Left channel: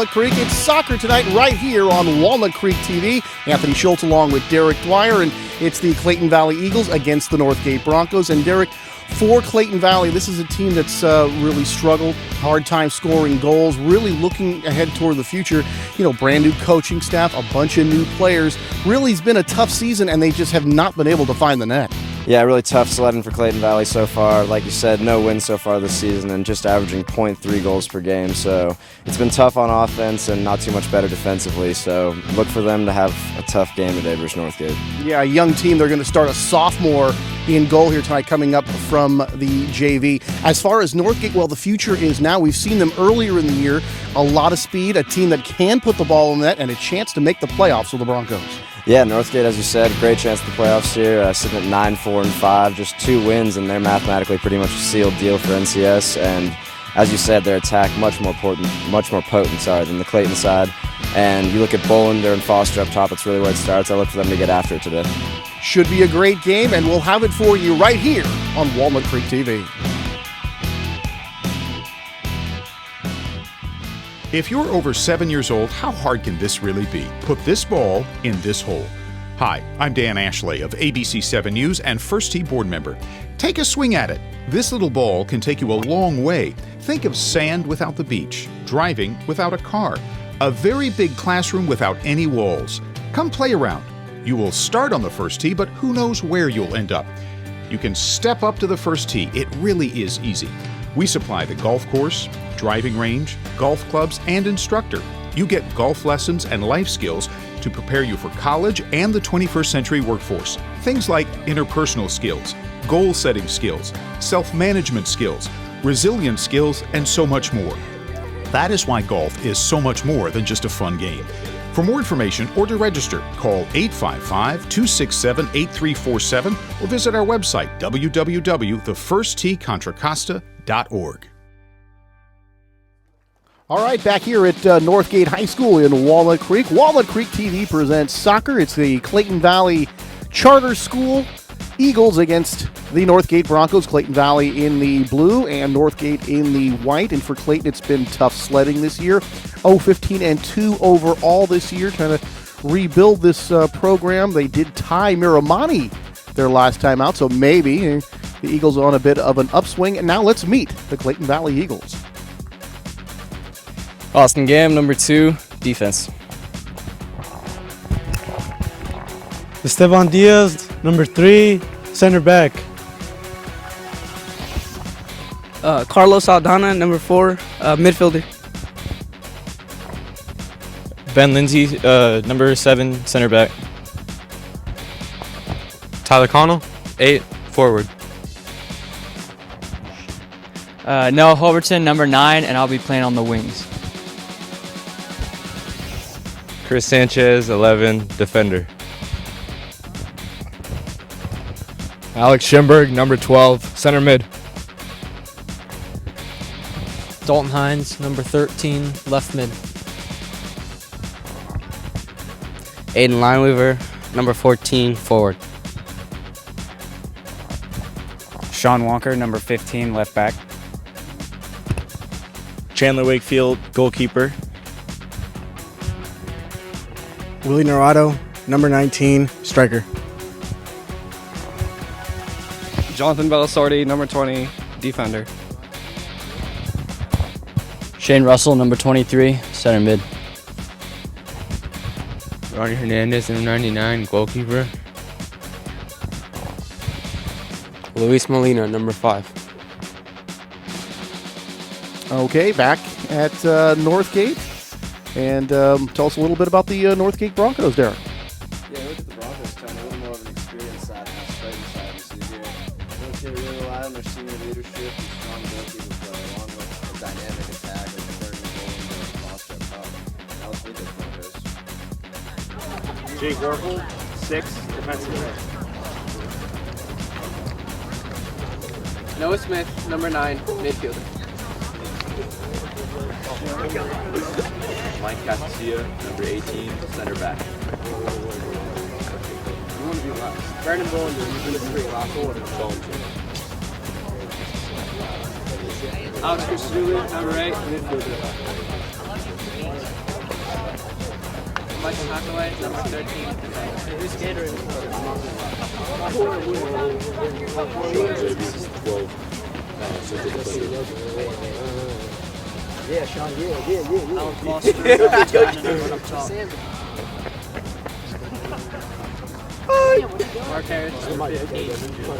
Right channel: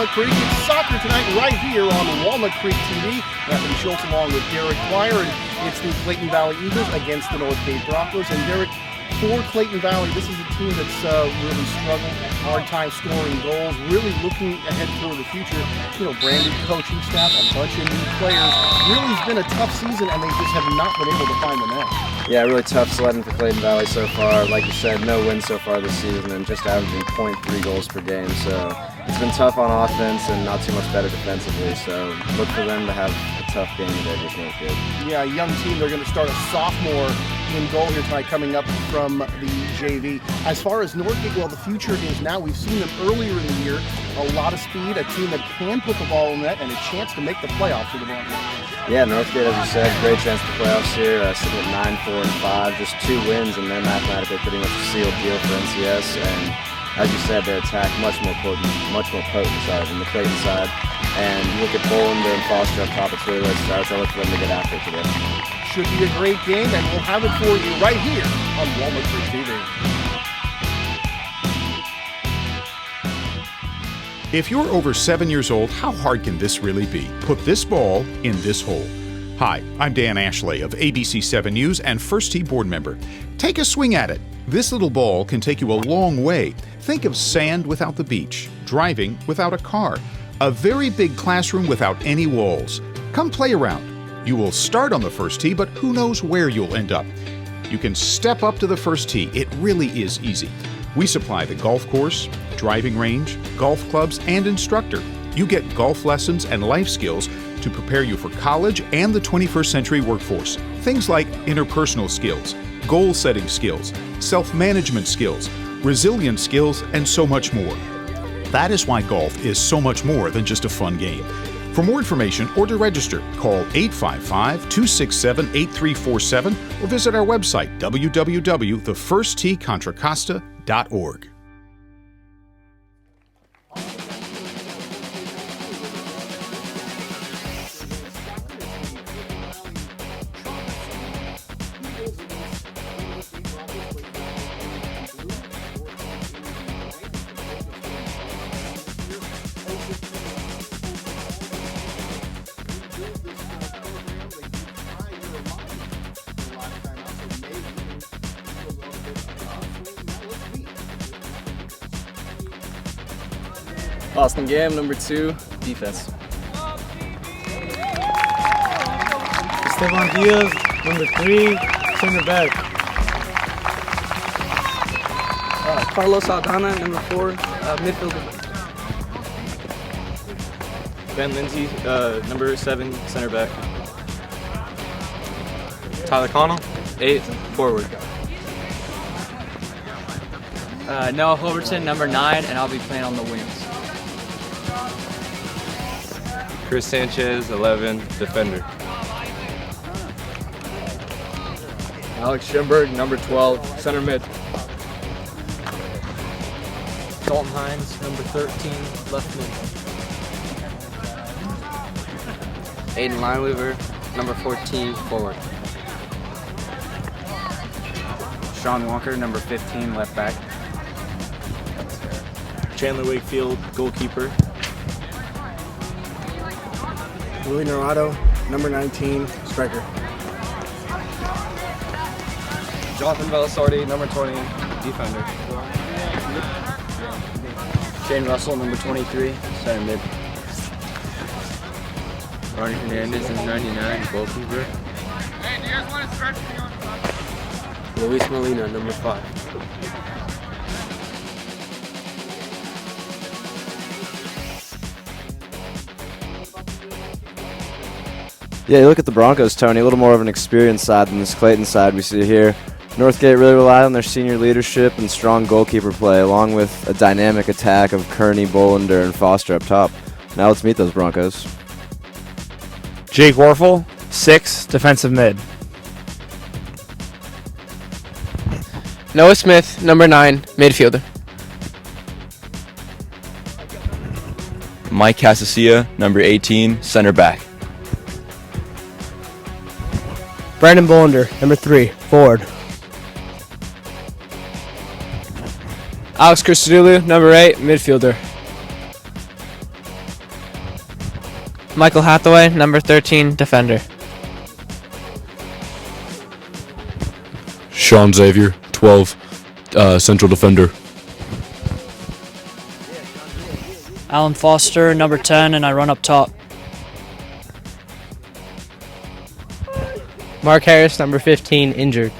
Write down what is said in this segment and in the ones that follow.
Walnut Creek. It's soccer tonight right here on Walnut Creek TV. Anthony Schultz along with Derek Dwyer, and it's the Clayton Valley Eagles against the Northgate Broncos. And Derek, for Clayton Valley, this is a team that's really struggled, hard time scoring goals, really looking ahead toward the future. You know, brand new coaching staff, a bunch of new players. Really, it's been a tough season, and they just have not been able to find the net. Yeah, really tough sledding for Clayton Valley so far. Like you said, no wins so far this season and just averaging 0.3 goals per game. So it's been tough on offense and not too much better defensively. So look for them to have a tough game today versus Northgate. Yeah, a young team. They're going to start a sophomore in goal here tonight coming up from the JV. As far as Northgate, well, the future is now. We've seen them earlier in the year. A lot of speed, a team that can put the ball in the net, and a chance to make the playoffs for the Broncos. Yeah, Northgate, as you said, great chance for the playoffs here. Sitting at 9-4-5, just 2 wins, and they're mathematically pretty much a sealed deal for NCS. And as you said, their attack much more potent than the Clayton side. And you look at Bolander and Foster up top, it's really where it starts. I look for them to get after it today. Should be a great game, and we'll have it for you right here on Walnut Creek TV. If you're over 7 years old, how hard can this really be? Put this ball in this hole. Hi, I'm Dan Ashley of ABC 7 News and First Tee board member. Take a swing at it. This little ball can take you a long way. Think of sand without the beach, driving without a car, a very big classroom without any walls. Come play around. You will start on the first tee, but who knows where you'll end up. You can step up to the first tee. It really is easy. We supply the golf course, driving range, golf clubs, and instructor. You get golf lessons and life skills to prepare you for college and the 21st century workforce. Things like interpersonal skills, goal-setting skills, self-management skills, resilience skills, and so much more. That is why golf is so much more than just a fun game. For more information or to register, call 855-267-8347 or visit our website, www.thefirstteecontracosta.org. All right, back here at Northgate High School in Walnut Creek. Walnut Creek TV presents soccer. It's the Clayton Valley Charter School Eagles against the Northgate Broncos. Clayton Valley in the blue and Northgate in the white. And for Clayton, it's been tough sledding this year. 0-15-2 overall this year. Trying to rebuild this program. They did tie Miramani their last time out, so maybe the Eagles are on a bit of an upswing. And now let's meet the Clayton Valley Eagles. Austin Gam, number 2, defense. Esteban Diaz, number 3, center back. Carlos Aldana, number 4, midfielder. Ben Lindsay, number 7, center back. Tyler Connel, 8, forward. Noah Holberton, number 9, and I'll be playing on the wings. Chris Sanchez, 11, defender. Alex Schimberg, number 12, center mid. Dalton Hines, number 13, left mid. Aiden Lineweaver, number 14, forward. Sean Walker, number 15, left back. Chandler Wakefield, goalkeeper. Willie Norado, number 19, striker. Jonathan Belisardi, number 20, defender. Shane Russell, number 23, center mid. Ronny Hernandez, number 99, goalkeeper. Luis Molina, number 5. Okay, back at Northgate. And tell us a little bit about the Northgate Broncos, Darren. Yeah, you look at the Broncos, Tony, a little more of an experienced side than this Clayton side we see here. Northgate really relied on their senior leadership and strong goalkeeper play, along with a dynamic attack of Kearney, Bolander, and Foster up top. Now let's meet those Broncos. Jake Warfel, 6, defensive mid. Noah Smith, number 9, midfielder. Mike Casasilla, number 18, center back. Brandon Bolander, number 3, forward. Alex Christodoulou, number 8, midfielder. Michael Hathaway, number 13, defender. Sean Xavier, 12, central defender. Alan Foster, number 10, and I run up top. Mark Harris, number 15, injured.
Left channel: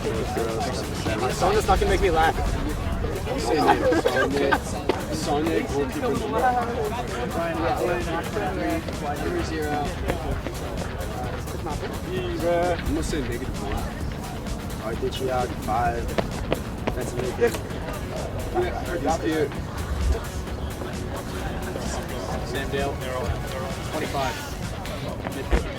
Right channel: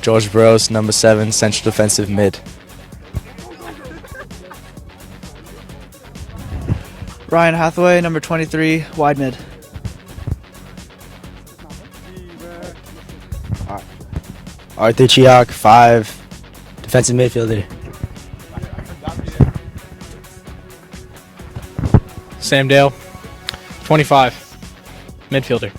George Burrows, number 7, central defensive mid. Brian Hathaway, number 23, wide mid. Arthur Chiak, 5, defensive midfielder. Sam Dale, 25, midfielder.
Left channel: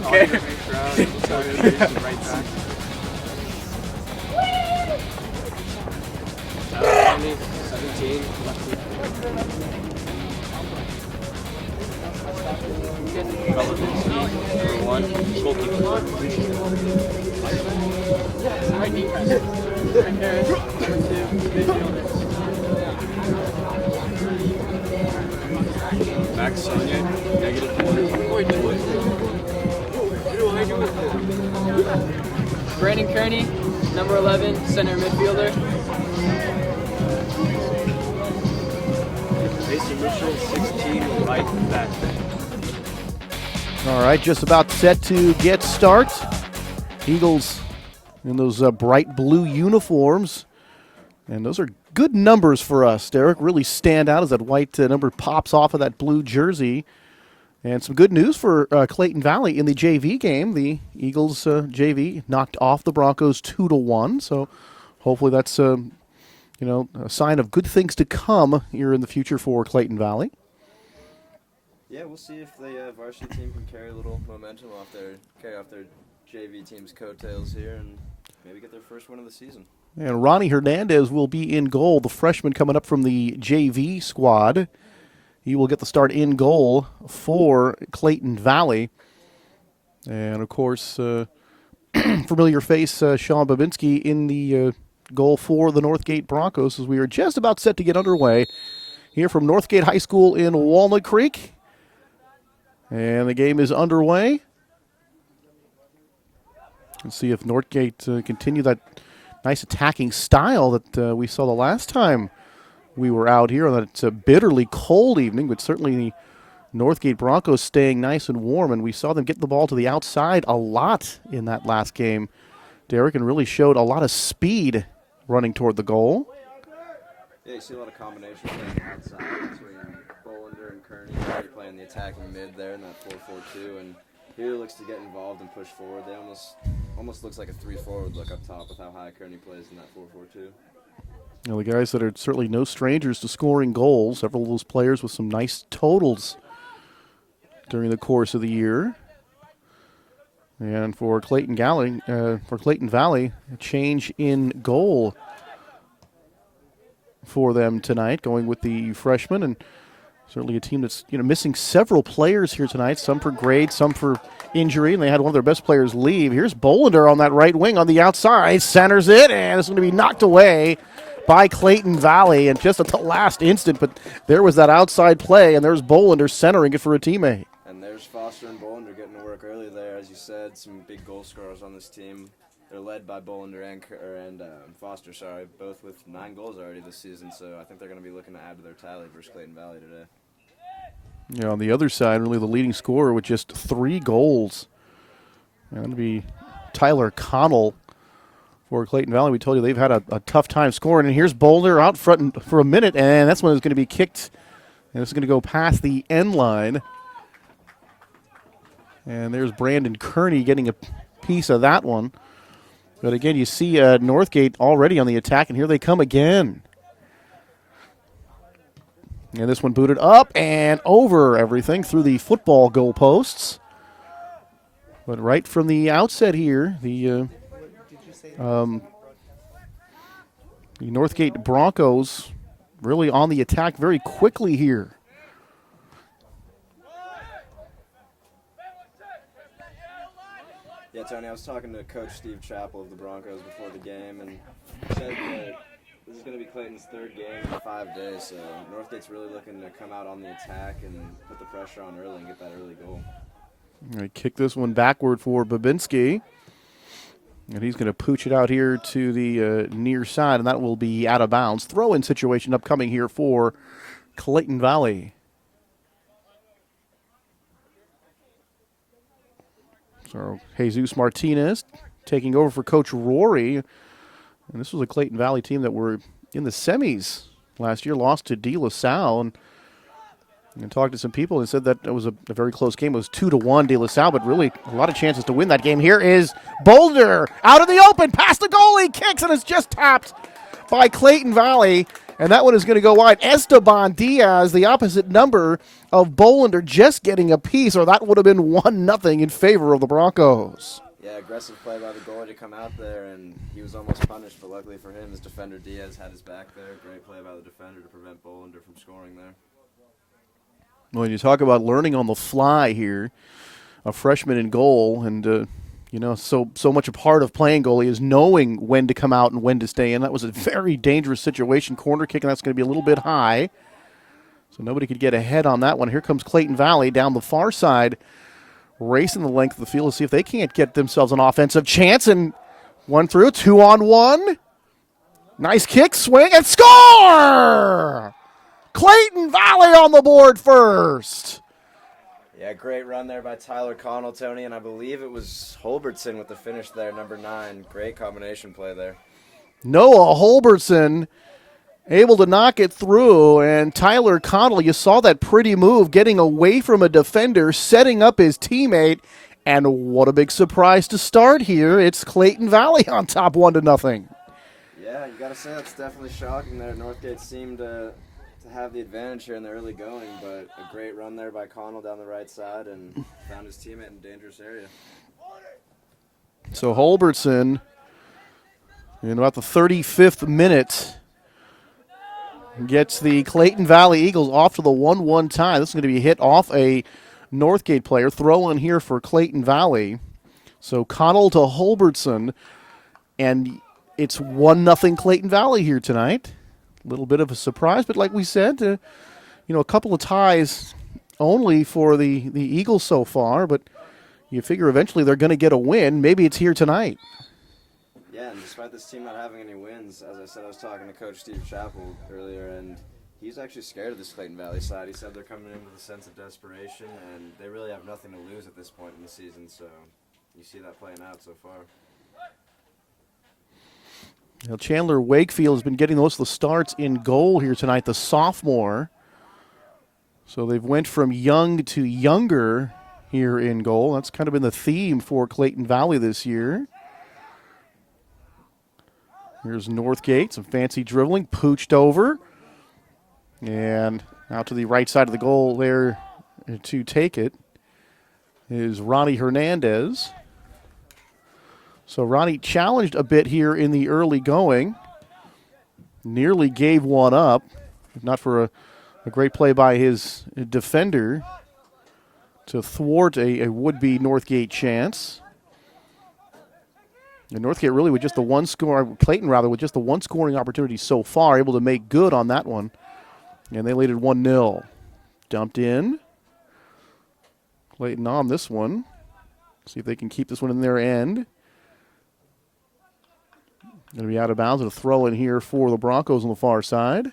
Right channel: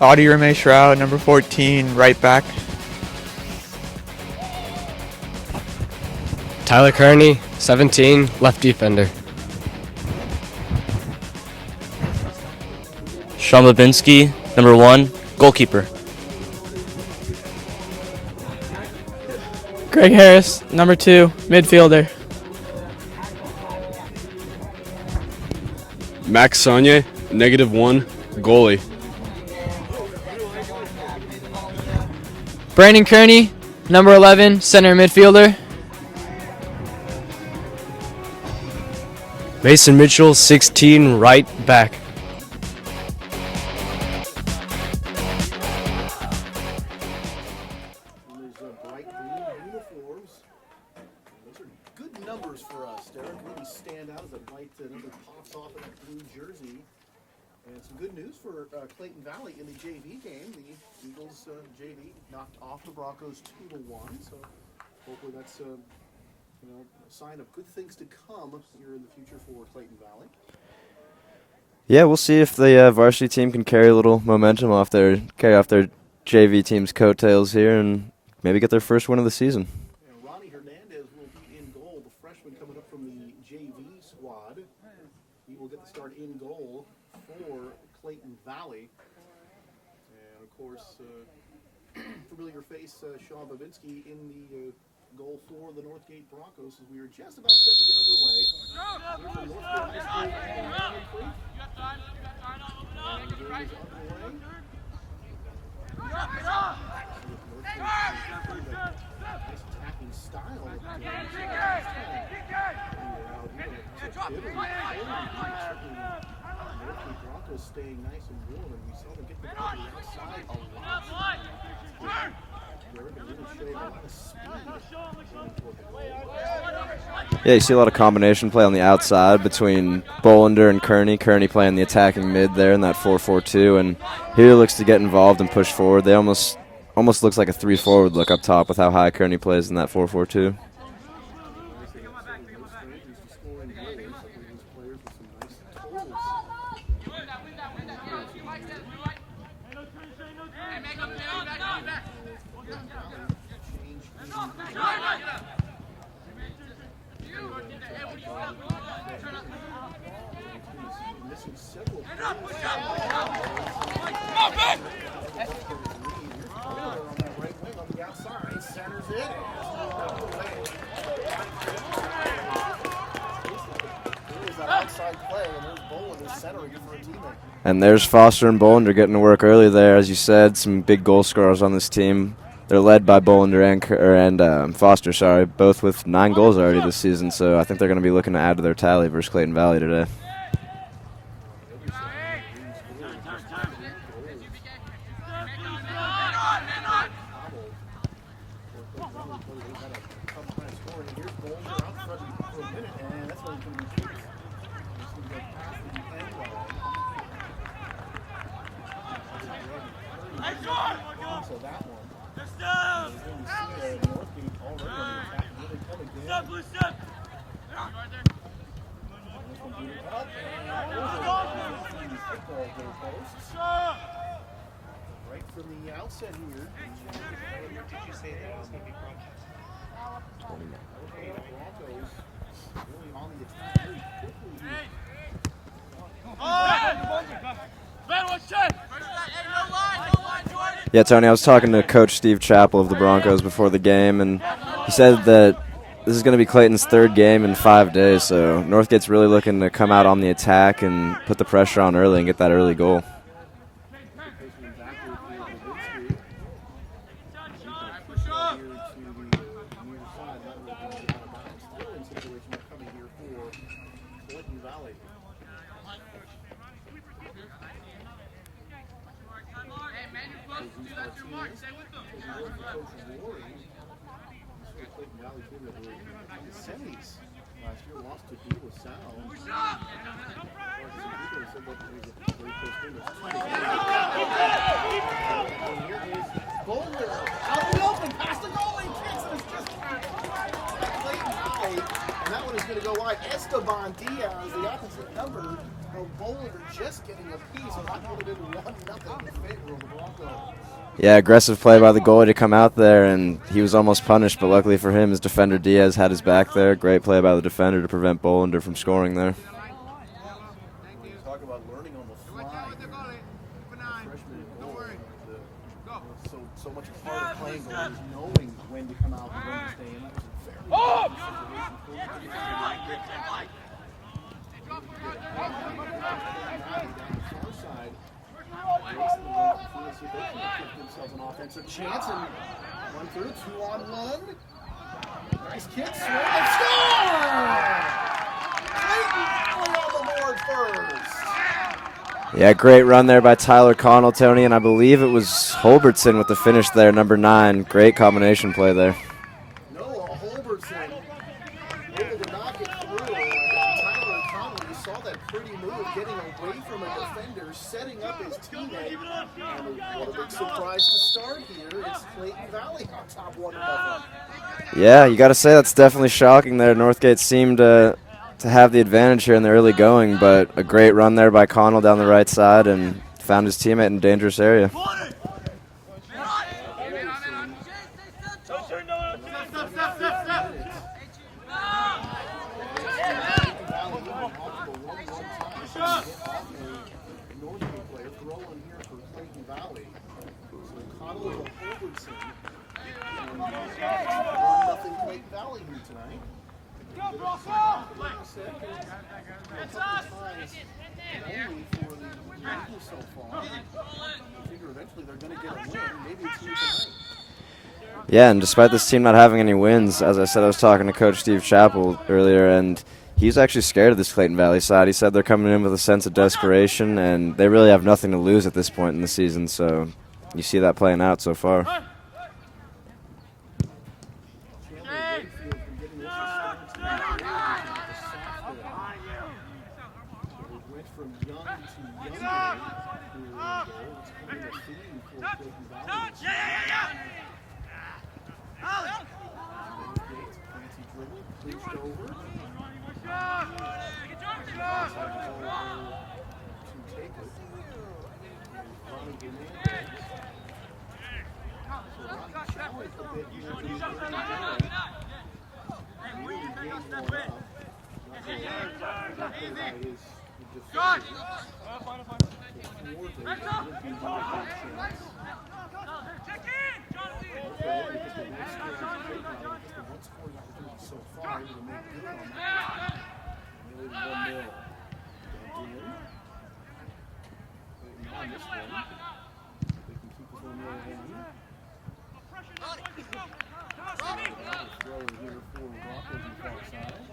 Audie Reme Shroud, number 14, right back. Tyler Connel, 17, left defender. Sean Babinski, number 1, goalkeeper. Greg Harris, number 2, midfielder. Max Saunier, -1, goalie. Brandon Kearney, number 11, center midfielder. Mason Mitchell, 16, right back. All right, just about set to get start. Eagles in those bright blue uniforms. And those are good numbers for us, Derek. Really stand out as that white number pops off of that blue jersey. And some good news for Clayton Valley in the JV game. The Eagles JV knocked off the Broncos 2-1. So hopefully that's a sign of good things to come here in the future for Clayton Valley. Yeah, we'll see if the varsity team can carry a little momentum carry off their JV team's coattails here and maybe get their first win of the season. And Ronny Hernandez will be in goal, the freshman coming up from the JV squad. He will get the start in goal for Clayton Valley. And, of course, familiar face Sean Babinski in the goal for the Northgate Broncos as we are just about set to get underway here from Northgate High School in Walnut Creek. And the game is underway. Let's see if Northgate continue that nice attacking style that we saw the last time we were out here on that bitterly cold evening, but certainly the Northgate Broncos staying nice and warm, and we saw them get the ball to the outside a lot in that last game, Derek, and really showed a lot of speed running toward the goal. Yeah, you see a lot of combination play on the outside between Bolander and Kearney. Kearney playing the attacking mid there in that 4-4-2, and here looks to get involved and push forward. They almost looks like a 3-forward look up top with how high Kearney plays in that 4-4-2. Well, the guys that are certainly no strangers to scoring goals, several of those players with some nice totals during the course of the year. And for Clayton Valley, a change in goal for them tonight, going with the freshman, and certainly a team that's missing several players here tonight, some for grade, some for injury, and they had one of their best players leave. Here's Bolander on that right wing on the outside, centers it, and it's going to be knocked away by Clayton Valley, and just at the last instant, but there was that outside play, and there's Bolander centering it for a teammate. And there's Foster and Bolander getting to work early there. As you said, some big goal scorers on this team. They're led by Bolander and Foster, both with 9 goals already this season, so I think they're going to be looking to add to their tally versus Clayton Valley today. On the other side, only the leading scorer with just 3 goals. And the Tyler Connel for Clayton Valley. We told you they've had a tough time scoring. And here's Boulder out front for a minute, and that's when it's going to be kicked. And it's going to go past the end line. And there's Brandon Kearney getting a piece of that one. But again, you see Northgate already on the attack, and here they come again. And this one booted up and over everything through the football goal posts. But right from the outset here, the Northgate Broncos really on the attack very quickly here. Yeah, Tony, I was talking to Coach Steve Chappell of the Broncos before the game, and He said that this is going to be Clayton's third game in 5 days, so Northgate's really looking to come out on the attack and put the pressure on early and get that early goal. Kick this one backward for Babinski. And he's going to pooch it out here to the near side, and that will be out of bounds. Throw-in situation upcoming here for Clayton Valley. So Jesus Martinez taking over for Coach Rory. And this was a Clayton Valley team that were in the semis last year, lost to De La Salle. And talked to some people and said that it was a very close game. It was 2-1 De La Salle, but really a lot of chances to win that game. Here is Boulder out of the open, past the goalie, kicks, and it's just tapped by Clayton Valley. And that one is going to go wide. Esteban Diaz, the opposite number of Bolander, just getting a piece, or that would have been 1-0 in favor of the Broncos. Yeah, aggressive play by the goalie to come out there, and he was almost punished, but luckily for him, his defender Diaz had his back there. Great play by the defender to prevent Bolander from scoring there. When you talk about learning on the fly here, a freshman in goal, and so much a part of playing goalie is knowing when to come out and when to stay in. That was a very dangerous situation. Corner kick, and that's going to be a little bit high. So nobody could get ahead on that one. Here comes Clayton Valley down the far side, racing the length of the field to see if they can't get themselves an offensive chance. And one through, 2-on-1. Nice kick, swing, and score! Clayton Valley on the board first. Yeah, great run there by Tyler Connel, Tony, and I believe it was Holbertson with the finish there, number 9. Great combination play there. Noah Holbertson able to knock it through, and Tyler Connel, you saw that pretty move, getting away from a defender, setting up his teammate, and what a big surprise to start here. It's Clayton Valley on top 1-0. Yeah, you got to say that's definitely shocking there. Northgate seemed to have the advantage here in the early going, but a great run there by Connell down the right side and found his teammate in a dangerous area. So Holbertson, in about the 35th minute, gets the Clayton Valley Eagles off to the 1-1 tie. This is going to be hit off a Northgate player. Throw in here for Clayton Valley. So Connell to Holbertson, and it's 1-0 Clayton Valley here tonight. A little bit of a surprise, but like we said, a couple of ties only for the Eagles so far, but you figure eventually they're going to get a win. Maybe it's here tonight. Yeah, and despite this team not having any wins, as I said, I was talking to Coach Steve Chappell earlier, and he's actually scared of this Clayton Valley side. He said they're coming in with a sense of desperation, and they really have nothing to lose at this point in the season, so you see that playing out so far. Well, Chandler Wakefield has been getting most of the starts in goal here tonight, the sophomore. So they've went from young to younger here in goal. That's kind of been the theme for Clayton Valley this year. Here's Northgate, some fancy dribbling, pooched over. And out to the right side of the goal there to take it is Ronny Hernandez. So Ronny challenged a bit here in the early going. Nearly gave one up, not for a great play by his defender to thwart a would-be Northgate chance. And Northgate really with just the one score, Clayton rather, with just the one scoring opportunity so far, able to make good on that one. And they lead it 1-0. Dumped in. Clayton on this one. See if they can keep this one in their end. Maybe out of bounds, and a throw in here for the Broncos on the far side.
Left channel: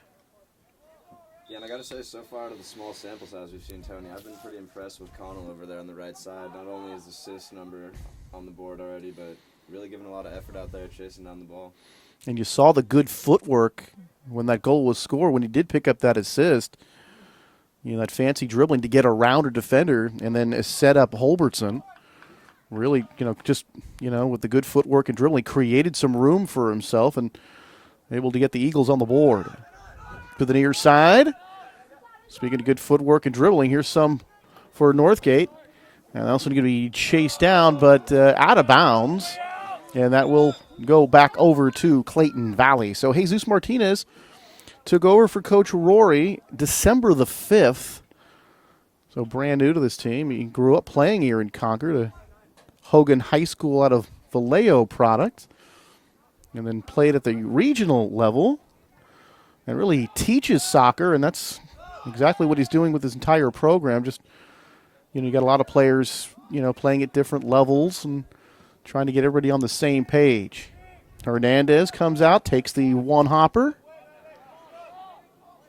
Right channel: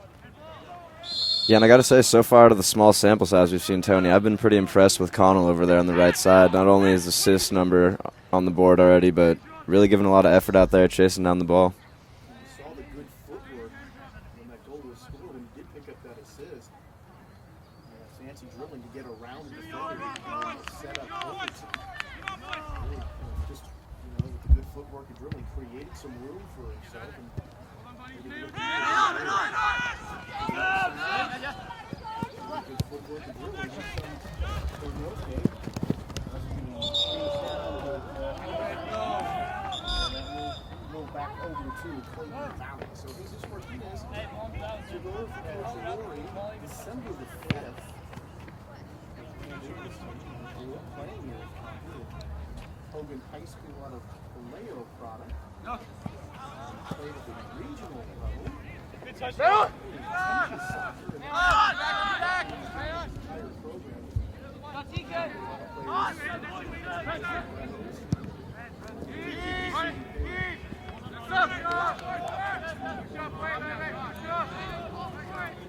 Yeah, and I got to say, so far to the small sample size we've seen, Tony, I've been pretty impressed with Connell over there on the right side. Not only his assist number on the board already, but really giving a lot of effort out there chasing down the ball. And you saw the good footwork when that goal was scored, when he did pick up that assist. That fancy dribbling to get around a defender and then set up Holbertson. Really, just with the good footwork and dribbling, created some room for himself and able to get the Eagles on the board. To the near side. Speaking of good footwork and dribbling, here's some for Northgate. And also going to be chased down, but out of bounds. And that will go back over to Clayton Valley. So Jesus Martinez took over for Coach Rory December the 5th. So brand new to this team. He grew up playing here in Concord, a Hogan High School out of Vallejo product. and then played at the regional level. And really teaches soccer, and that's exactly what he's doing with his entire program. Just you got a lot of players, playing at different levels and trying to get everybody on the same page. Hernandez comes out, takes the one-hopper.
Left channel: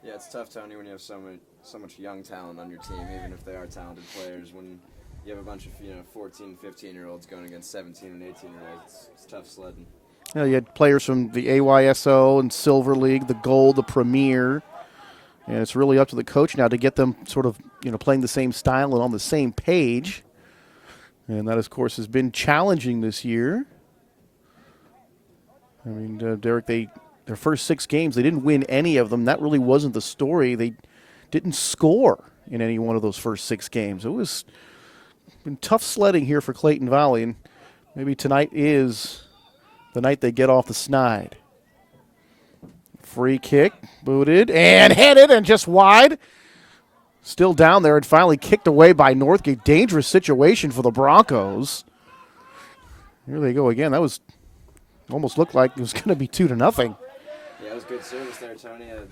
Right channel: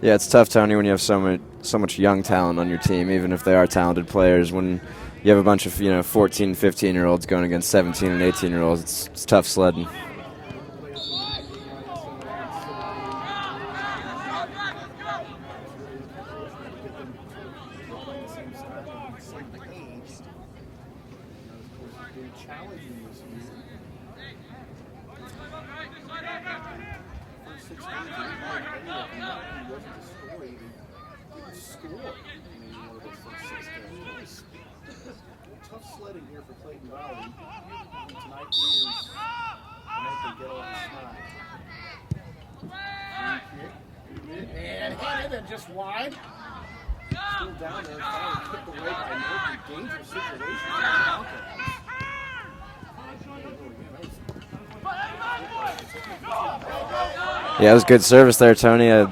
Yeah, it's tough, Tony, when you have so much young talent on your team, even if they are talented players. When you have a bunch of 14, 15-year-olds going against 17 and 18-year-olds, it's tough sledding. You had players from the AYSO and Silver League, the Gold, the Premier, and it's really up to the coach now to get them sort of playing the same style and on the same page. And that, of course, has been challenging this year. And Derek, their first 6 games, they didn't win any of them. That really wasn't the story. They didn't score in any one of those first 6 games. It was been tough sledding here for Clayton Valley, and maybe tonight is the night they get off the snide. Free kick, booted, and headed, and just wide. Still down there and finally kicked away by Northgate. Dangerous situation for the Broncos. Here they go again. That was almost looked like it was going to be 2-0. Yeah, it was good service there, Tony. I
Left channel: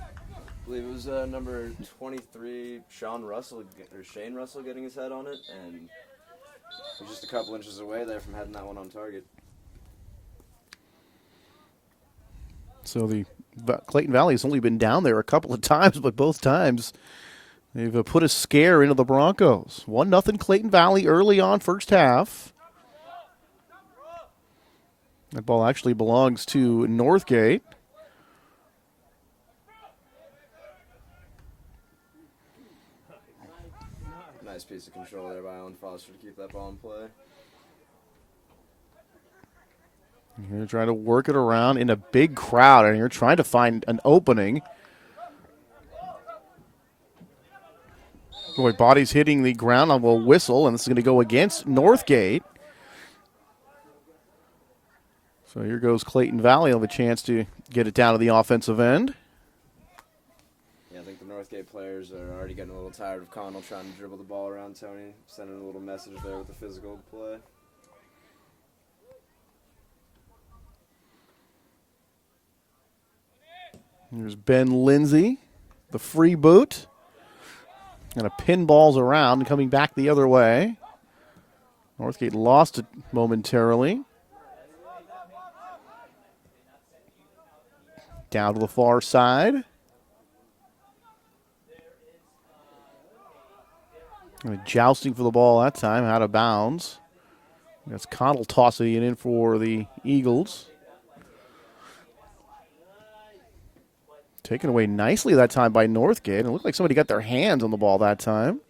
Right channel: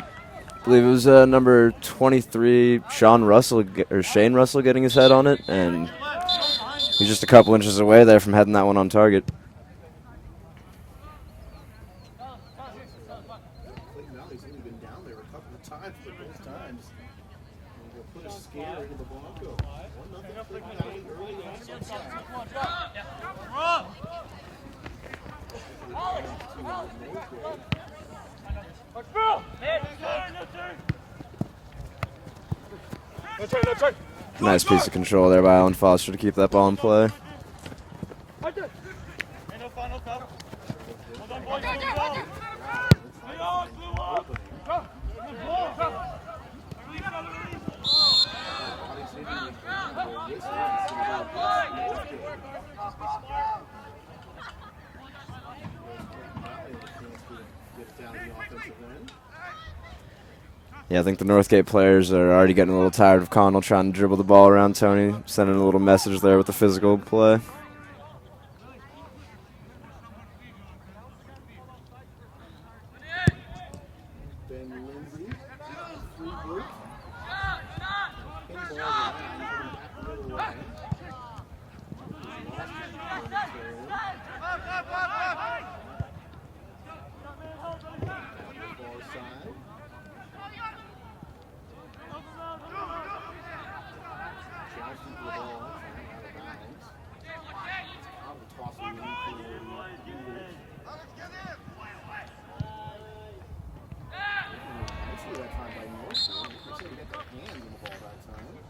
believe it was number 23, Shane Russell getting his head on it, and he's just a couple inches away there from heading that one on target. So the Clayton Valley has only been down there a couple of times, but both times they've put a scare into the Broncos. 1-0 Clayton Valley early on, first half. That ball actually belongs to Northgate. Nice piece of control there by Alan Foster to keep that ball in play. You're trying to work it around in a big crowd, and you're trying to find an opening. Boy, body's hitting the ground on a whistle, and this is going to go against Northgate. So here goes Clayton Valley on the chance to get it down to the offensive end. Yeah, I think the Northgate players are already getting a little tired of Connell trying to dribble the ball around Tony, sending a little message there with the physical play. There's Ben Lindsay, the free boot. And a pinballs around and coming back the other way. Northgate lost it momentarily. Down to the far side. And jousting for the ball that time, out of bounds. That's Connell tossing it in for the Eagles. Taken away nicely that time by Northgate. It looked like somebody got their hands on the ball that time.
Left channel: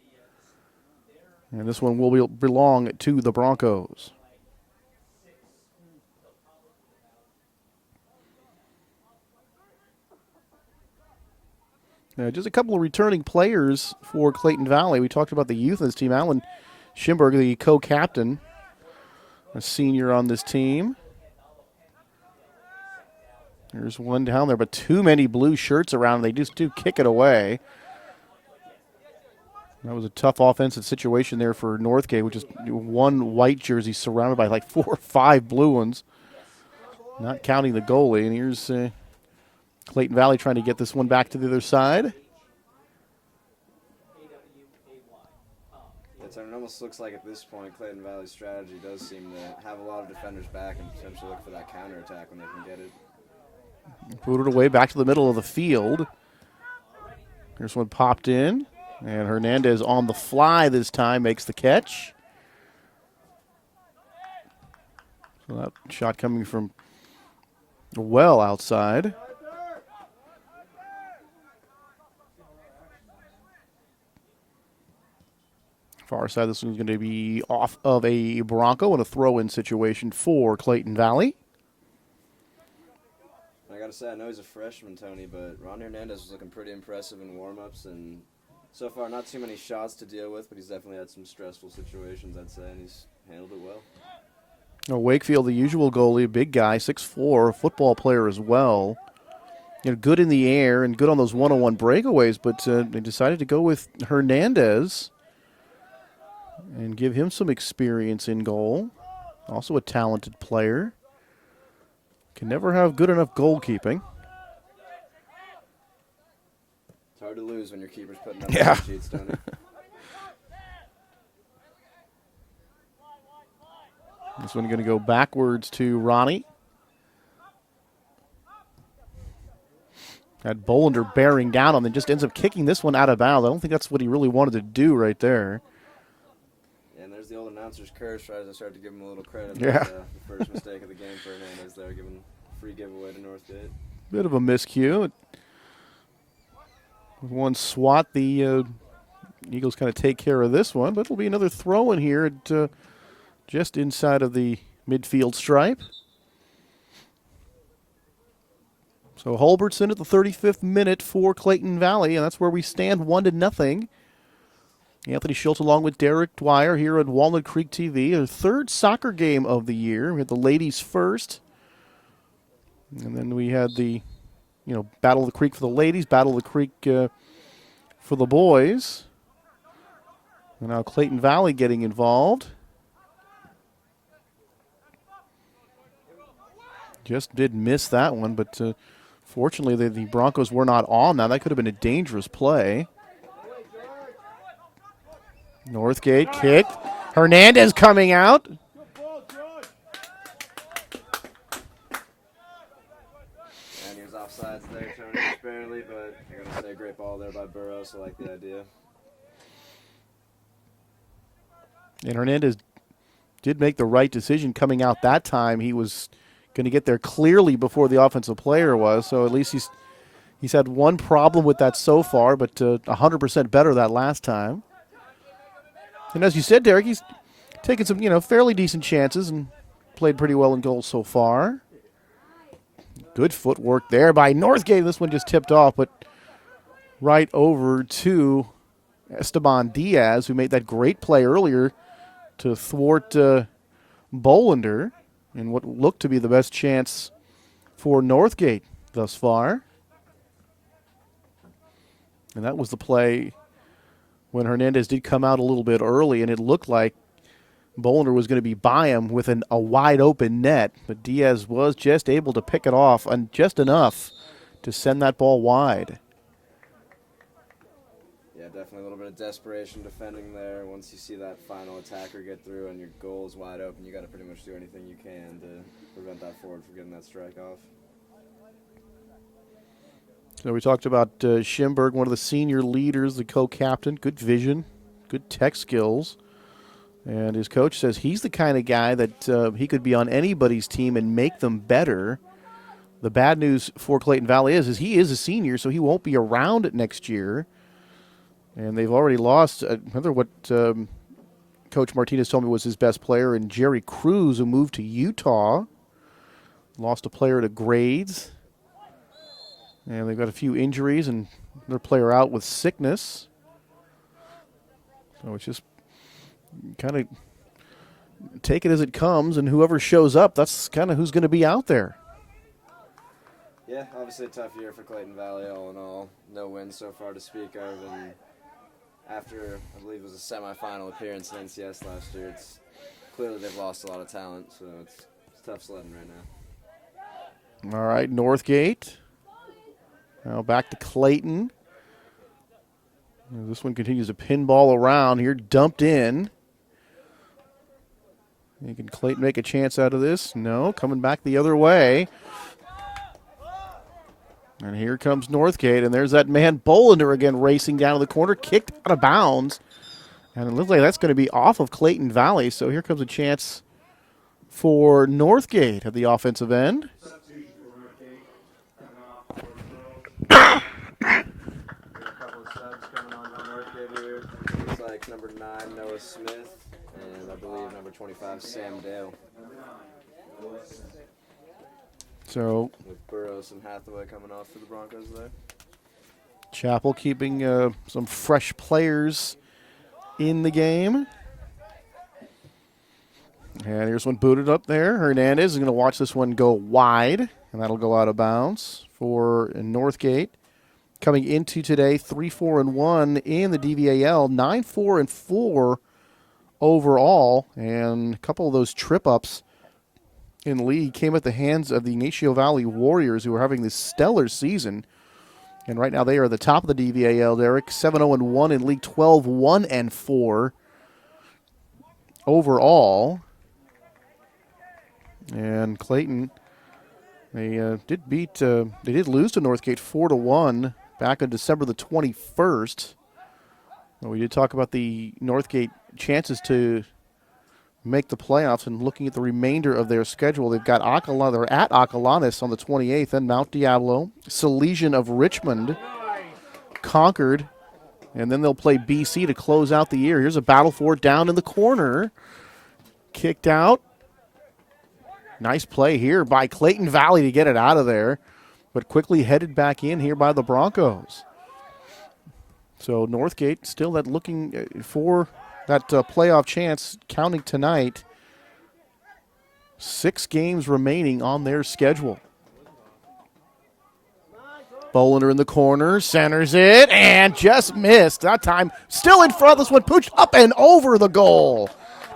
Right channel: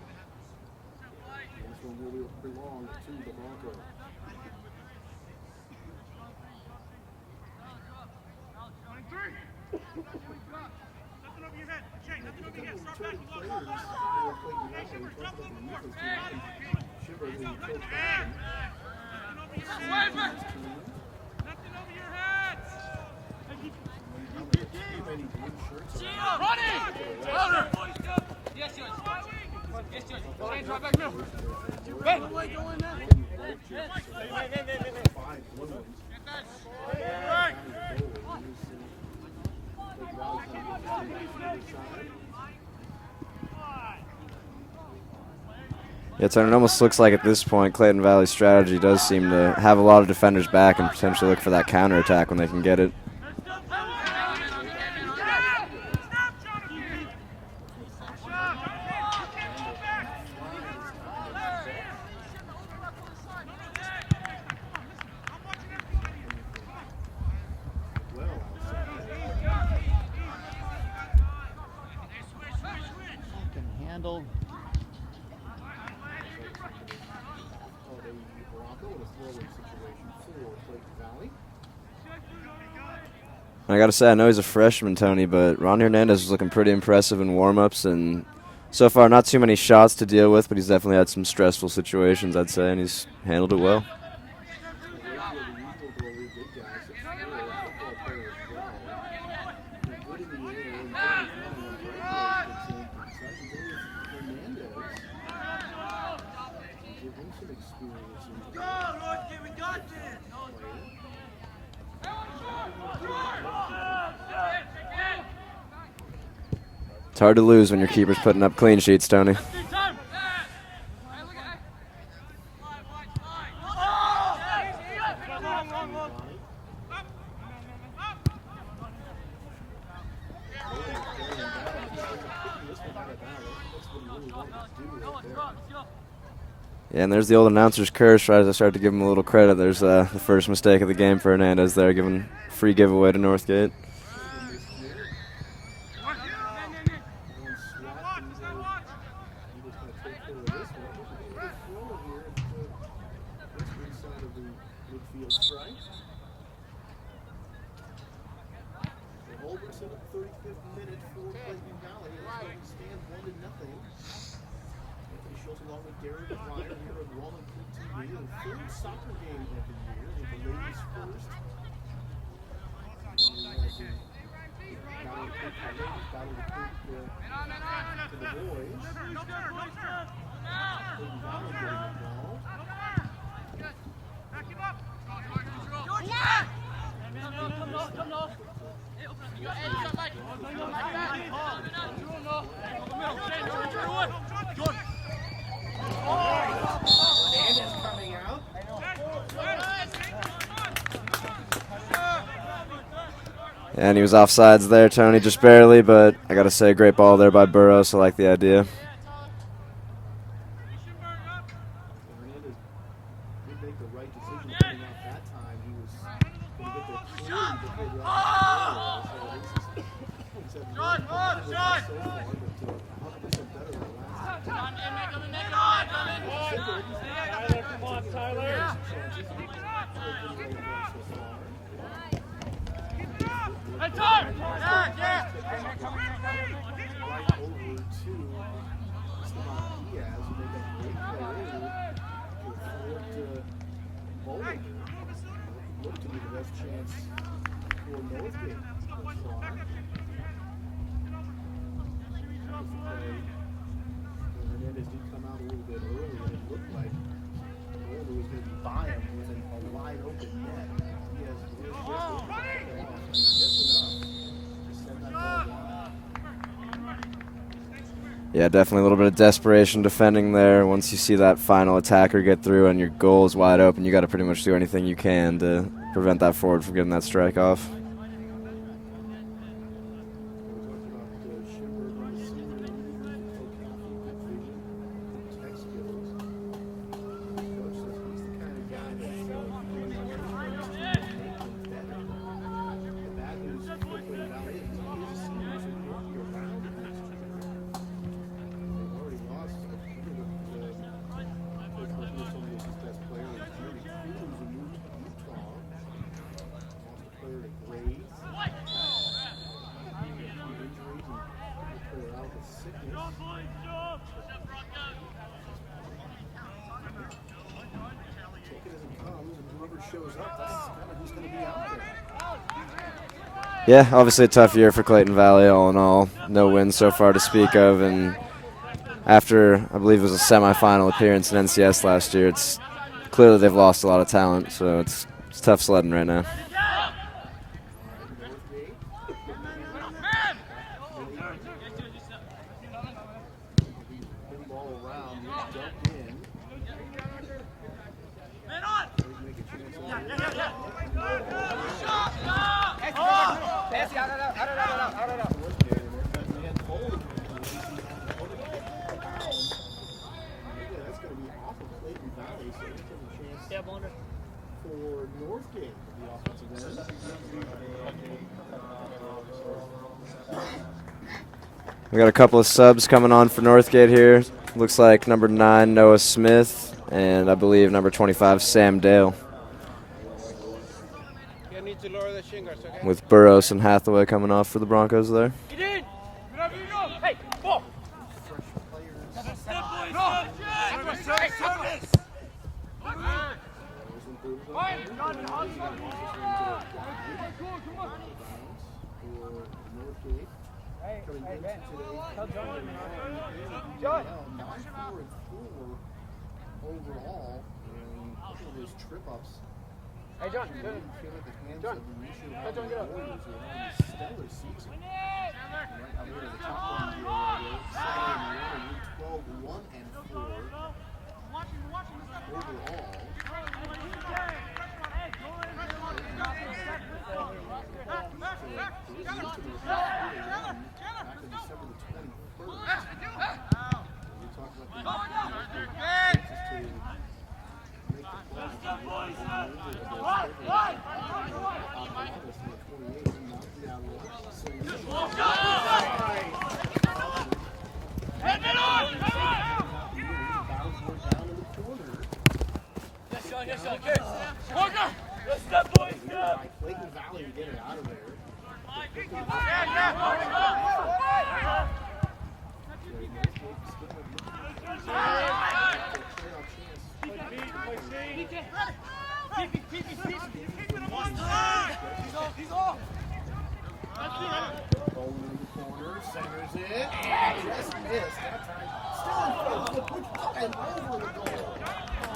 And this one will belong to the Broncos. Just a couple of returning players for Clayton Valley. We talked about the youth in this team. Alan Schimberg, the co-captain, a senior on this team. There's one down there, but too many blue shirts around. They just did kick it away. That was a tough offensive situation there for Northgate, which is one white jersey surrounded by like 4 or 5 blue ones, not counting the goalie. And here's Clayton Valley trying to get this one back to the other side. Yeah, Tony, it almost looks like at this point Clayton Valley's strategy does seem to have a lot of defenders back and potentially look for that counterattack when they can get it. Put it away back to the middle of the field. Here's one popped in. And Hernandez on the fly this time makes the catch. That shot coming from well outside. Far side, this one's going to be off of a Bronco and a throw-in situation for Clayton Valley. I got to say, I know he's a freshman, Tony, but Ronny Hernandez was looking pretty impressive in warm-ups, and so far not too many shots to deal with, but he's definitely had some stressful situations, I'd say, and he's handled it well. Wakefield, the usual goalie, big guy, 6'4", football player as well. Good in the air and good on those one-on-one breakaways, but they decided to go with Hernandez and give him some experience in goal. Also a talented player. You never have good enough goalkeeping. It's hard to lose when your keeper's putting up clean sheets, Tony. This one going to go backwards to Ronny. Had Bolander bearing down on him and just ends up kicking this one out of bounds. I don't think that's what he really wanted to do right there. Yeah, and there's the old announcer's curse. Right as I started to give him a little credit, there's the first mistake of the game for Hernandez there, giving free giveaway to Northgate. Bit of a miscue. One swat, the Eagles kind of take care of this one, but it'll be another throw in here at just inside of the midfield stripe. So Hulbertson at the 35th minute for Clayton Valley, and that's where we stand 1-0. Anthony Schultz along with Derek Dwyer here at Walnut Creek TV. Our third soccer game of the year. We had the ladies first. And then we had the, Battle of the Creek for the ladies, Battle of the Creek for the boys. And now Clayton Valley getting involved. Just did miss that one, but fortunately the Broncos were not on now. That could have been a dangerous play. Northgate kick. Hernandez coming out. And he was offsides there, Tony, just barely, but I got to say, great ball there by Burrows. I like the idea. And Hernandez did make the right decision coming out that time. He was going to get there clearly before the offensive player was, so at least he's had one problem with that so far, but 100% better that last time. And as you said, Derek, he's taken some, fairly decent chances and played pretty well in goal so far. Good footwork there by Northgate. This one just tipped off, but right over to Esteban Diaz, who made that great play earlier to thwart Bolander in what looked to be the best chance for Northgate thus far. And that was the play when Hernandez did come out a little bit early, and it looked like Bolander was going to be by him with a wide open net, but Diaz was just able to pick it off and just enough to send that ball wide. Yeah, definitely a little bit of desperation defending there. Once you see that final attacker get through and your goal is wide open, you got to pretty much do anything you can to prevent that forward from getting that strike off. So we talked about Schimberg, one of the senior leaders, the co-captain, good vision, good tech skills. And his coach says he's the kind of guy that he could be on anybody's team and make them better. The bad news for Clayton Valley is he is a senior, so he won't be around next year. And they've already lost another what Coach Martinez told me was his best player, and Jerry Cruz, who moved to Utah. Lost a player to grades. And they've got a few injuries and their player out with sickness. So it's just kind of take it as it comes, and whoever shows up, that's kind of who's going to be out there. Yeah, obviously a tough year for Clayton Valley all in all. No wins so far to speak of, and after, I believe it was a semifinal appearance in NCS last year, it's clearly they've lost a lot of talent, so it's tough sledding right now. All right, Northgate. Now back to Clayton. This one continues to pinball around here, dumped in. Can Clayton make a chance out of this? No, coming back the other way. And here comes Northgate, and there's that man Bolander again racing down to the corner, kicked out of bounds. And it looks like that's going to be off of Clayton Valley, so here comes a chance for Northgate at the offensive end. We got a couple of subs coming on for Northgate here. Looks like number 9, Noah Smith, and I believe number 25, Sam Dale. So with Burrows and Hathaway coming off for the Broncos there. Chapel keeping some fresh players in the game. And here's one booted up there. Hernandez is going to watch this one go wide, and that'll go out of bounds for Northgate. Coming into today, 3-4-1 in the DVAL, 9-4-4 overall, and a couple of those trip ups in league came at the hands of the Ignacio Valley Warriors, who are having this stellar season. And right now they are at the top of the DVAL, Derek. 7-0-1 in league, 12-1-4 overall. And Clayton, they did lose to Northgate 4-1 back on December the 21st. We did talk about the Northgate chances to make the playoffs, and looking at the remainder of their schedule, they've got they're at Acalanes on the 28th, then Mount Diablo, Salesian of Richmond, Concord, and then they'll play BC to close out the year. Here's a battle for it down in the corner. Kicked out. Nice play here by Clayton Valley to get it out of there, but quickly headed back in here by the Broncos. So Northgate still looking for that playoff chance, counting tonight. 6 games remaining on their schedule. Bolender in the corner, centers it, and just missed. That time still in front. This one pushed up and over the goal.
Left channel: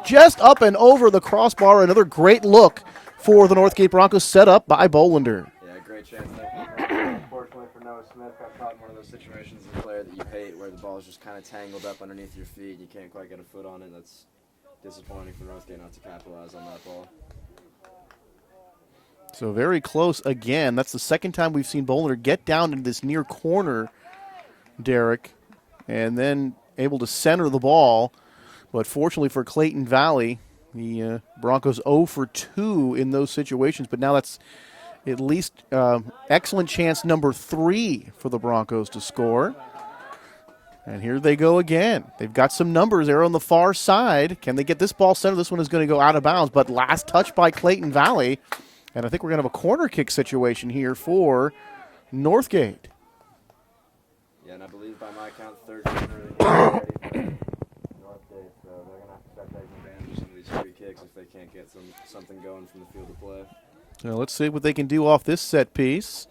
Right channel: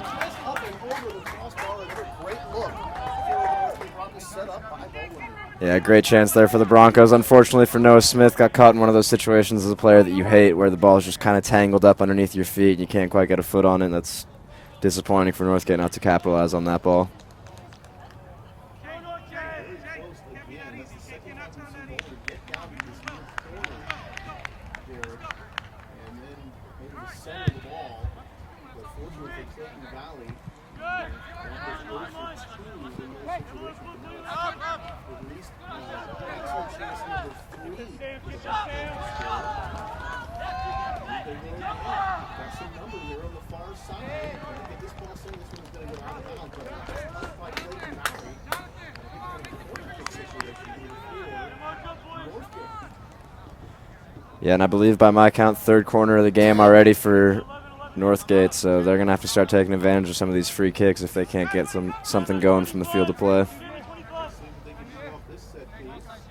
Just up and over the crossbar. Another great look for the Northgate Broncos, set up by Bolender. Yeah, great chance there for the Broncos. Unfortunately for Noah Smith, got caught in one of those situations as a player that you hate, where the ball is just kind of tangled up underneath your feet and you can't quite get a foot on it. That's disappointing for Northgate not to capitalize on that ball. So very close again. That's the second time we've seen Bolender get down into this near corner, Derek, and then able to center the ball. But fortunately for Clayton Valley, the Broncos 0 for 2 in those situations, but now that's at least excellent chance number 3 for the Broncos to score. And here they go again. They've got some numbers there on the far side. Can they get this ball centered? This one is going to go out of bounds, but last touch by Clayton Valley. And I think we're going to have a corner kick situation here for Northgate. Yeah, and I believe by my count, 3rd corner of the game already for Northgate, so they're going to have to start taking advantage of some of these free kicks if they can't get something going from the field of play. So let's see what they can do off this set piece.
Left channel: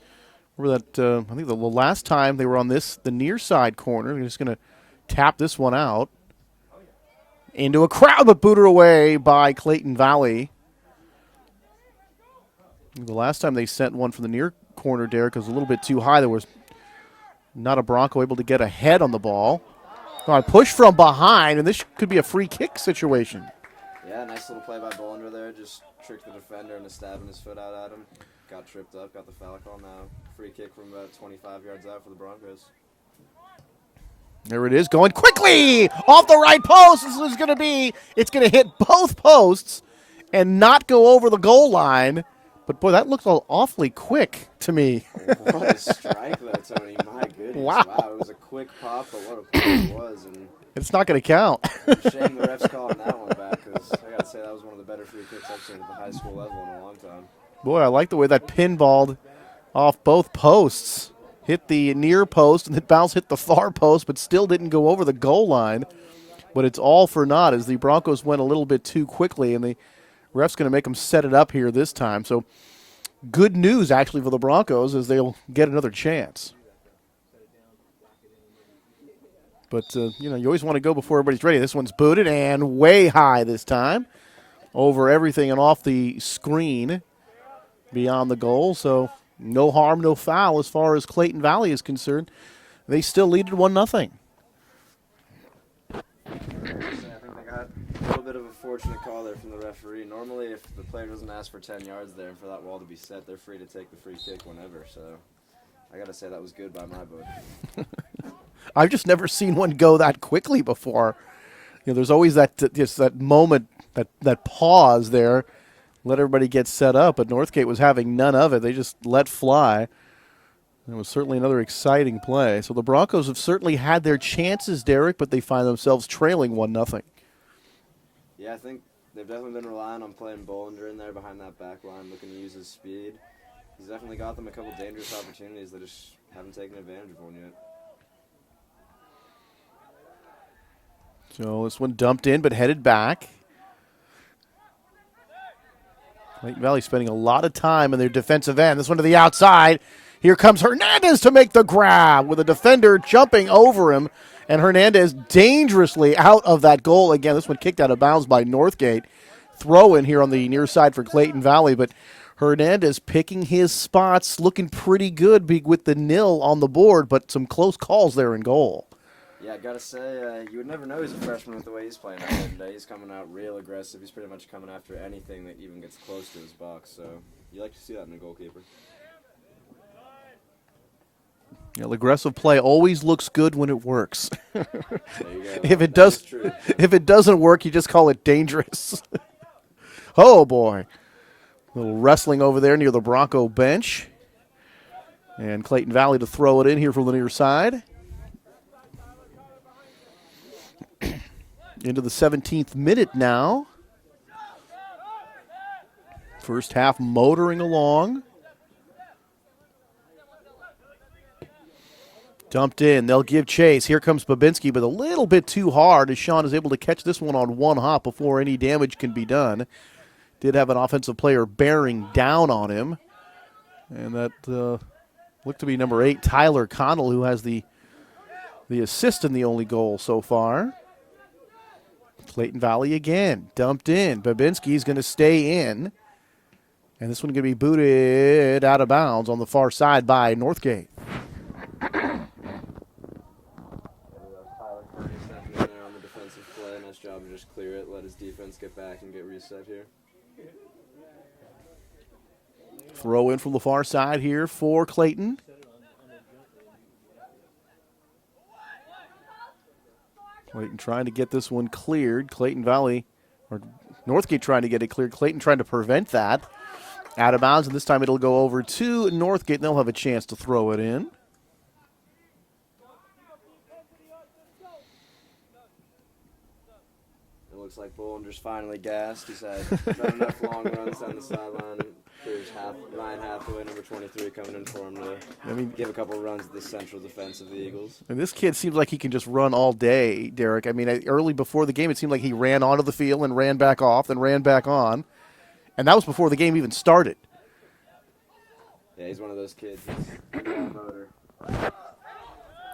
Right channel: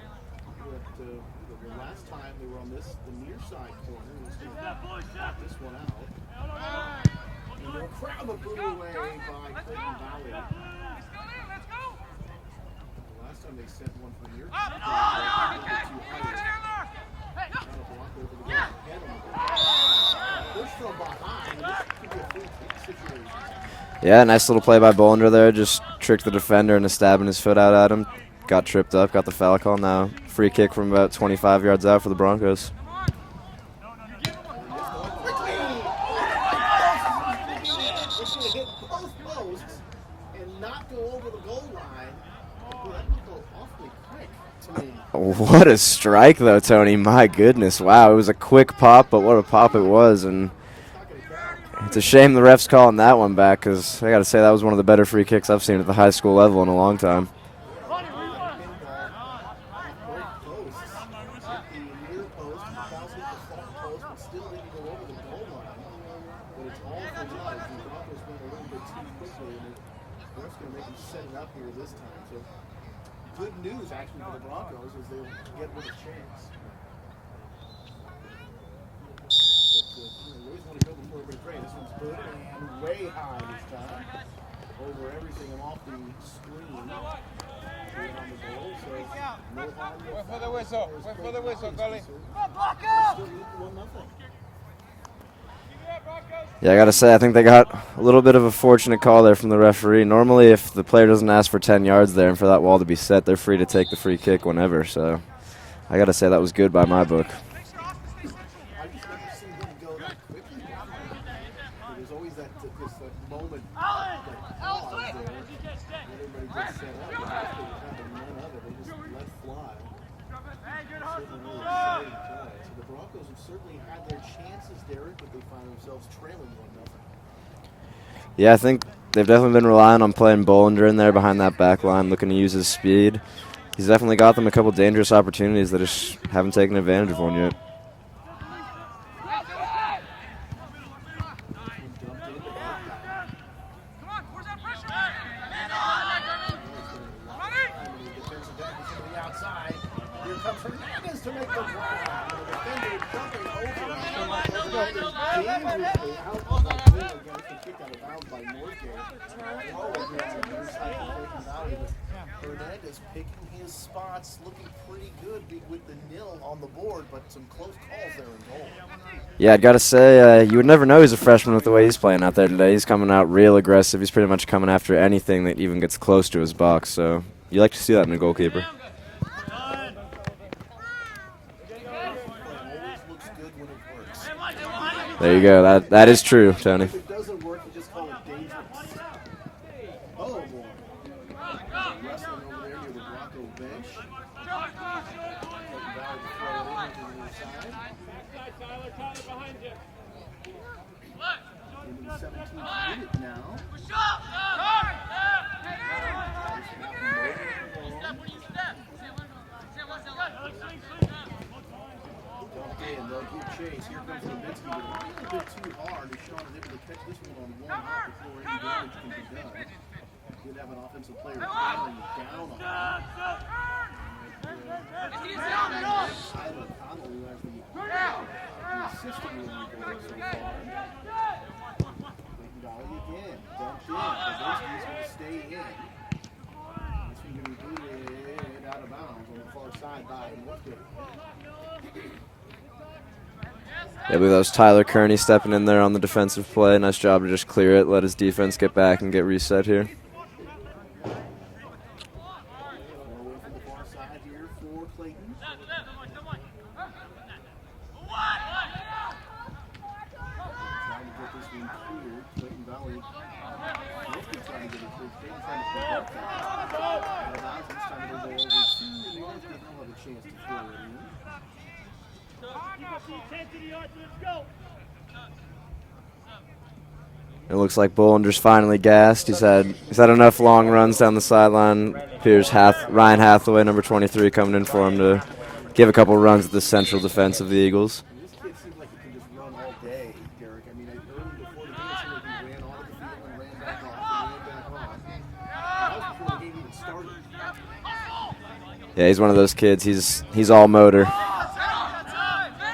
Remember that, I think the last time they were on the near side corner. They're just going to tap this one out into a crowd, but booted away by Clayton Valley. The last time they sent one from the near corner, Derek, was a little bit too high. There was not a Bronco able to get ahead on the ball. Push from behind, and this could be a free kick situation. Yeah, nice little play by Bolender there. Just tricked the defender into stabbing his foot out at him. Got tripped up, got the foul call. Now free kick from about 25 yards out for the Broncos. There it is, going quickly off the right post. It's going to hit both posts and not go over the goal line. But, boy, that looked awfully quick to me. What a strike, though, Tony. My goodness. Wow, it was a quick pop, but what a pop it was. And it's not going to count. It's a shame the ref's calling that one back, because I got to say that was one of the better free kicks I've seen at the high school level in a long time. Boy, I like the way that pinballed off both posts. Hit the near post, and the bounce hit the far post, but still didn't go over the goal line. But it's all for naught as the Broncos went a little bit too quickly, and the ref's going to make them set it up here this time. So good news, actually, for the Broncos as they'll get another chance. But, you always want to go before everybody's ready. This one's booted and way high this time. Over everything and off the screen beyond the goal. So no harm, no foul as far as Clayton Valley is concerned. They still lead at 1-0. Yeah, I got to say, I think they got a little bit of a fortunate call there from the referee. Normally, if the player doesn't ask for 10 yards there and for that wall to be set, they're free to take the free kick whenever. So I got to say that was good by my book. I've just never seen one go that quickly before. There's always that moment, that pause there, let everybody get set up. But Northgate was having none of it. They just let fly. It was certainly another exciting play. So the Broncos have certainly had their chances, Derek, but they find themselves trailing 1-0. Yeah, I think they've definitely been relying on playing Bolender in there behind that back line, looking to use his speed. He's definitely got them a couple dangerous opportunities that just haven't taken advantage of one yet. So this one dumped in but headed back. Clayton Valley spending a lot of time in their defensive end. This one to the outside. Here comes Hernandez to make the grab with a defender jumping over him. And Hernandez dangerously out of that goal again. This one kicked out of bounds by Northgate. throw in here on the near side for Clayton Valley, but Hernandez picking his spots, looking pretty good with the nil on the board, but some close calls there in goal. Yeah, I'd got to say, you would never know he's a freshman with the way he's playing out there today. He's coming out real aggressive. He's pretty much coming after anything that even gets close to his box, so you like to see that in a goalkeeper. Aggressive play always looks good when it works. There you go. That is true, Tony. If it doesn't work, you just call it dangerous. Oh, boy. A little wrestling over there near the Bronco bench. And Clayton Valley to throw it in here from the near side. Into the 17th minute now. First half motoring along. Dumped in. They'll give chase. Here comes Babinski, but a little bit too hard as Sean is able to catch this one on one hop before any damage can be done. Did have an offensive player bearing down on him. And that looked to be number 8, Tyler Connel, who has the assist in the only goal so far. Clayton Valley again. Dumped in. Babinski's going to stay in. And this one going to be booted out of bounds on the far side by Northgate. Yeah, I believe that was Tyler Kearney stepping in there on the defensive play. Nice job to just clear it, let his defense get back and get reset here. Throw in from the far side here for Clayton. Clayton trying to get this one cleared. Clayton Valley, or Northgate trying to get it cleared. Clayton trying to prevent that. Out of bounds, and this time it'll go over to Northgate, and they'll have a chance to throw it in. It looks like Bollinger's finally gassed. He's had enough long runs down the sideline. Appears Ryan Hathaway, number 23, coming in for him to give a couple runs at the central defense of the Eagles. And this kid seems like he can just run all day, Derek. I mean, early before the game, it seemed like he ran onto the field and ran back off and ran back on. And that was before the game even started. Yeah, he's one of those kids. He's all motor.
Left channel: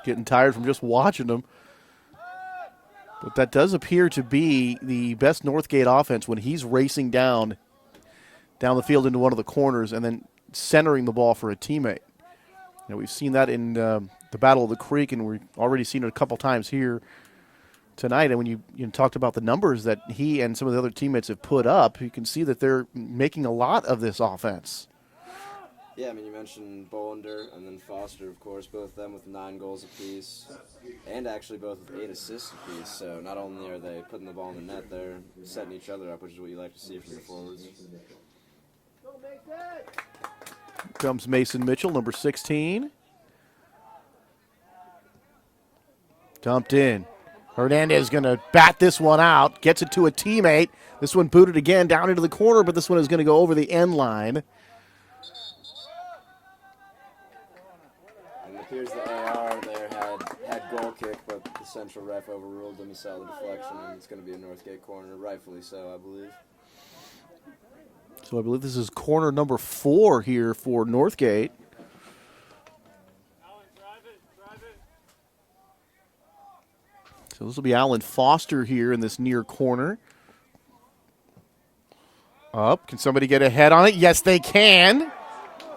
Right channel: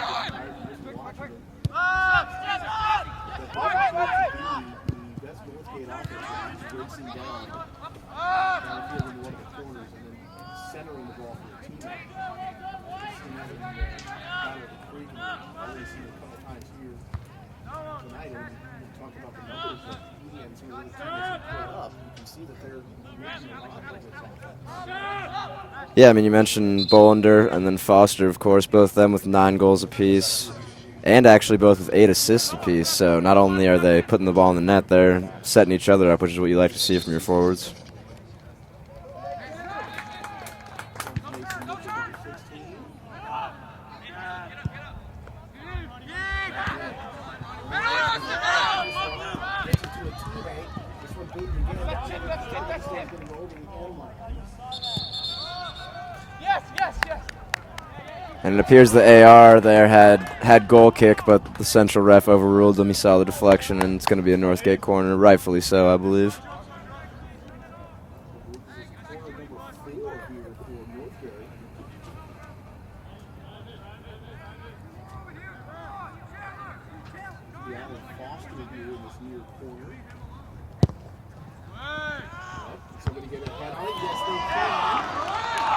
Getting tired from just watching him. But that does appear to be the best Northgate offense when he's racing down the field into one of the corners and then centering the ball for a teammate. You know, we've seen that in the Battle of the Creek, and we've already seen it a couple times here tonight. And when you talked about the numbers that he and some of the other teammates have put up, you can see that they're making a lot of this offense. Yeah, I mean, you mentioned Bollinger and then Foster, of course, both of them with 9 goals apiece. And actually both with 8 assists apiece. So not only are they putting the ball in the net, they're setting each other up, which is what you like to see from your forwards. Comes Mason Mitchell, number 16. Dumped in. Hernandez going to bat this one out. Gets it to a teammate. This one booted again down into the corner, but this one is going to go over the end line. And it appears the AR there had goal kick, but the central ref overruled them. He saw the deflection, and it's going to be a Northgate corner, rightfully so, I believe. So I believe this is corner number 4 here for Northgate. So this will be Alan Foster here in this near corner. Up, can somebody get a head on it? Yes, they can.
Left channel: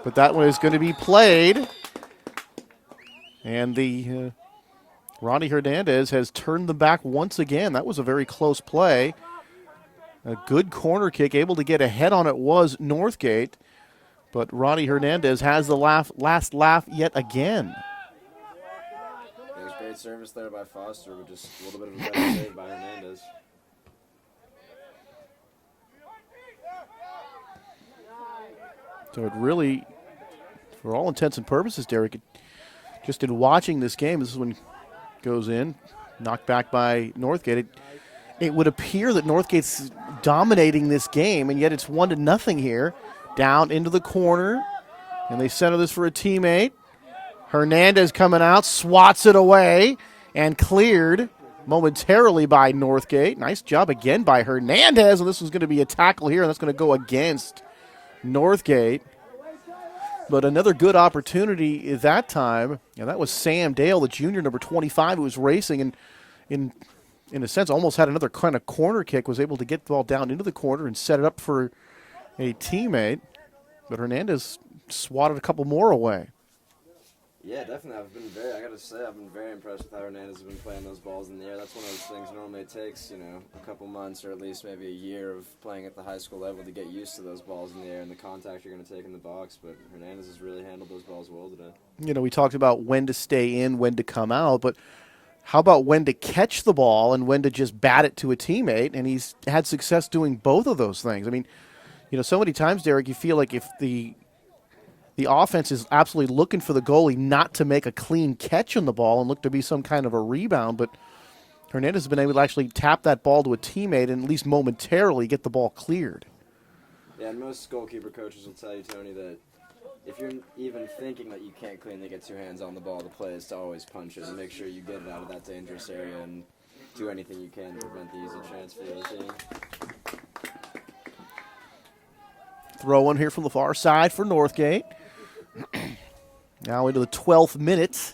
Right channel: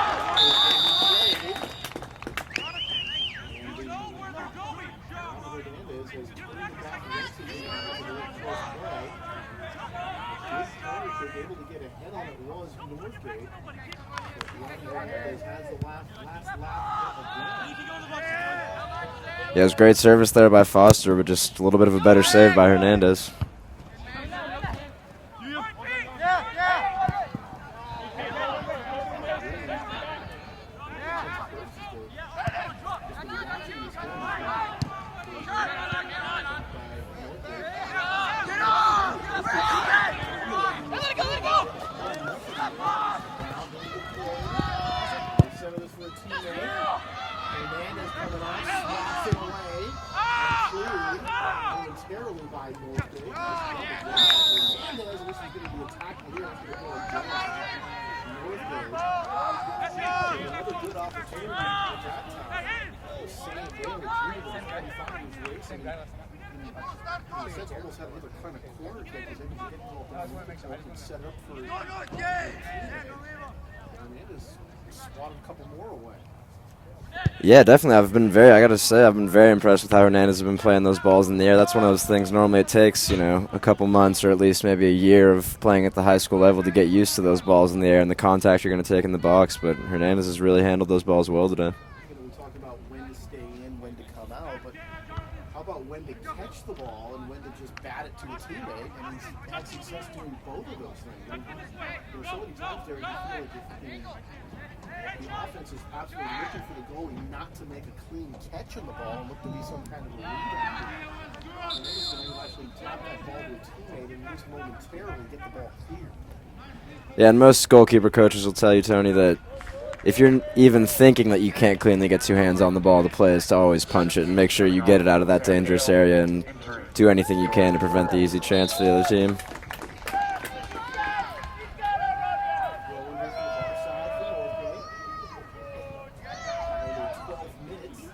But that one is going to be played. And the Ronny Hernandez has turned them back once again. That was a very close play. A good corner kick, able to get a head on it was Northgate. But Ronny Hernandez has the last laugh yet again. Yeah, it was great service there by Foster, but just a little bit of a better save by Hernandez. So it really, for all intents and purposes, Derek, just in watching this game, this one goes in, knocked back by Northgate. It would appear that Northgate's dominating this game, and yet it's 1-0 here. Down into the corner, and they center this for a teammate. Hernandez coming out, swats it away, and cleared momentarily by Northgate. Nice job again by Hernandez, and this is going to be a tackle here, and that's going to go against Northgate. But another good opportunity at that time, and that was Sam Dale, the junior, number 25, who was racing. And in a sense, almost had another kind of corner kick, was able to get the ball down into the corner and set it up for a teammate. But Hernandez swatted a couple more away. Yeah, definitely. I got to say, I've been very impressed with how Hernandez has been playing those balls in the air. That's one of those things normally it takes, a couple months or at least maybe a year of playing at the high school level to get used to those balls in the air and the contact you're going to take in the box. But Hernandez has really handled those balls well today. We talked about when to stay in, when to come out, but how about when to catch the ball and when to just bat it to a teammate? And he's had success doing both of those things. I mean, so many times, Derek, you feel like if the offense is absolutely looking for the goalie not to make a clean catch on the ball and look to be some kind of a rebound, but Hernandez has been able to actually tap that ball to a teammate and at least momentarily get the ball cleared. Yeah, and most goalkeeper coaches will tell you, Tony, that if you're even thinking that you can't cleanly get two hands on the ball, the play is to always punch it and make sure you get it out of that dangerous area and do anything you can to prevent the easy chance for the other team. Throw in here from the far side for Northgate. Now into the 12th minute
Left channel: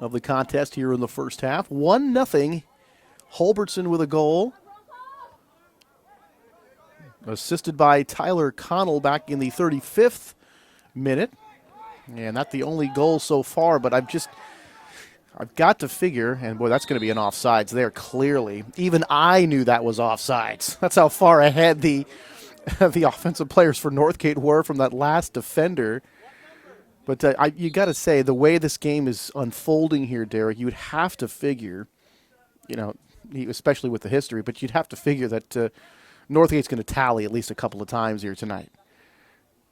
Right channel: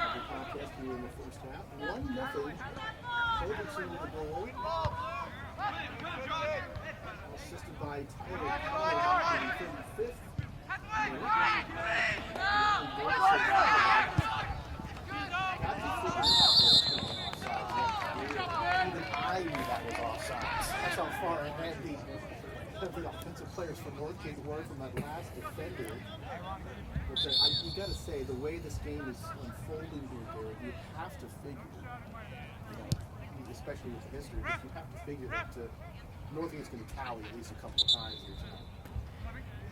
of the contest here in the first half. 1-0. Hulbertson with a goal. Assisted by Tyler Connel back in the 35th minute. And not the only goal so far, but I've got to figure, and boy, that's going to be an offsides there, clearly. Even I knew that was offsides. That's how far ahead the offensive players for Northgate were from that last defender. But you got to say, the way this game is unfolding here, Derek, you would have to figure, especially with the history, but you'd have to figure that Northgate's going to tally at least a couple of times here tonight.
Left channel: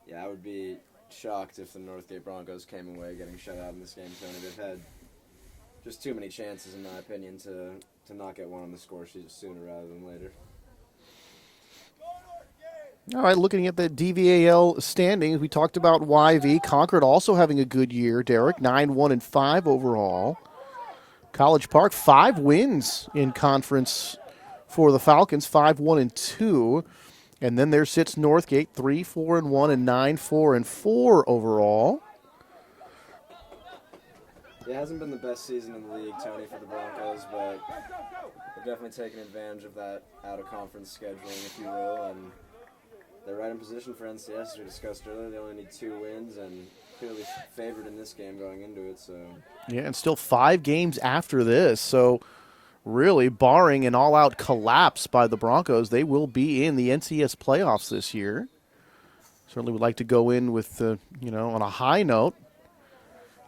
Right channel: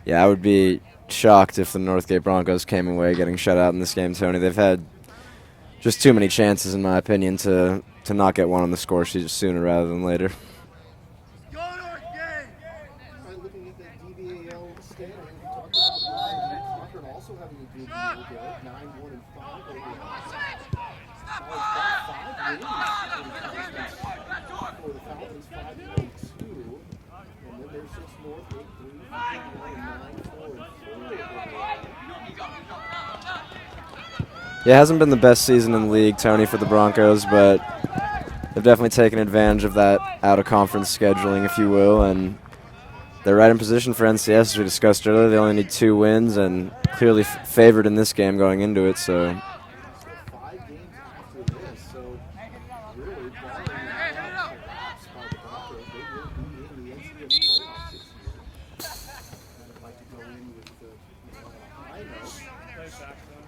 Yeah, I would be shocked if the Northgate Broncos came away getting shut out in this game, Tony. They've had just too many chances, in my opinion, to not get one on the score sheet sooner rather than later. All right, looking at the DVAL standings, we talked about YV. Concord also having a good year, Derek, 9-1-5 overall. College Park, 5 wins in conference for the Falcons, 5-1-2. And then there sits Northgate, 3-4-1 and 9-4-4 overall. Yeah, it hasn't been the best season in the league, Tony, for the Broncos, but they've definitely taken advantage of that out-of-conference scheduling, if you will, and they're right in position for NCS, as we discussed earlier. They only need 2 wins and clearly favored in this game going into it. So yeah, and still 5 games after this. So really, barring an all-out collapse by the Broncos, they will be in the NCS playoffs this year. Certainly would like to go in with, on a high note,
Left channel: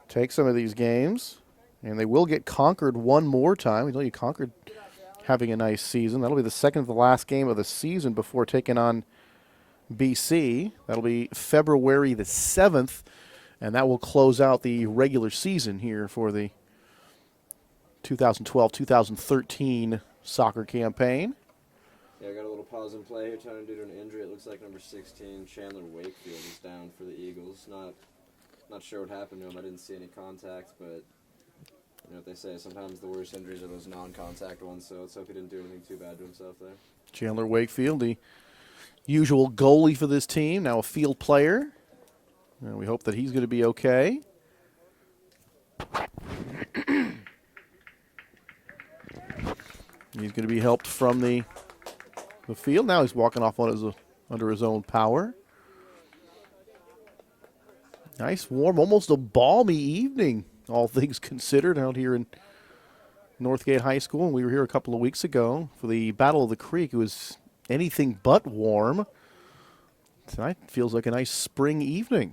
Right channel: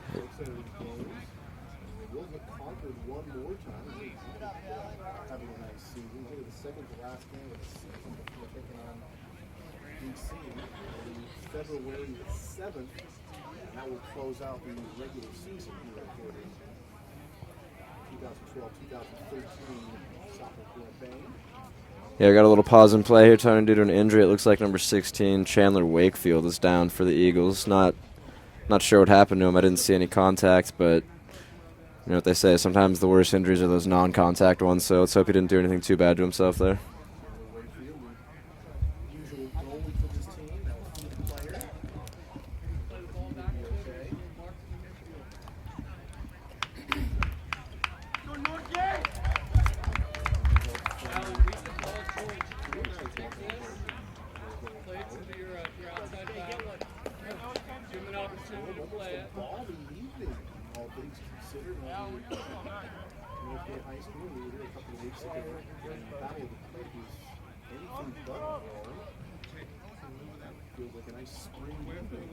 take some of these games. And they will get Concord one more time. We know you Concord having a nice season. That'll be the second to the last game of the season before taking on BC. That'll be February the 7th, and that will close out the regular season here for the 2012-2013 soccer campaign. Yeah, I got a little pause in play here, Tony, due to an injury. It looks like number 16, Chandler Wakefield, is down for the Eagles. Not sure what happened to him. I didn't see any contact, but you know what they say, sometimes the worst injuries are those non-contact ones, so let's hope he didn't do anything too bad to himself there. Chandler Wakefield, the usual goalie for this team, now a field player. And we hope that he's going to be okay. He's going to be helped from the field. Now he's walking off under his own power. Nice, warm, almost a balmy evening, all things considered, out here in Northgate High School. And we were here a couple of weeks ago for the Battle of the Creek. It was anything but warm. Tonight feels like a nice spring evening.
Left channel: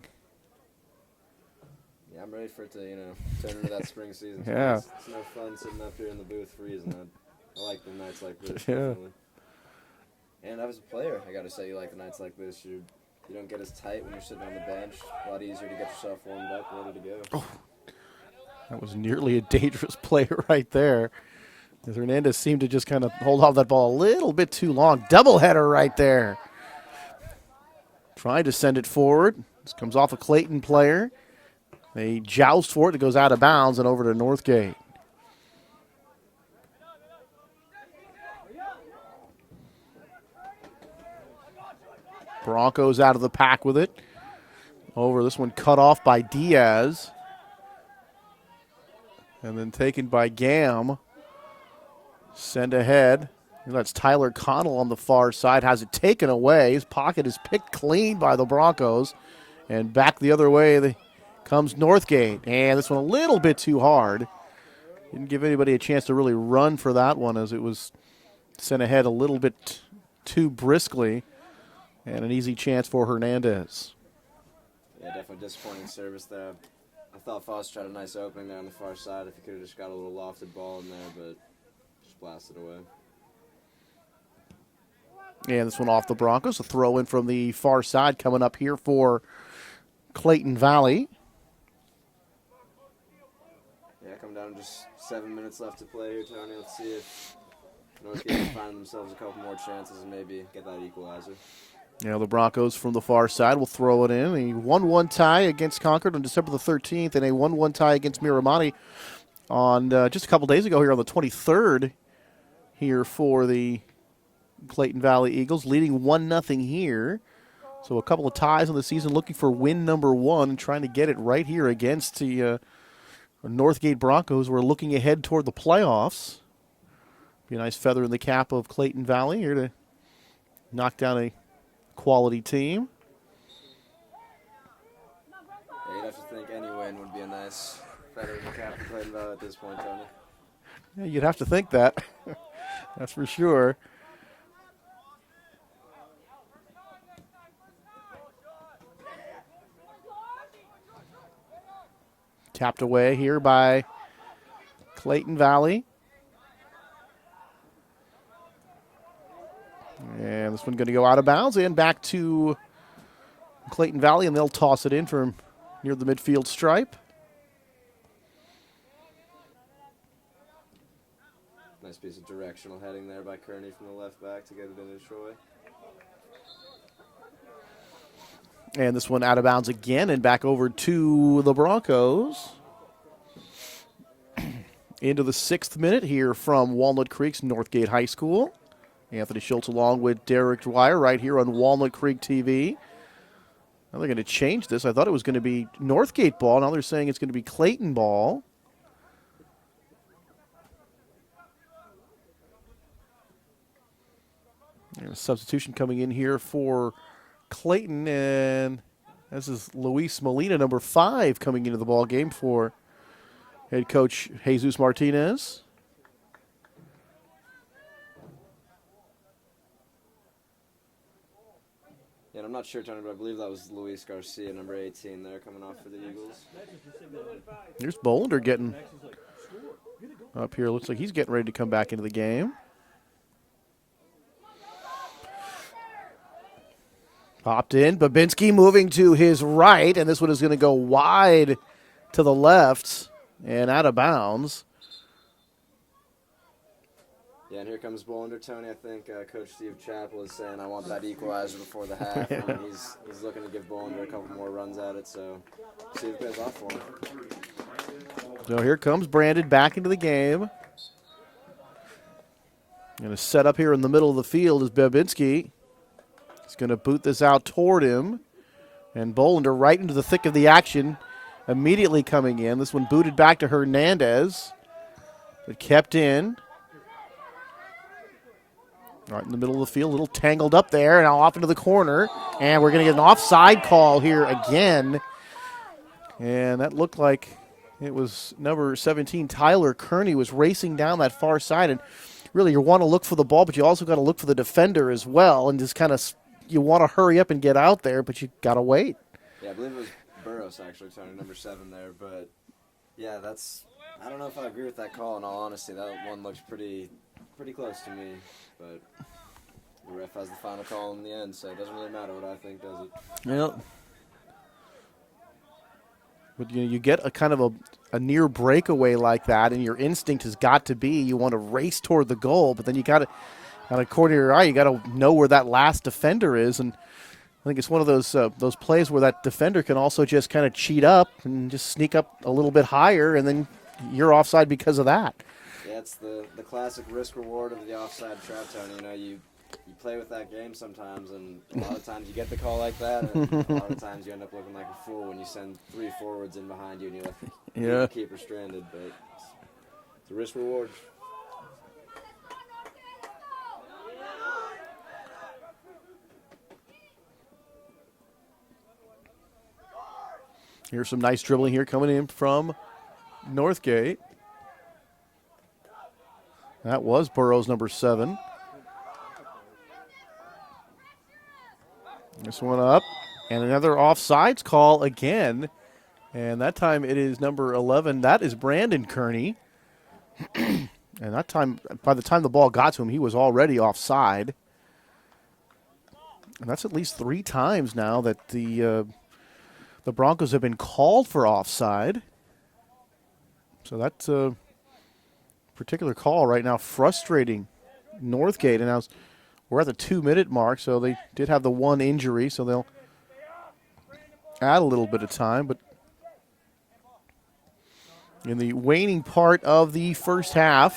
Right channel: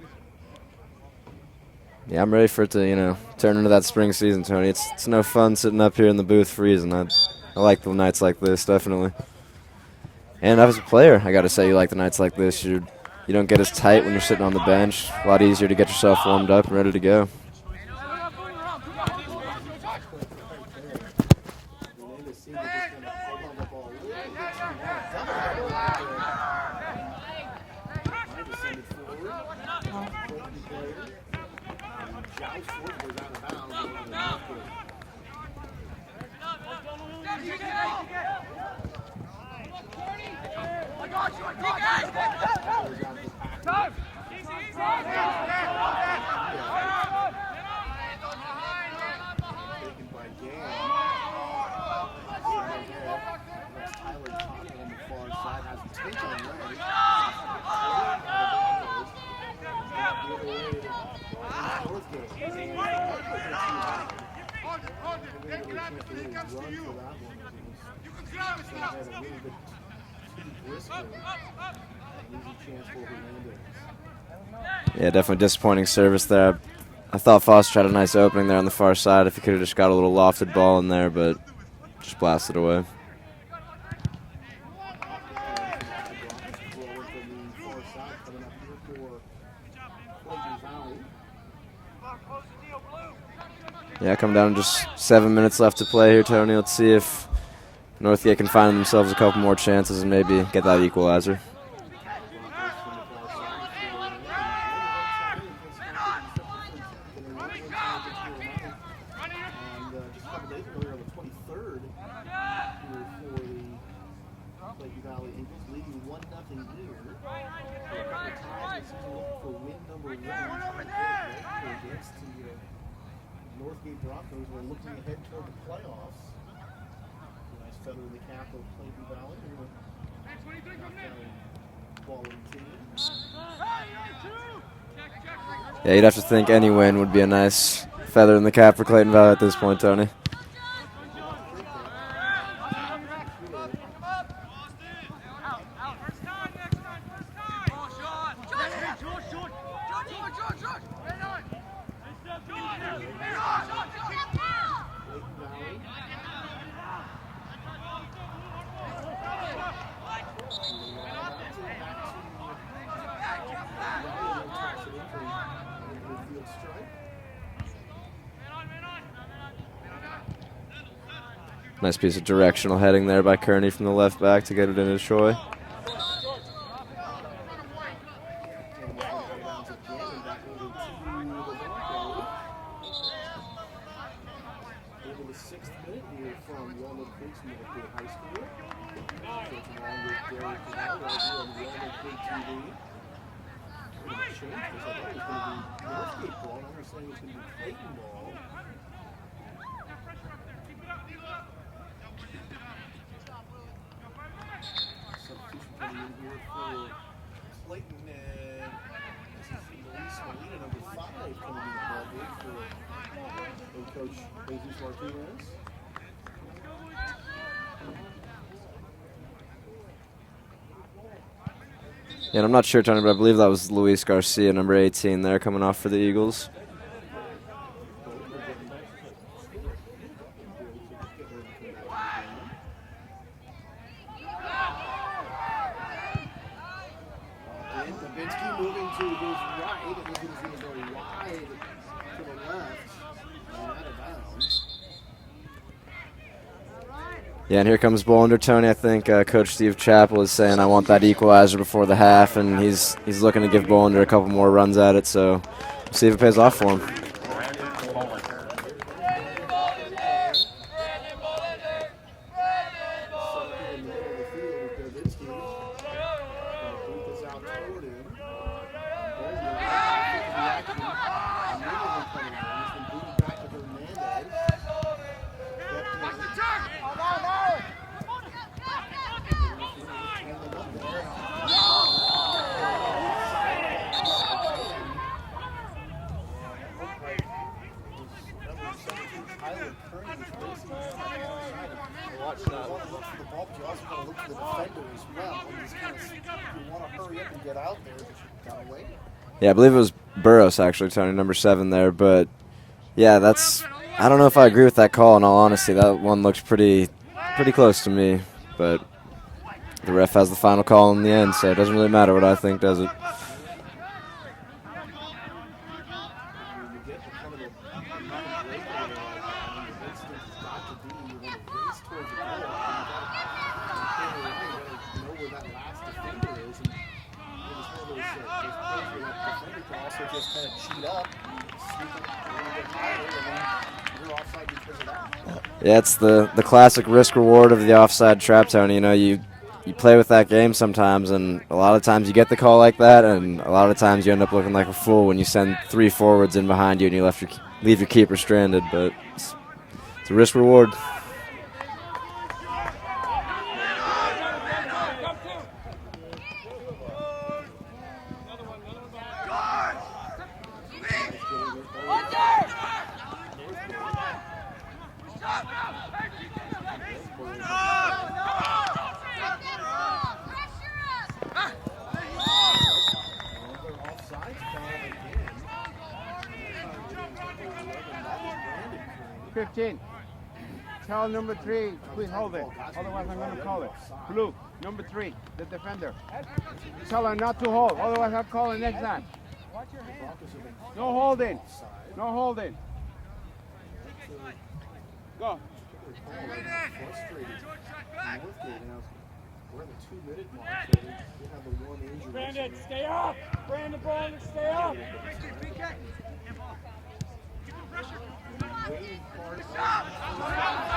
Yeah, I'm ready for it to, turn into that spring season, Tony. Yeah. It's no fun sitting up here in the booth freezing. I like the nights like this, definitely. Yeah. And as a player, I got to say, you like the nights like this. You don't get as tight when you're sitting on the bench. A lot easier to get yourself warmed up and ready to go. That was nearly a dangerous play right there. Hernandez seemed to just kind of hold off that ball a little bit too long. Doubleheader right there. Trying to send it forward. This comes off a Clayton player. They joust for it. It goes out of bounds and over to Northgate. Broncos out of the pack with it. Over this one cut off by Diaz. And then taken by Gam. Send ahead. That's Tyler Connel on the far side. Has it taken away. His pocket is picked clean by the Broncos. And back the other way comes Northgate. And this one a little bit too hard. Didn't give anybody a chance to really run for that one, as it was sent ahead a little bit too briskly. And an easy chance for Hernandez. Yeah, definitely disappointing service there. I thought Foster had a nice opening there on the far side if he could have just got a little lofted ball in there, but just blasted away. And this one off the Broncos. A throw in from the far side coming up here for Clayton Valley. Yeah, coming down to just 7 minutes left to play here, Tony. Let's see if Northgate can find themselves a couple more chances and maybe get that equalizer. Now the Broncos from the far side will throw it in. A 1-1 tie against Concord on December the 13th, and a 1-1 tie against Miramati on just a couple days ago here on the 23rd here for the Clayton Valley Eagles, leading 1-0 here. So a couple of ties in the season, looking for win number 1, trying to get it right here against the Northgate Broncos. We're looking ahead toward the playoffs. Be a nice feather in the cap of Clayton Valley here to knock down a quality team. Yeah, you'd have to think any win would be a nice feather in the cap for Clayton Valley at this point, Tony. You'd have to think that. That's for sure. Tapped away here by Clayton Valley. And this one's going to go out of bounds and back to Clayton Valley, and they'll toss it in from near the midfield stripe. Nice piece of directional heading there by Kearney from the left back to get it into Troy. And this one out of bounds again and back over to the Broncos. Into the 6th minute here from Walnut Creek's Northgate High School. Anthony Schultz along with Derek Dwyer right here on Walnut Creek TV. Now they're going to change this. I thought it was going to be Northgate ball. Now they're saying it's going to be Clayton ball. And a substitution coming in here for Clayton, and this is Luis Molina, number 5, coming into the ball game for head coach Jesus Martinez. Yeah, and I'm not sure, Tony, but I believe that was Luis Garcia, number 18 there, coming off for the Eagles. Here's Boulder getting up here. Looks like he's getting ready to come back into the game. Popped in. Babinski moving to his right, and this one is going to go wide to the left and out of bounds. Yeah, and here comes Bolander, Tony. I think Coach Steve Chappell is saying, I want that equalizer before the half, and he's looking to give Bolander a couple more runs at it, so we'll see if it pays off for him. So here comes Brandon back into the game. And a set up here in the middle of the field is Babinski. He's going to boot this out toward him. And Bolander right into the thick of the action, immediately coming in. This one booted back to Hernandez, but kept in. Right in the middle of the field, a little tangled up there, and now off into the corner. And we're going to get an offside call here again. And that looked like it was number 17, Tyler Kearney, was racing down that far side. And really, you want to look for the ball, but you also got to look for the defender as well. And just kind of, you want to hurry up and get out there, but you got to wait. Yeah, I believe it was Burros, actually, Tony, number 7 there. But, yeah, I don't know if I agree with that call, in all honesty. That one looks pretty close to me. But the ref has the final call in the end, so it doesn't really matter what I think, does it? Yep. But you get a kind of a near breakaway like that, and your instinct has got to be you want to race toward the goal, but then you got to, on the corner of your eye, you got to know where that last defender is. And I think it's one of those plays where that defender can also just kind of cheat up and just sneak up a little bit higher, and then you're offside because of that. Yeah, it's the classic risk reward of the offside trap, Tony. You know, you play with that game sometimes, and a lot of times you get the call like that, and a lot of times you end up looking like a fool when you send 3 forwards in behind you and you leave your keeper stranded. But it's a risk reward. Here's some nice dribbling here coming in from Northgate. That was Burrows, number 7. This one up, and another offsides call again. And that time it is number 11. That is Brandon Kearney. 15. And that time, by the time the ball got to him, he was already offside. Number 3, the defender. And that's at least 3 times now that the Broncos have been called for offside. So that's a particular call right now frustrating Northgate. And now we're at the 2-minute mark, so they did have the 1 injury, so they'll add a little bit of time. But in the waning part of the first half,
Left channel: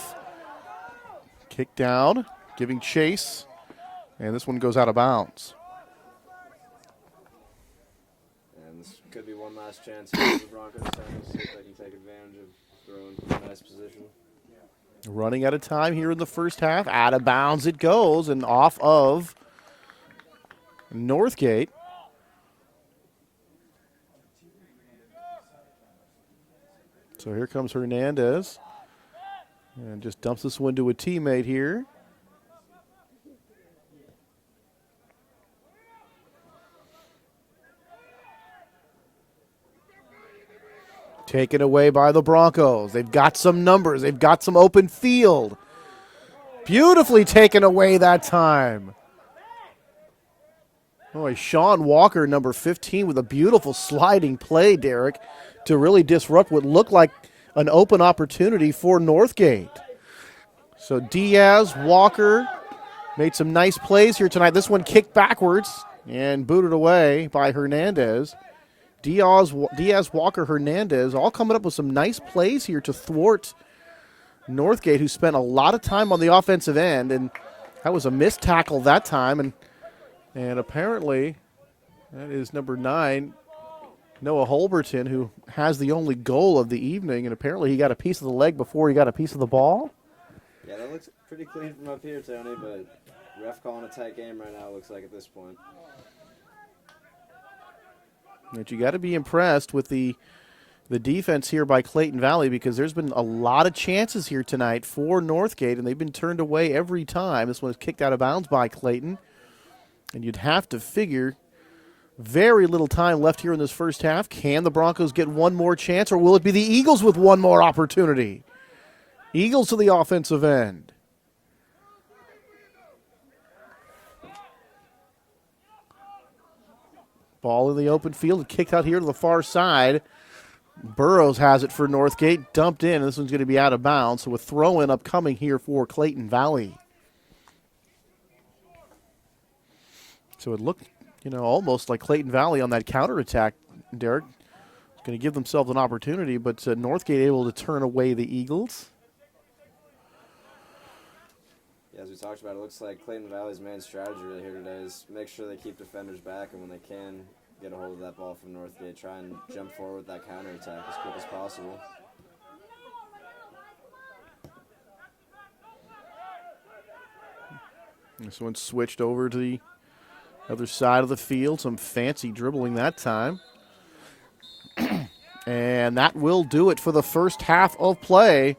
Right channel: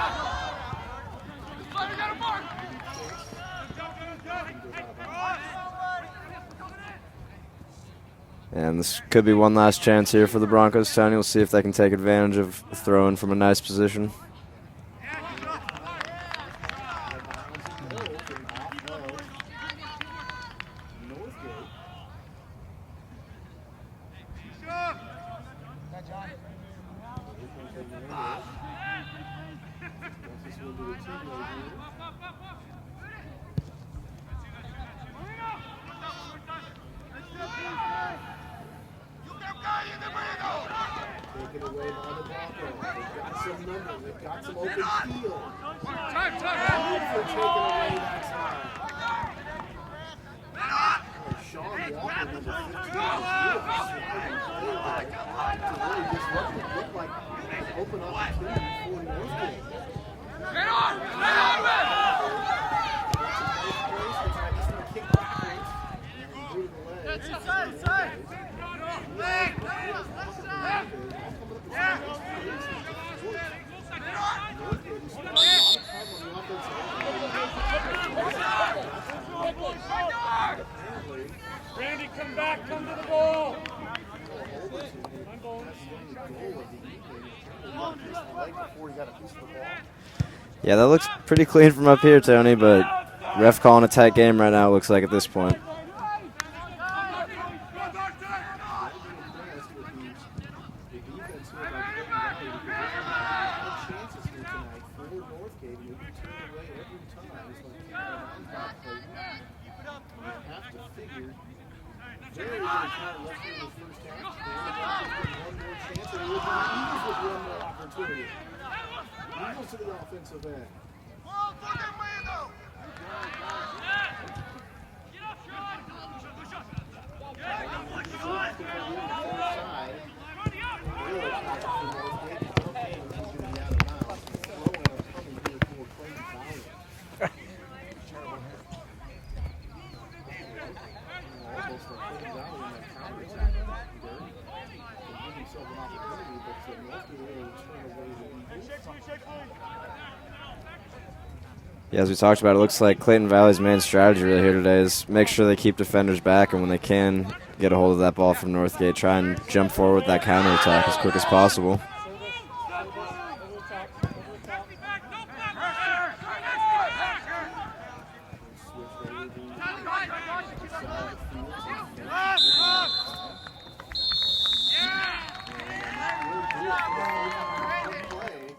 kick down, giving chase, and this one goes out of bounds. And this could be one last chance here for the Broncos. Tony, we'll see if they can take advantage of throwing from a nice position. Running out of time here in the first half. Out of bounds it goes and off of Northgate. So here comes Hernandez. And just dumps this one to a teammate here. Taken away by the Broncos. They've got some numbers. They've got some open field. Beautifully taken away that time. Boy, Sean Walker, number 15, with a beautiful sliding play, Derek, to really disrupt what looked like an open opportunity for Northgate. So Diaz, Walker made some nice plays here tonight. This one kicked backwards and booted away by Hernandez. Diaz, Walker, Hernandez, all coming up with some nice plays here to thwart Northgate, who spent a lot of time on the offensive end, and that was a missed tackle that time. And apparently, it is number 9, Noah Holberton, who has the only goal of the evening, and apparently he got a piece of the leg before he got a piece of the ball. Yeah, that looks pretty clean from up here, Tony, but ref calling a tight game right now, it looks like, at this point. But you got to be impressed with the defense here by Clayton Valley, because there's been a lot of chances here tonight for Northgate, and they've been turned away every time. This one is kicked out of bounds by Clayton. And you'd have to figure very little time left here in this first half. Can the Broncos get one more chance, or will it be the Eagles with one more opportunity? Eagles to the offensive end. Ball in the open field, kick out here to the far side. Burrows has it for Northgate, dumped in, and this one's going to be out of bounds. So a throw-in upcoming here for Clayton Valley. So it looked, almost like Clayton Valley on that counterattack, Derek. Going to give themselves an opportunity, but Northgate able to turn away the Eagles. Yeah, as we talked about, it looks like Clayton Valley's main strategy really here today is make sure they keep defenders back, and when they can get a hold of that ball from Northgate, try and jump forward with that counterattack as quick as possible. This one switched over to the other side of the field. Some fancy dribbling that time. And that will do it for the first half of play.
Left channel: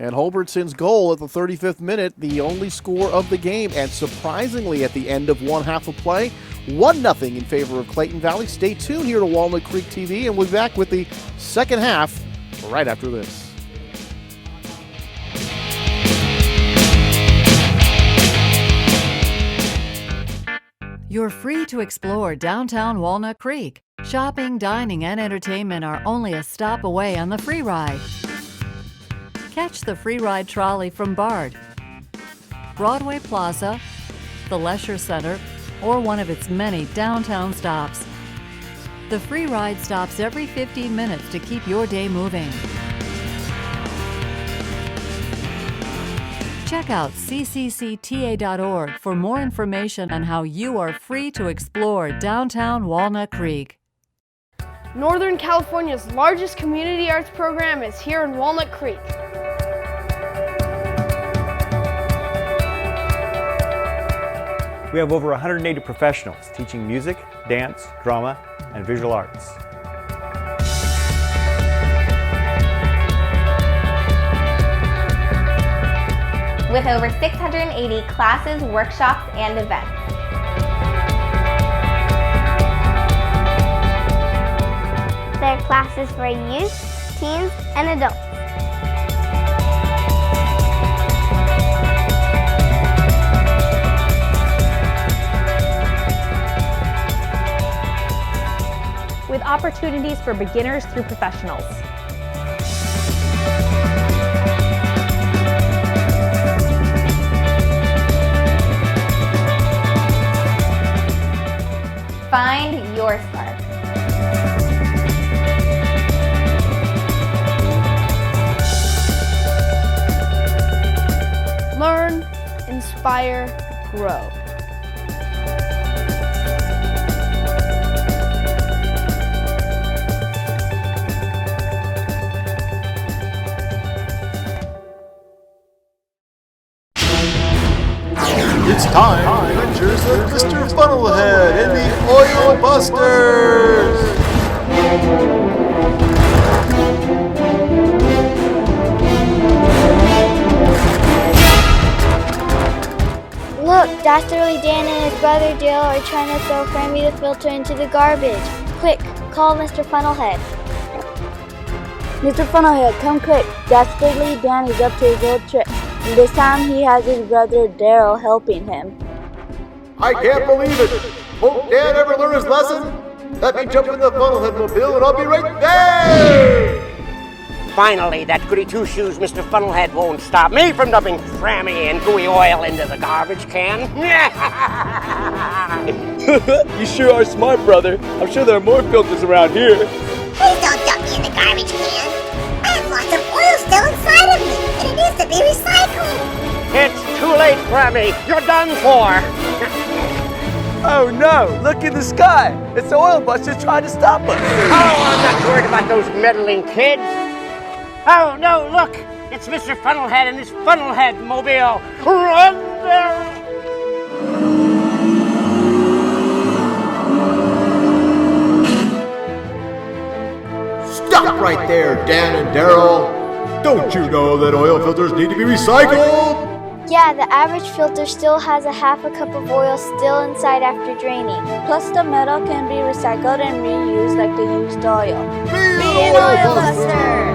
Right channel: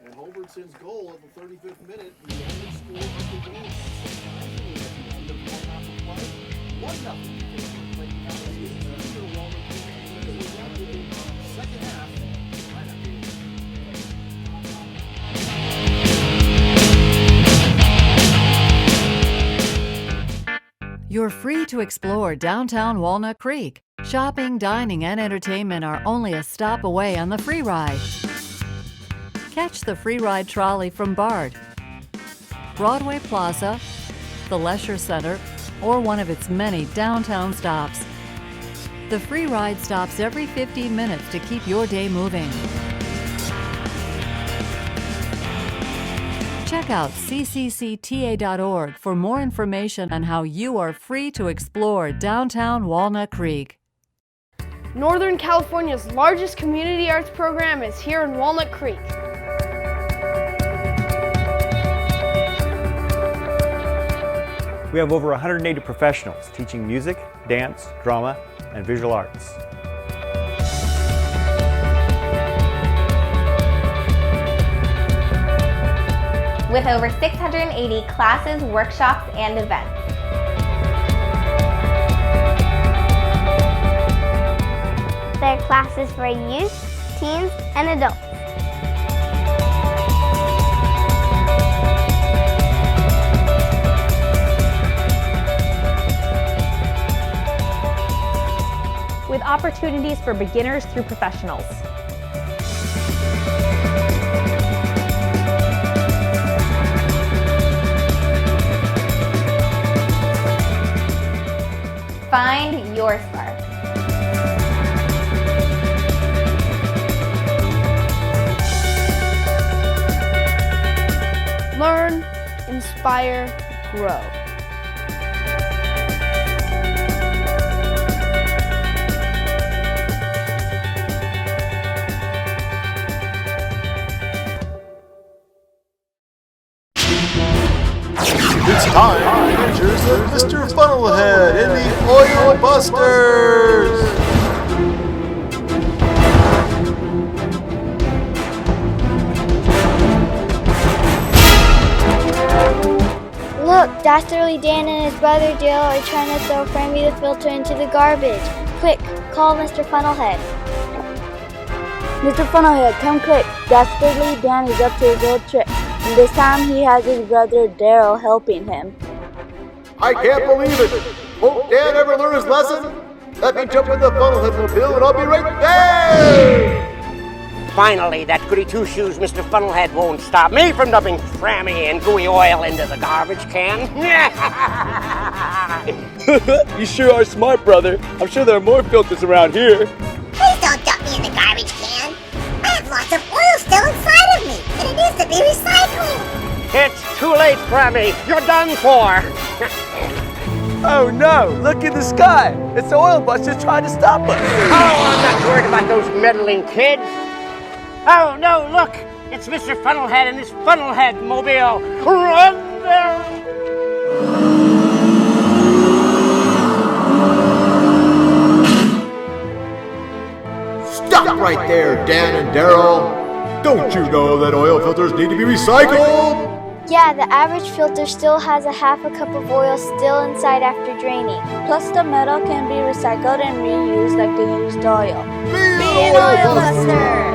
And Holbertson's goal at the 35th minute, the only score of the game. And surprisingly, at the end of one half of play, 1-0 in favor of Clayton Valley. Stay tuned here to Walnut Creek TV, and we'll be back with the second half right after this. You're free to explore downtown Walnut Creek. Shopping, dining, and entertainment are only a stop away on the free ride. Catch the free ride trolley from Bard, Broadway Plaza, the Leisure Center, or one of its many downtown stops. The free ride stops every 15 minutes to keep your day moving. Check out cccta.org for more information on how you are free to explore downtown Walnut Creek. Northern California's largest community arts program is here in Walnut Creek. We have over 180 professionals teaching music, dance, drama, and visual arts. with over 680 classes, workshops, and events. There are classes for youth, teens, and adults. With opportunities for beginners through professionals. Find your spark. Learn, inspire, grow. It's time for Adventures of Mr. Funnelhead and the Oil Busters! Look, Dastardly Dan and his brother Dale are trying to throw Frammy the filter into the garbage. Quick, call Mr. Funnelhead. Mr. Funnelhead, come quick. Dastardly Dan is up to his old trick. And this time he has his brother Daryl helping him. I can't believe it! Won't Dan ever learn his lesson? Let me jump in the Funnelhead mobile and I'll be right there! Finally, that goody two-shoes Mr. Funnelhead won't stop me from dumping Frammy and gooey oil into the garbage can. You sure are smart, brother. I'm sure there are more filters around here. Please don't dump me in the garbage can. I have lots of oil still inside of me, and it needs to be recycled. It's too late, Frammy. You're done for. Oh no, look in the sky. It's the oil busters trying to stop us. Oh, I'm not worried about those meddling kids. Oh no, look. It's Mr. Funnelhead and his Funnelhead mobile. Run there! Stop right there, Dan and Daryl! Don't you know that oil filters need to be recycled? Yeah, the average filter still has a half a cup of oil still inside after draining. Plus the metal can be recycled and reused like the used oil. Be an oil buster!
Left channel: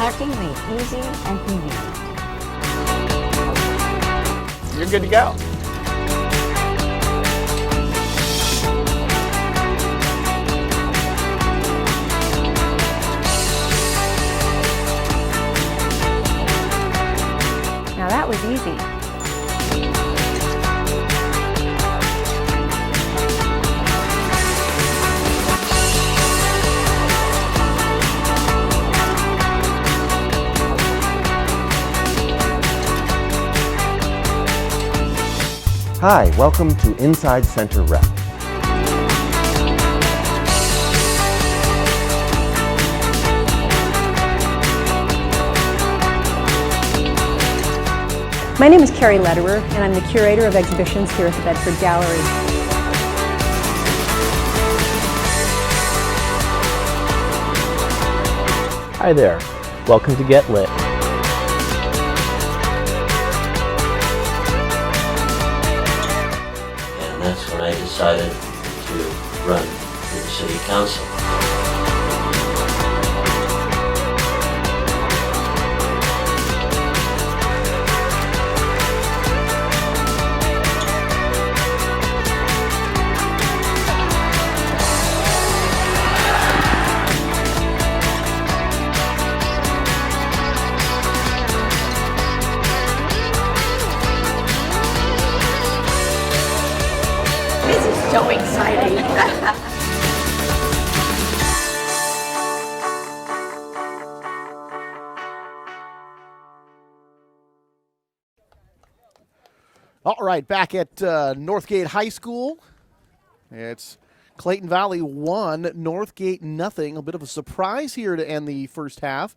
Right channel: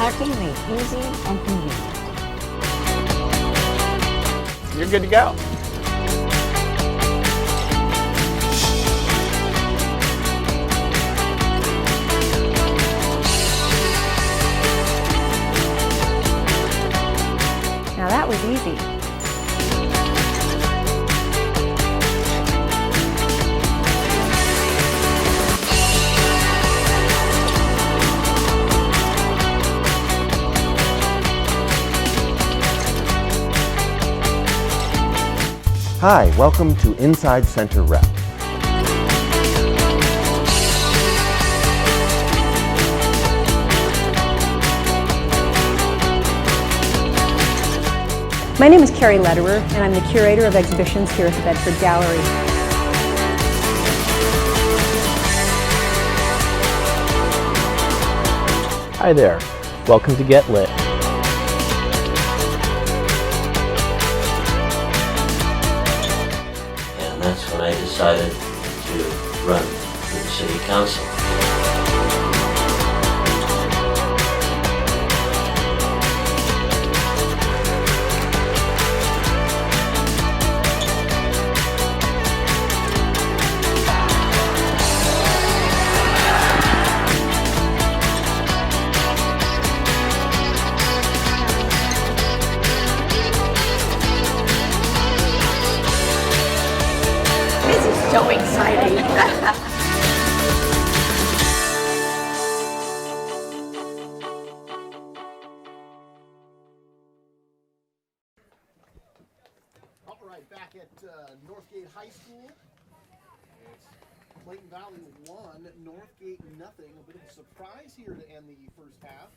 Packing made easy and convenient. You're good to go. Now that was easy. Hi, welcome to Inside Center Rep. My name is Carrie Lederer, and I'm the curator of exhibitions here at the Bedford Gallery. Hi there, welcome to Get Lit. And that's when I decided to run for the city council. This is so exciting. All right, back at Northgate High School. It's Clayton Valley 1, Northgate nothing. A bit of a surprise here to end the first half.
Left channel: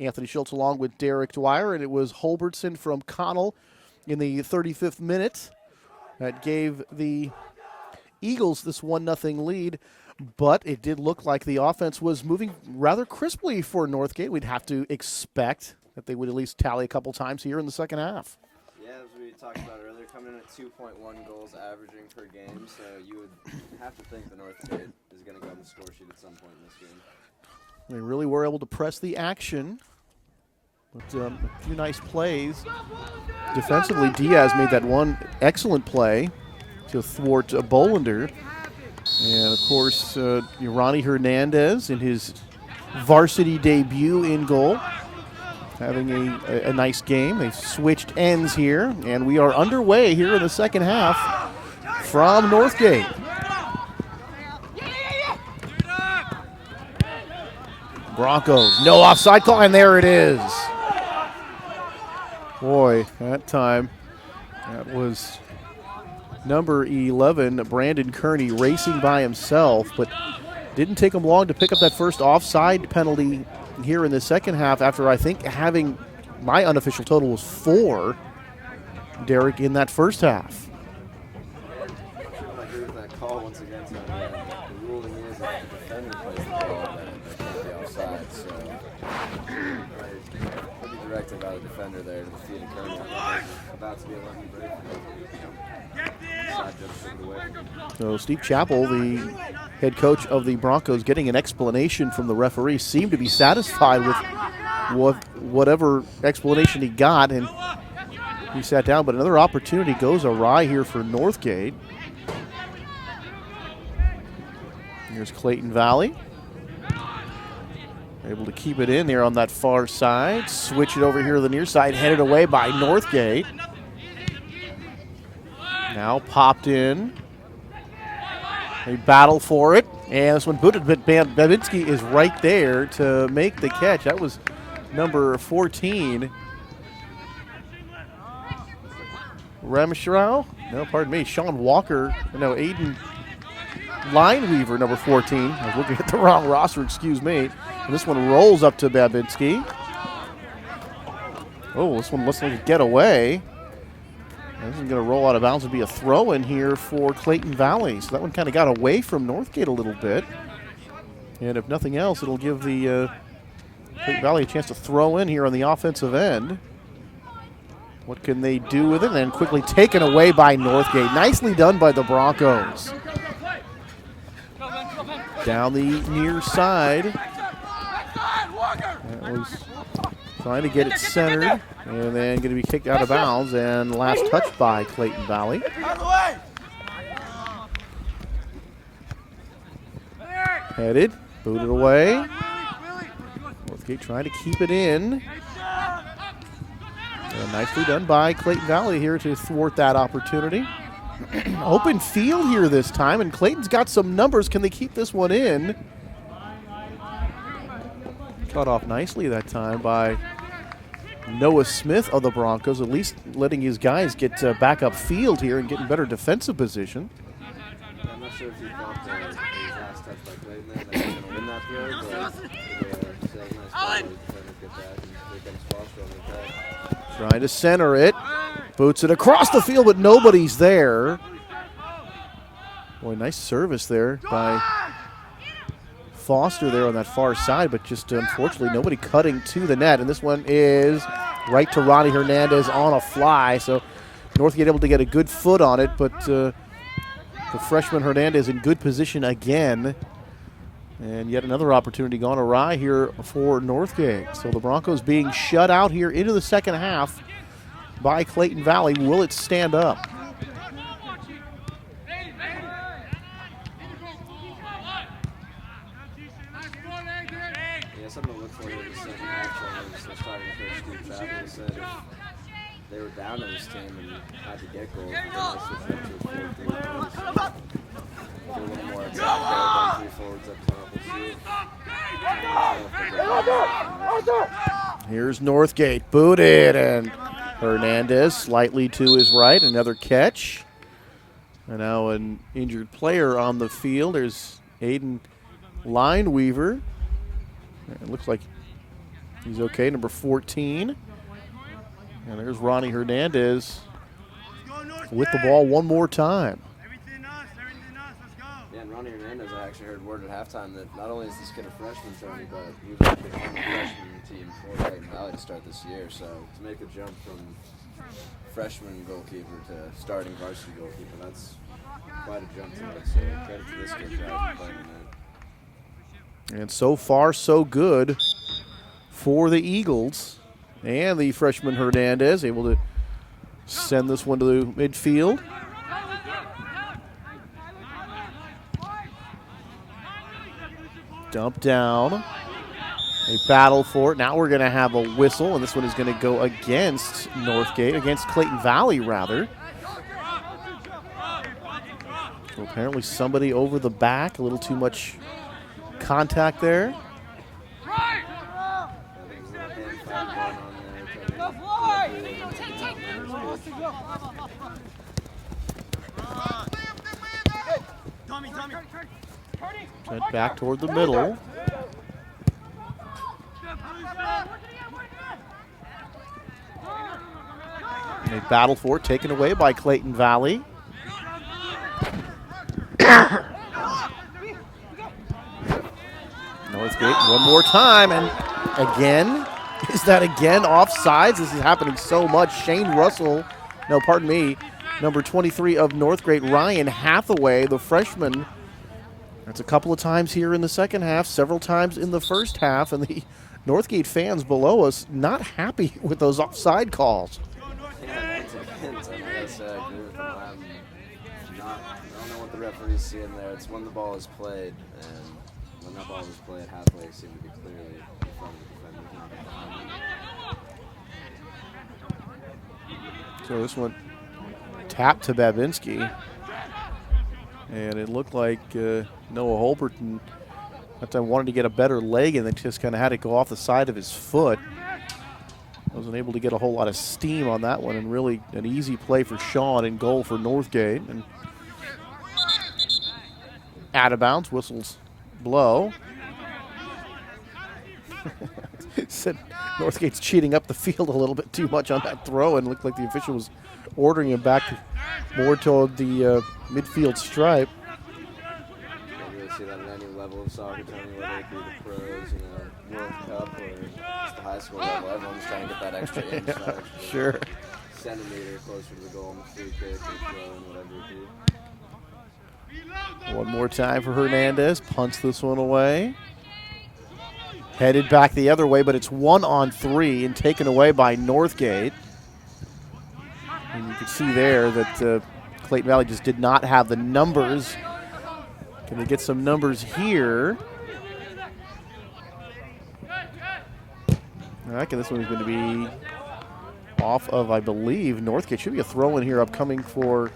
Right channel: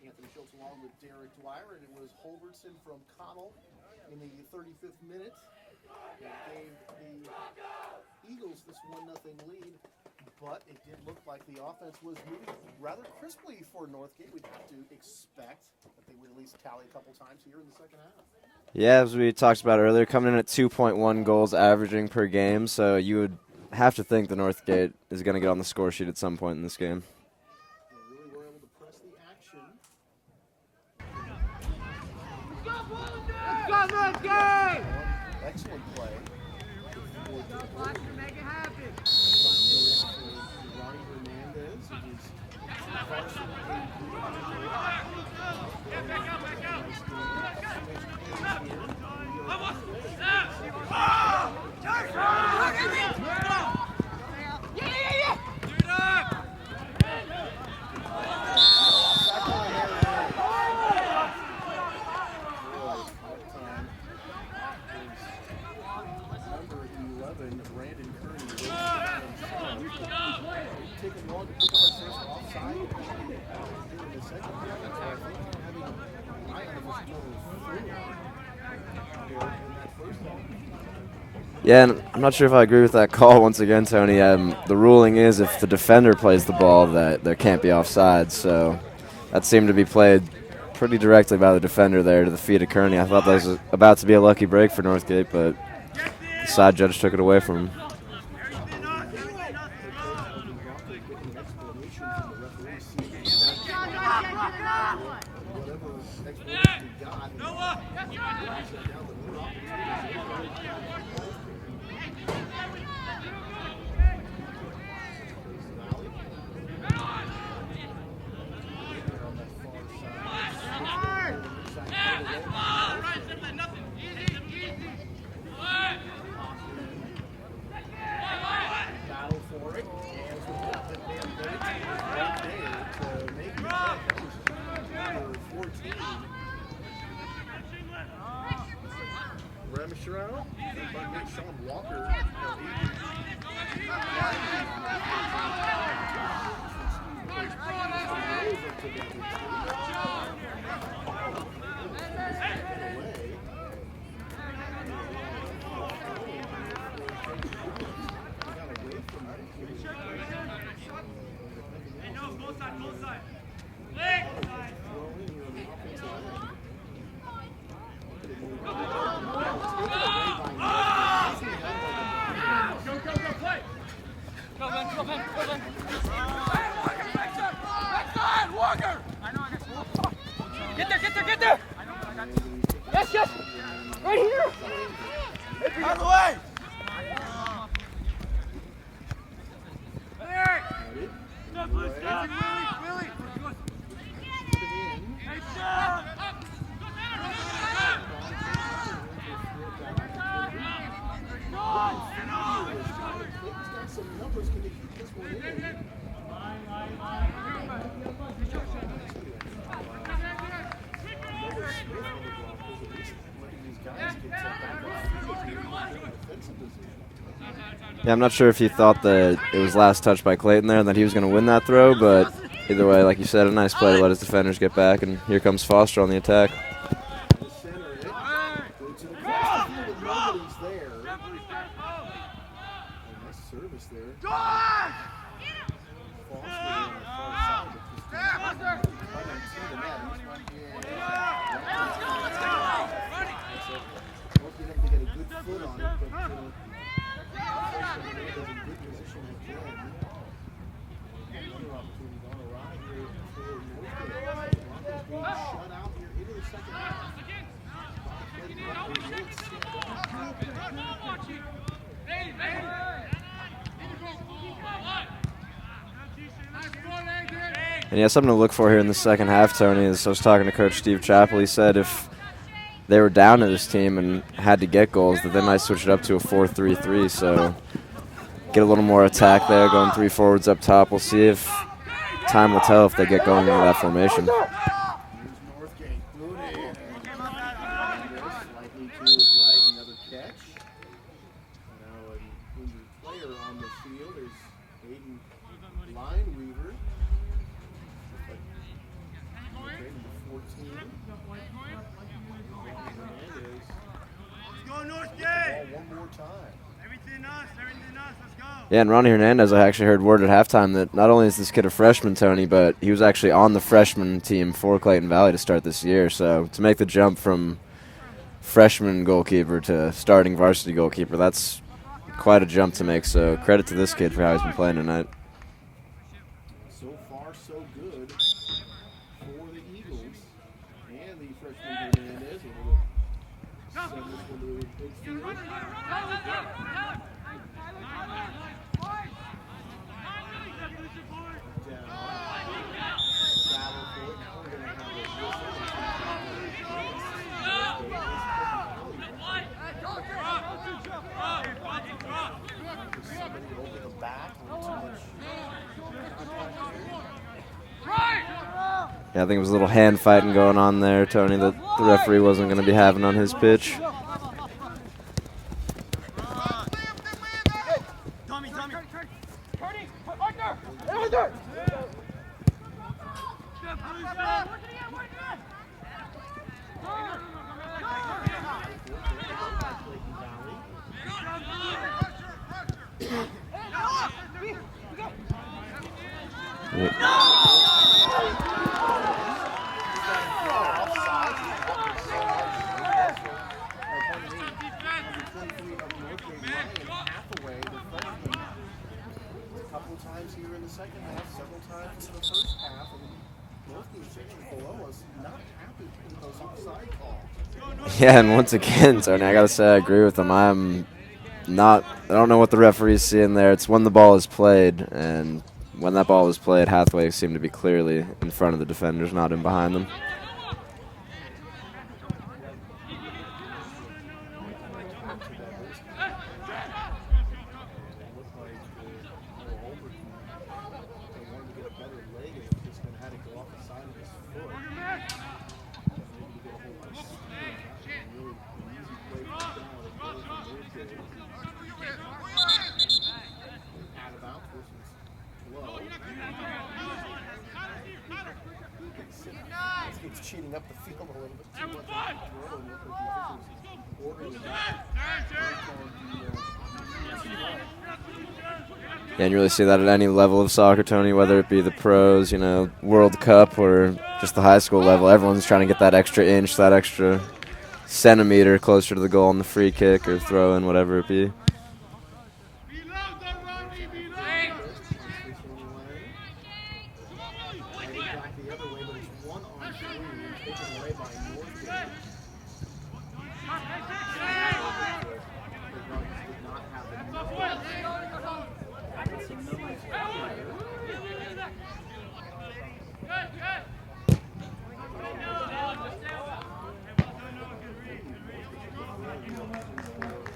Anthony Schultz along with Derek Dwyer, and it was Holbertson from Connell in the 35th minute that gave the Eagles this 1-0 lead. But it did look like the offense was moving rather crisply for Northgate. We'd have to expect that they would at least tally a couple times here in the second half. Yeah, as we talked about earlier, coming in at 2.1 goals averaging per game, so you would have to think the Northgate is going to get on the score sheet at some point in this game. They really were able to press the action. But, two nice plays. Defensively, Diaz made that one excellent play to thwart Bolander. And, of course, Ronny Hernandez in his varsity debut in goal, having a nice game. They've switched ends here, and we are underway here in the second half from Northgate. Broncos, no offside call, and there it is. Boy, that time, that was number 11, Brandon Kearney, racing by himself, but didn't take him long to pick up that first offside penalty here in the second half after, I think, having my unofficial total was 4, Derek, in that first half. Yeah, and I'm not sure if I agree with that call once again, Tony. The ruling is if the defender plays the ball that there can't be offside, so that seemed to be played pretty directly by the defender there to the feet of Kearney. I thought that was about to be a lucky break for Northgate, but the side judge took it away from him. So Steve Chappell, the head coach of the Broncos, getting an explanation from the referee, seemed to be satisfied with whatever explanation he got, and he sat down. But another opportunity goes awry here for Northgate. Here's Clayton Valley. Able to keep it in there on that far side. Switch it over here to the near side, headed away by Northgate. Now popped in. They battle for it, and this one booted, but Babinski is right there to make the catch. That was number 14. Ramshaw? No, pardon me. Sean Walker. No, Aiden Lineweaver, number 14. I was looking at the wrong roster, excuse me. And this one rolls up to Babinski. Oh, this one looks like a getaway. This is going to roll out of bounds and be a throw in here for Clayton Valley. So that one kind of got away from Northgate a little bit. And if nothing else, it'll give the Clayton Valley a chance to throw in here on the offensive end. What can they do with it? And then quickly taken away by Northgate. Nicely done by the Broncos. Down the near side. Trying to get it centered. And then going to be kicked out of bounds. And last touch by Clayton Valley. Headed. Booted away. Northgate trying to keep it in. And nicely done by Clayton Valley here to thwart that opportunity. Open field here this time, and Clayton's got some numbers. Can they keep this one in? Shot off nicely that time by Noah Smith of the Broncos, at least letting his guys get back up field here and get in better defensive position. Yeah, I'm not sure if he thought that it was last touch by Clayton there and that he was going to win that throw, but either way, like you said, a nice play to let his defenders get back, and here comes Foster on the attack. Trying to center it. Boots it across the field, but nobody's there. Boy, nice service there by Foster there on that far side, but just unfortunately nobody cutting to the net. And this one is right to Ronny Hernandez on a fly. So Northgate able to get a good foot on it, but the freshman Hernandez in good position again. And yet another opportunity gone awry here for Northgate. So the Broncos being shut out here into the second half by Clayton Valley. Will it stand up? And yeah, something to look for here in the second half, Tony, is I was talking to Coach Steve Chappell. He said if they were down to this team and had to get goals, that they might switch it up to a 4-3-3. So get a little more attack there, going 3 forwards up top. We'll see if time will tell if they get going into that formation. Here's Northgate, booted, and Hernandez slightly to his right, another catch. And now an injured player on the field. There's Aiden Lineweaver. It looks like he's okay, number 14. And there's Ronny Hernandez with the ball one more time. Yeah, and Ronny Hernandez, I actually heard word at halftime that not only is this kid a freshman, Tony, but he was actually on the freshman team for Clayton Valley to start this year. So to make the jump from freshman goalkeeper to starting varsity goalkeeper, that's quite a jump to make. So credit to this kid for how he's been playing tonight. And so far, so good for the Eagles. And the freshman Hernandez able to send this one to the midfield. Dump down. They battle for it. Now we're going to have a whistle, and this one is going to go against Northgate, against Clayton Valley, rather. So apparently somebody over the back, a little too much contact there. Yeah, I think it was a little hand fighting going on there, Tony, that the referee wasn't going to be having on his pitch. Sent back toward the middle. And they battle for it, taken away by Clayton Valley. Northgate one more time, and again, is that again offsides? This is happening so much. Shane Russell, no, pardon me, number 23 of Northgate, Ryan Hathaway, the freshman. That's a couple of times here in the second half, several times in the first half, and the Northgate fans below us not happy with those offside calls. Yeah, and once again, Tony, I gotta say I agree with them. I don't know what the referee's seeing there. It's when the ball is played, and when that ball was played, Hathaway seemed to be clearly in front of the defenders, not in behind them. So this one tapped to Babinski. And it looked like Noah Holberton that time wanted to get a better leg, and then just kind of had to go off the side of his foot. Wasn't able to get a whole lot of steam on that one, and really an easy play for Sean and goal for Northgate. And out of bounds, whistles blow. Said Northgate's cheating up the field a little bit too much on that throw, and looked like the official was ordering him back more toward the midfield stripe. Yeah, and you really see that at any level of soccer, Tony, whether it be the pros, you know, World Cup, or just the high school level. Everyone's trying to get that extra inch, that extra centimeter closer to the goal on the free kick or throw in, whatever it be. One more time for Hernandez. Punts this one away. Headed back the other way, but it's 1-on-3 and taken away by Northgate. And you can see there that Clayton Valley just did not have the numbers. Can we get some numbers here? I reckon this one's going to be off of, I believe, Northgate. Should be a throw in here upcoming for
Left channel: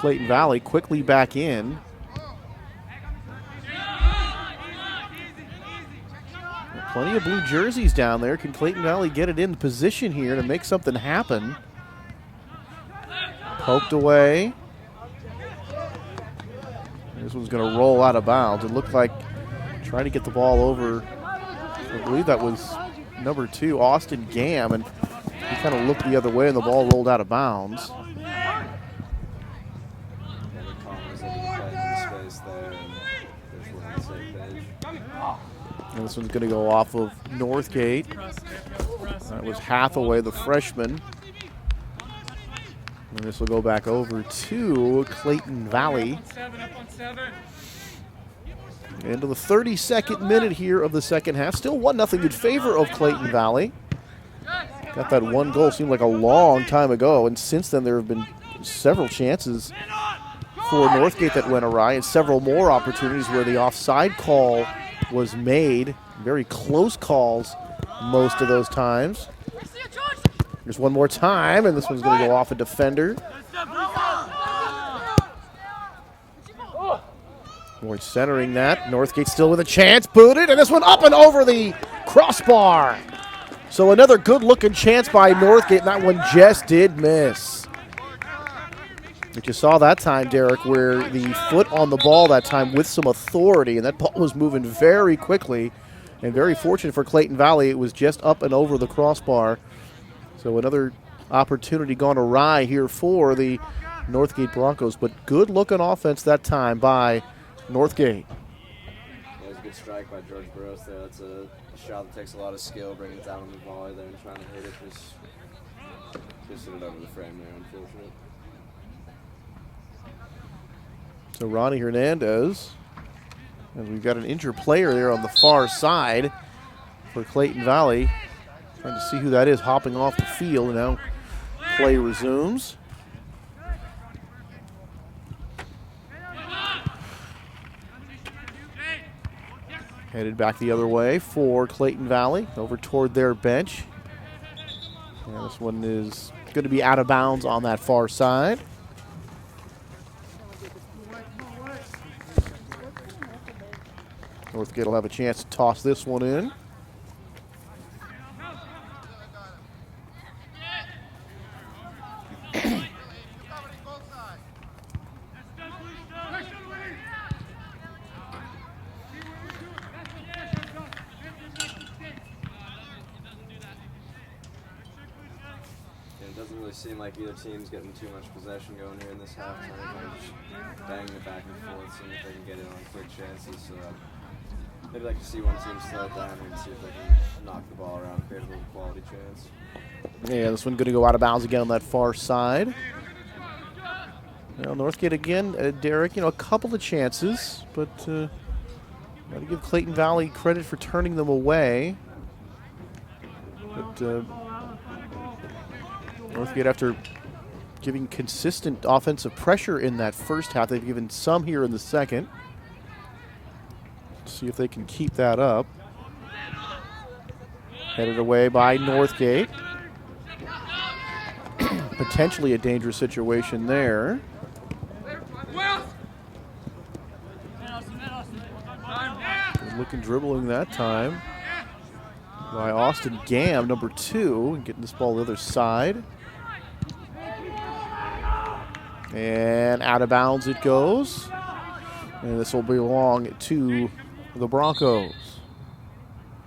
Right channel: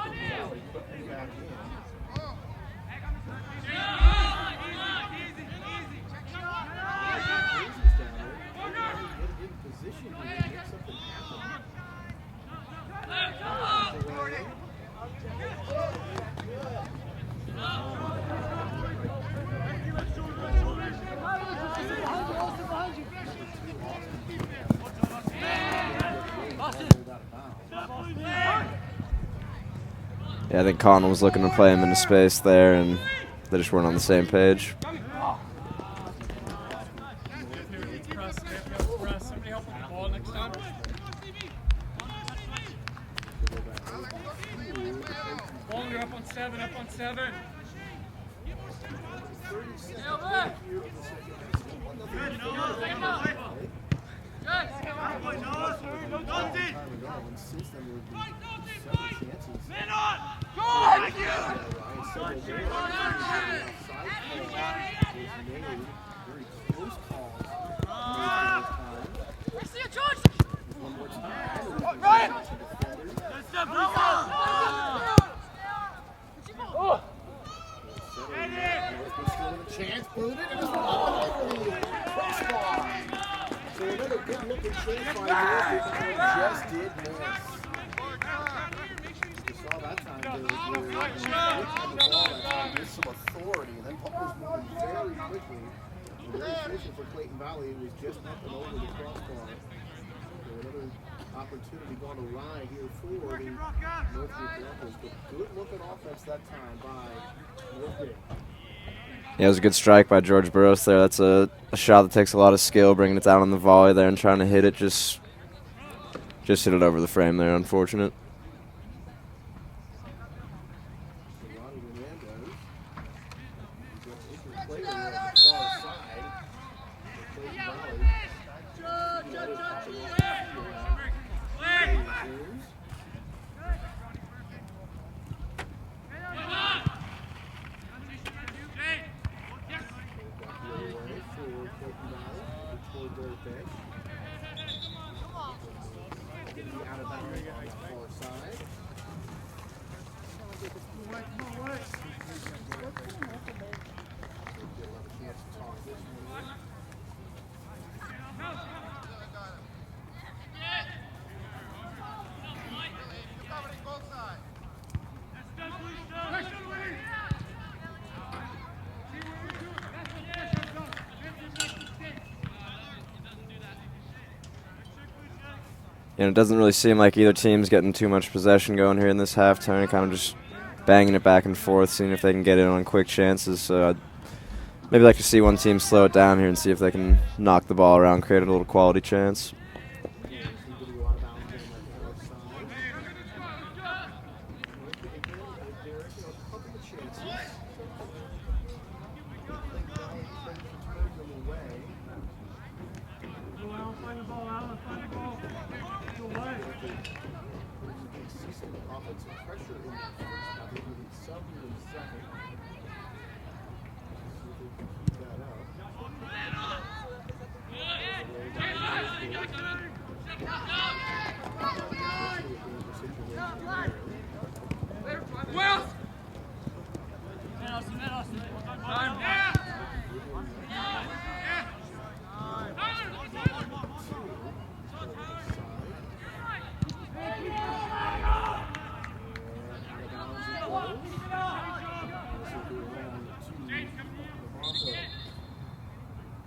Clayton Valley. Quickly back in. Plenty of blue jerseys down there. Can Clayton Valley get it in position here to make something happen? Poked away. This one's going to roll out of bounds. It looked like trying to get the ball over. I believe that was number 2, Austin Gam, and kind of looked the other way, and the ball rolled out of bounds. Yeah, I think Connell was looking to play him into space there, and they just weren't on the same page. And this one's going to go off of Northgate. That was Hathaway, the freshman. And this will go back over to Clayton Valley. Into the 32nd minute here of the second half. Still 1-0 in favor of Clayton Valley. Got that one goal, seemed like a long time ago, and since then there have been several chances for Northgate that went awry, and several more opportunities where the offside call was made. Very close calls most of those times. There's one more time, and this one's going to go off a defender. Boy, centering that. Northgate still with a chance. Booted, and this one up and over the crossbar. So another good-looking chance by Northgate. That one just did miss. But you saw that time, Derek, where the foot on the ball that time with some authority, and that ball was moving very quickly. And very fortunate for Clayton Valley, it was just up and over the crossbar. So another opportunity gone awry here for the Northgate Broncos, but good-looking offense that time by Northgate. Yeah, it was a good strike by George Burrows there. That's a shot that takes a lot of skill, bringing it down on the volley there and trying to hit it. Just hit it over the frame there, unfortunate. So Ronny Hernandez, and we've got an injured player there on the far side for Clayton Valley. Trying to see who that is hopping off the field. Now play resumes. Headed back the other way for Clayton Valley, over toward their bench. And this one is going to be out of bounds on that far side. Northgate will have a chance to toss this one in. And it doesn't really seem like either team's getting too much possession going here in this halftime. Kind of just banging it back and forth, seeing if they can get in on quick chances. So I'd maybe like to see one team slow it down here and see if they can knock the ball around, create a little quality chance. Yeah, this one going to go out of bounds again on that far side. Well, Northgate again, Derek, a couple of chances, but I'll give Clayton Valley credit for turning them away. But Northgate, after giving consistent offensive pressure in that first half, they've given some here in the second. See if they can keep that up. Headed away by Northgate. Potentially a dangerous situation there. Looking dribbling that time by Austin Gam, number 2, and getting this ball to the other side. And out of bounds it goes. And this will belong to the Broncos.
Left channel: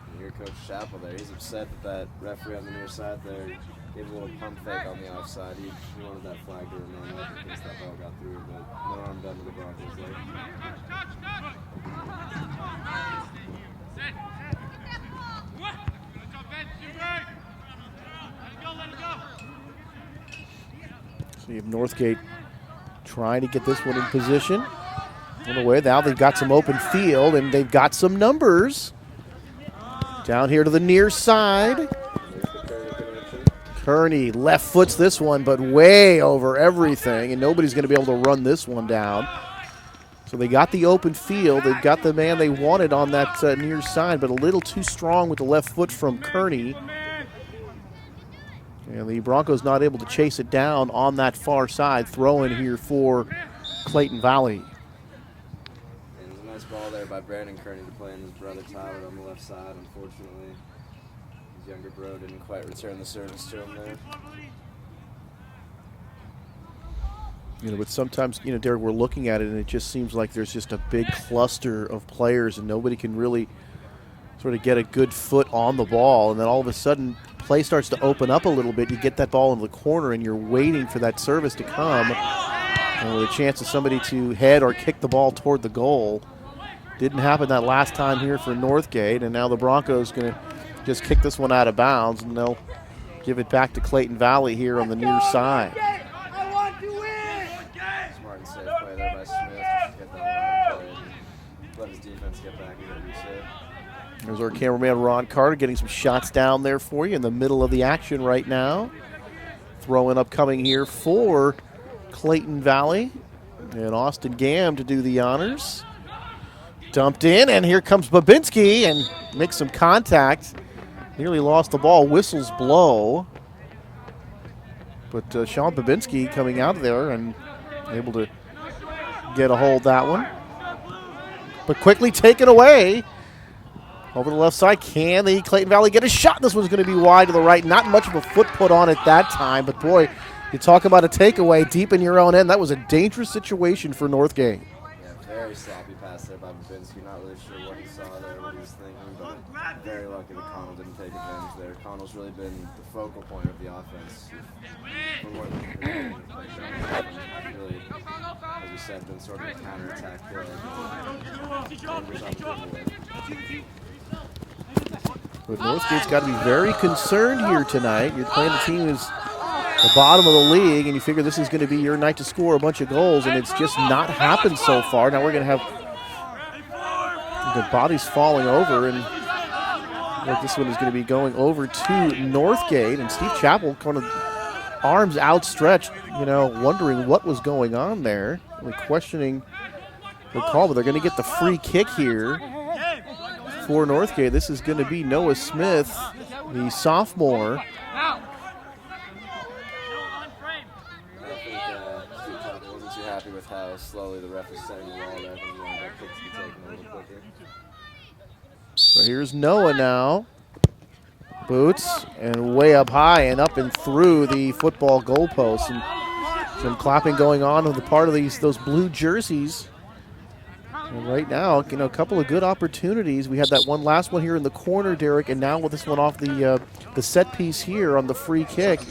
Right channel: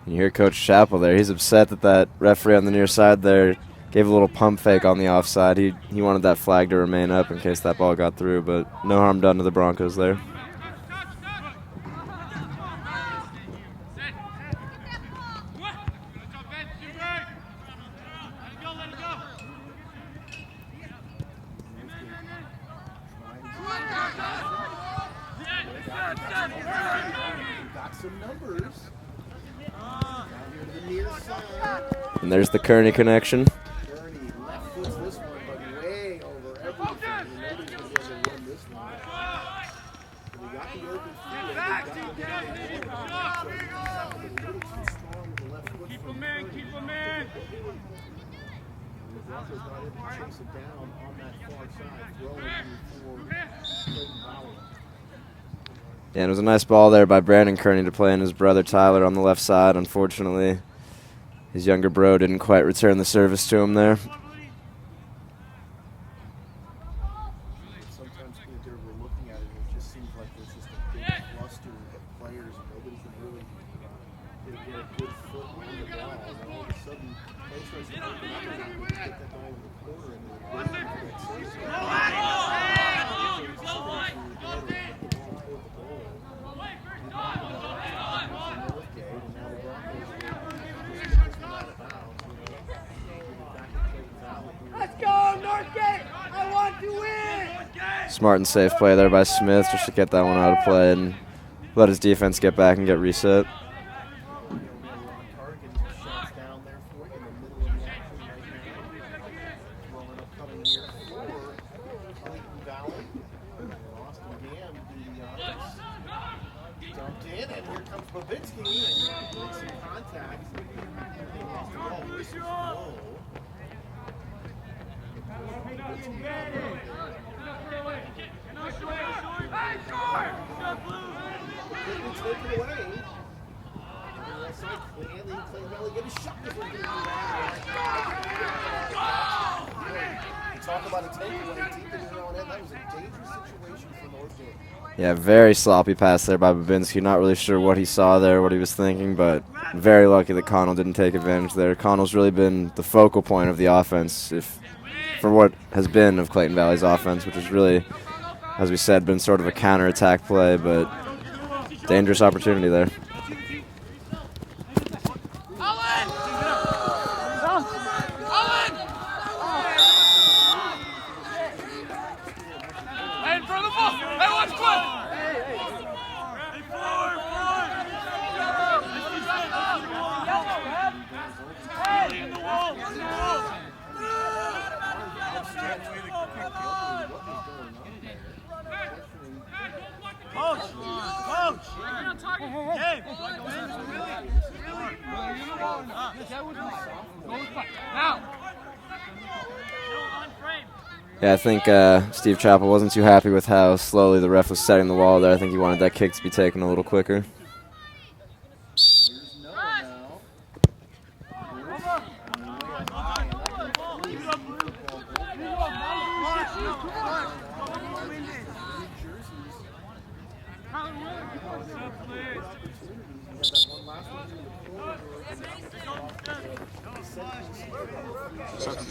You hear Coach Chappell there. He's upset that referee on the near side there gave a little pump fake on the offside. He wanted that flag to remain up in case that ball got through, but no harm done to the Broncos there. So you have Northgate trying to get this one in position. In a way, now they've got some open field and they've got some numbers. Down here to the near side. And there's the Kearney connection. Kearney left foots this one, but way over everything, and nobody's going to be able to run this one down. So they got the open field. They've got the man they wanted on that near side, but a little too strong with the left foot from Kearney. And the Broncos not able to chase it down on that far side. Throw in here for Clayton Valley. Yeah, and it was a nice ball there by Brandon Kearney to play in his brother Tyler on the left side. Unfortunately, his younger bro didn't quite return the service to him there. But sometimes, Derek, we're looking at it and it just seems like there's just a big cluster of players and nobody can really sort of get a good foot on the ball. And then all of a sudden, play starts to open up a little bit. You get that ball in the corner and you're waiting for that service to come. And with a chance of somebody to head or kick the ball toward the goal. Didn't happen that last time here for Northgate, and now the Broncos going to just kick this one out of bounds, and they'll give it back to Clayton Valley here on the near side. Smart and safe play there by Smith just to get that one out of play and let his defense get back and get reset. There's our cameraman Ron Carter getting some shots down there for you in the middle of the action right now. Throwing upcoming here for Clayton Valley, and Austin Gam to do the honors. Dumped in, and here comes Babinski and makes some contact. Nearly lost the ball. Whistles blow. But Sean Babinski coming out there and able to get a hold of that one. But quickly taken away Over the left side, can the Clayton Valley get a shot? This one's going to be wide to the right. Not much of a foot put on it that time, but boy, you talk about a takeaway deep in your own end. That was a dangerous situation for Northgate. Yeah, very sloppy pass there by Babinski. Not really sure what he saw there, what he was thinking, but very lucky that Connell didn't take advantage there. Connell's really been the focal point of the offense for what has been of Clayton Valley's offense, which is really, as we said, been sort of a counterattack play, but dangerous opportunity there. Northgate's got to be very concerned here tonight. You're playing a team who's the bottom of the league, and you figure this is going to be your night to score a bunch of goals, and it's just not happened so far. Now we're going to have the bodies falling over, and this one is going to be going over to Northgate, and Steve Chappell kind of arms outstretched, wondering what was going on there. They're questioning the call, but they're going to get the free kick here for Northgate. This is going to be Noah Smith, the sophomore. Yeah, I think Steve Chappell wasn't too happy with how slowly the ref was setting the wall there. I think he wanted that kick to be taken a little quicker. So here's Noah now. Boots, and way up high and up and through the football goalpost. And some clapping going on the part of those blue jerseys. And right now, a couple of good opportunities. We had that last one here in the corner, Derek, and now with this one off the set piece here on the free kick.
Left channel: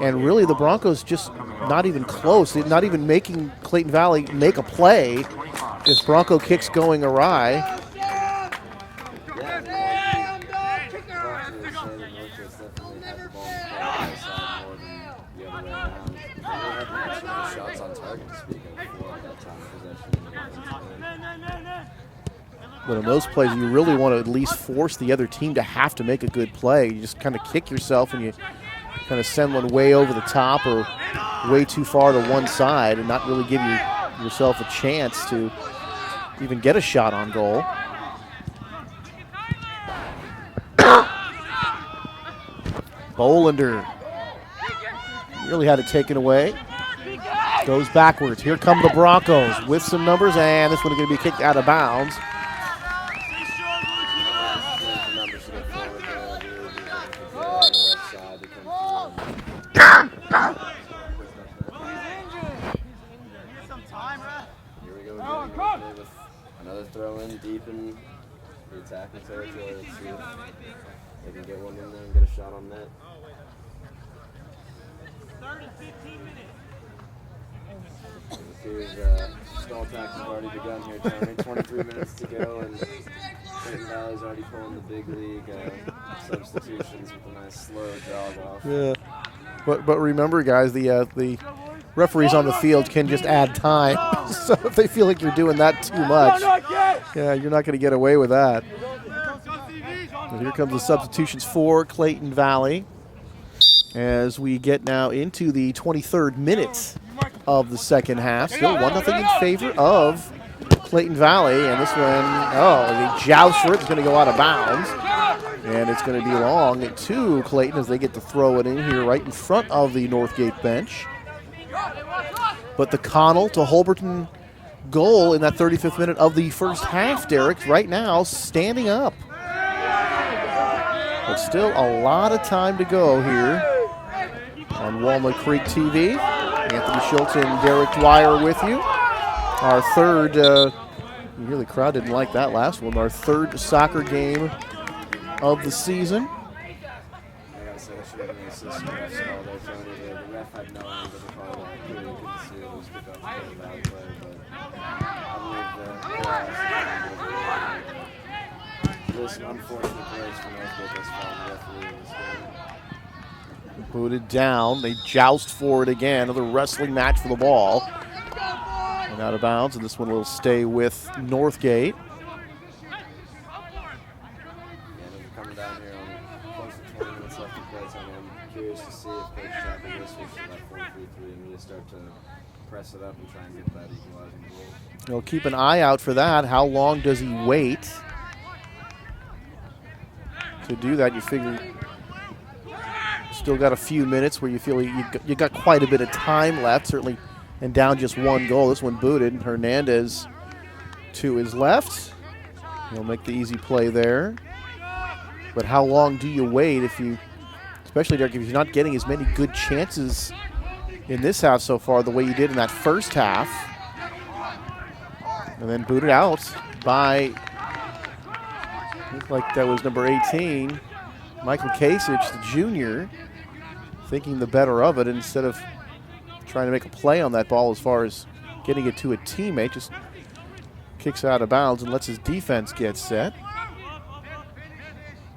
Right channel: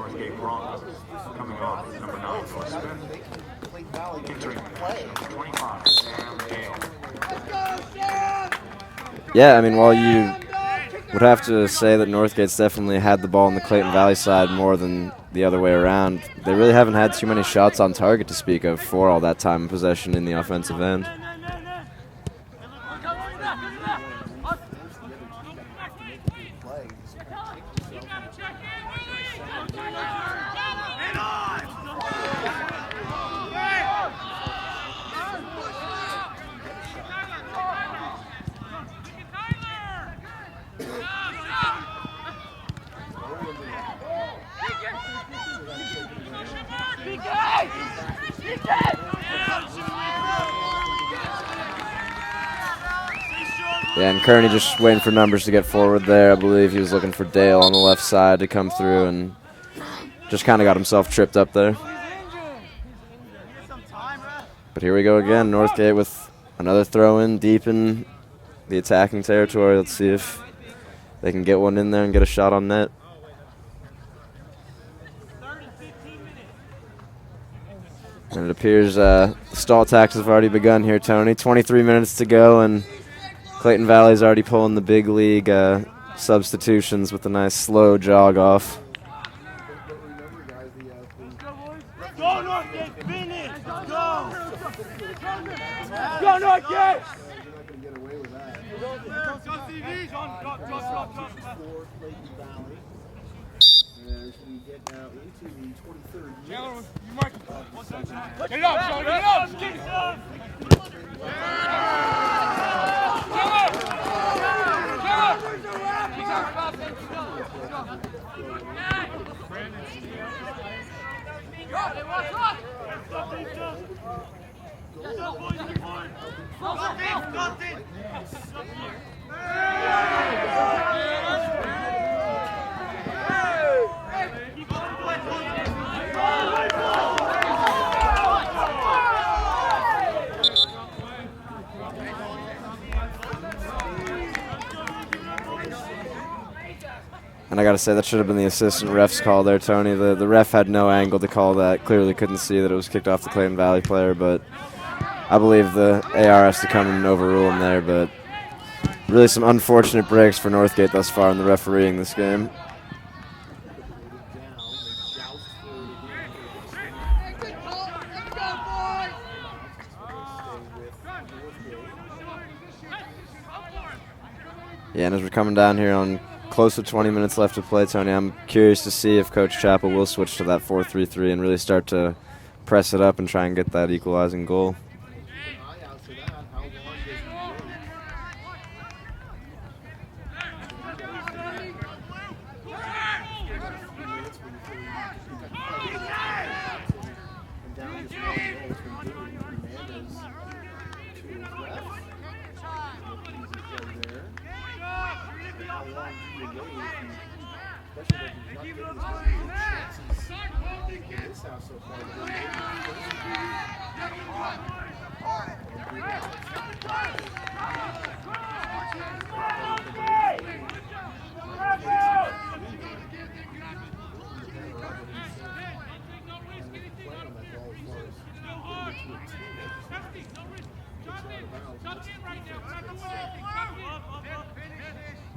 And really, the Broncos just not even close. They're not even making Clayton Valley make a play. This Bronco kick's going awry. Yeah, I mean, while you would have to say that Northgate's definitely had the ball on the Clayton Valley side more than the other way around, they really haven't had too many shots on target to speak of for all that time in possession in the offensive end. But in those plays, you really want to at least force the other team to have to make a good play. You just kind of kick yourself and you kind of send one way over the top or way too far to one side and not really give yourself a chance to even get a shot on goal. Bolander really had it taken away. Goes backwards. Here come the Broncos with some numbers, and this one is going to be kicked out of bounds. Yeah, and Kearney just waiting for numbers to get forward there. I believe he was looking for Dale on the left side to come through and just kind of got himself tripped up there. But here we go again. Northgate with another throw in deep in the attacking territory. Let's see if they can get one in there and get a shot on net. And it appears stall tactics have already begun here, Tony. 23 minutes to go, and Clayton Valley's already pulling the big league substitutions with a nice slow jog off. Yeah. But remember, guys, the referees on the field can just add time. So if they feel like you're doing that too much, yeah, you're not going to get away with that. And here comes the substitutions for Clayton Valley as we get now into the 23rd minute of the second half. Still 1-0 in favor of Clayton Valley, and this one, the jouster, it's going to go out of bounds, and it's going to be long to Clayton as they get to throw it in here right in front of the Northgate bench. But the Connell to Holberton goal in that 35th minute of the first half, Derek, right now standing up. But still a lot of time to go here on Walnut Creek TV. Anthony Schultz and Derek Dwyer with you. Our third, the crowd didn't like that last one, our third soccer game of the season. And I got to say, that should have been the assistant ref's call there, Tony. The ref had no angle to call that. Clearly couldn't see that it was kicked off the Clayton Valley player, but I believe the AR has to come and overrule him there. But really some unfortunate breaks for Northgate thus far in the refereeing this game. Booted down. They joust for it again. Another wrestling match for the ball. And out of bounds, and this one will stay with Northgate. Yeah, and as we're coming down here on close to 20 minutes left to play, Tony, I'm curious to see if Coach Chappell will switch to that 4-3-3 and really start to press it up and try and get that equalizing goal. We'll keep an eye out for that. How long does he wait to do that? You figure still got a few minutes where you feel you got quite a bit of time left, certainly, and down just one goal. This one booted. Hernandez to his left. He'll make the easy play there. But how long do you wait especially Derek, if you're not getting as many good chances in this half so far the way you did in that first half? And then booted out by, looks like that was number 18, Michael Kasich, the junior, thinking the better of it instead of trying to make a play on that ball as far as getting it to a teammate. Just kicks out of bounds and lets his defense get set.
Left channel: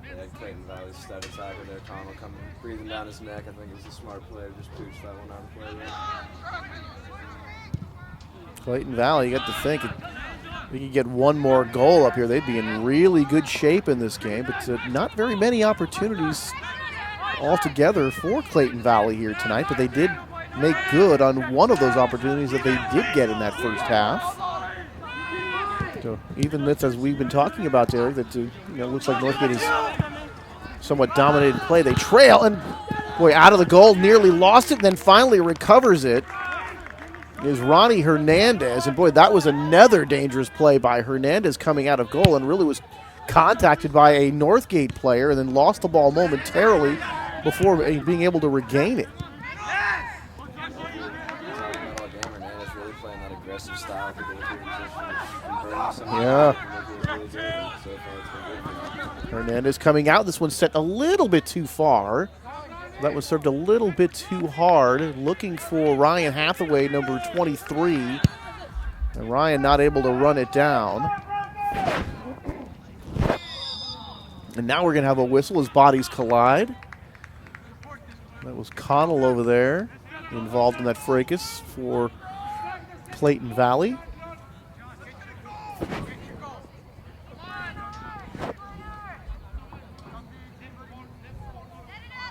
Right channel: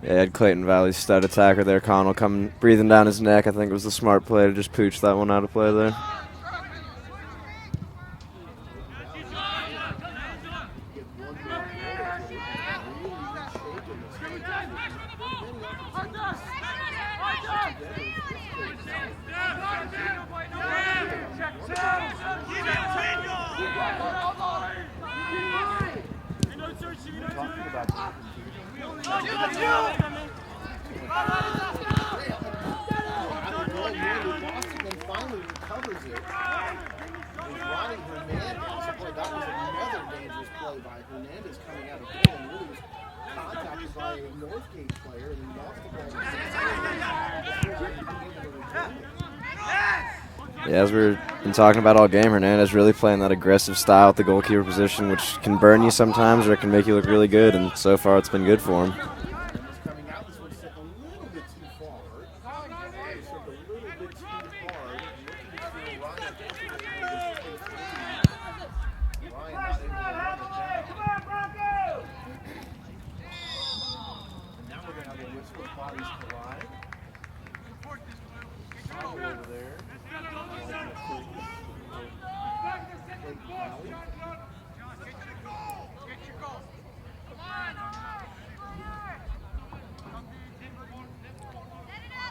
Yeah, had Clayton Valley's stud attacker there, Connell, coming breathing down his neck. I think it was the smart play to just pooch that one out of play there. Clayton Valley, you got to think, if we could get one more goal up here, they'd be in really good shape in this game. But not very many opportunities altogether for Clayton Valley here tonight, but they did make good on one of those opportunities that they did get in that first half. So even with, as we've been talking about there, that looks like Northgate is somewhat dominated play. They trail, and boy, out of the goal, nearly lost it, and then finally recovers it. It was Ronny Hernandez, and boy, that was another dangerous play by Hernandez coming out of goal, and really was contacted by a Northgate player and then lost the ball momentarily before being able to regain it. Yeah, as we've been talking about all game, Hernandez really playing that aggressive style at the goalkeeper position, which can burn you sometimes or can make you look really good, and so far it's been good for him. Hernandez coming out. This one's set a little bit too far. That was served a little bit too hard. Looking for Ryan Hathaway, number 23. And Ryan not able to run it down. And now we're going to have a whistle as bodies collide. That was Connell over there, involved in that fracas for Clayton Valley.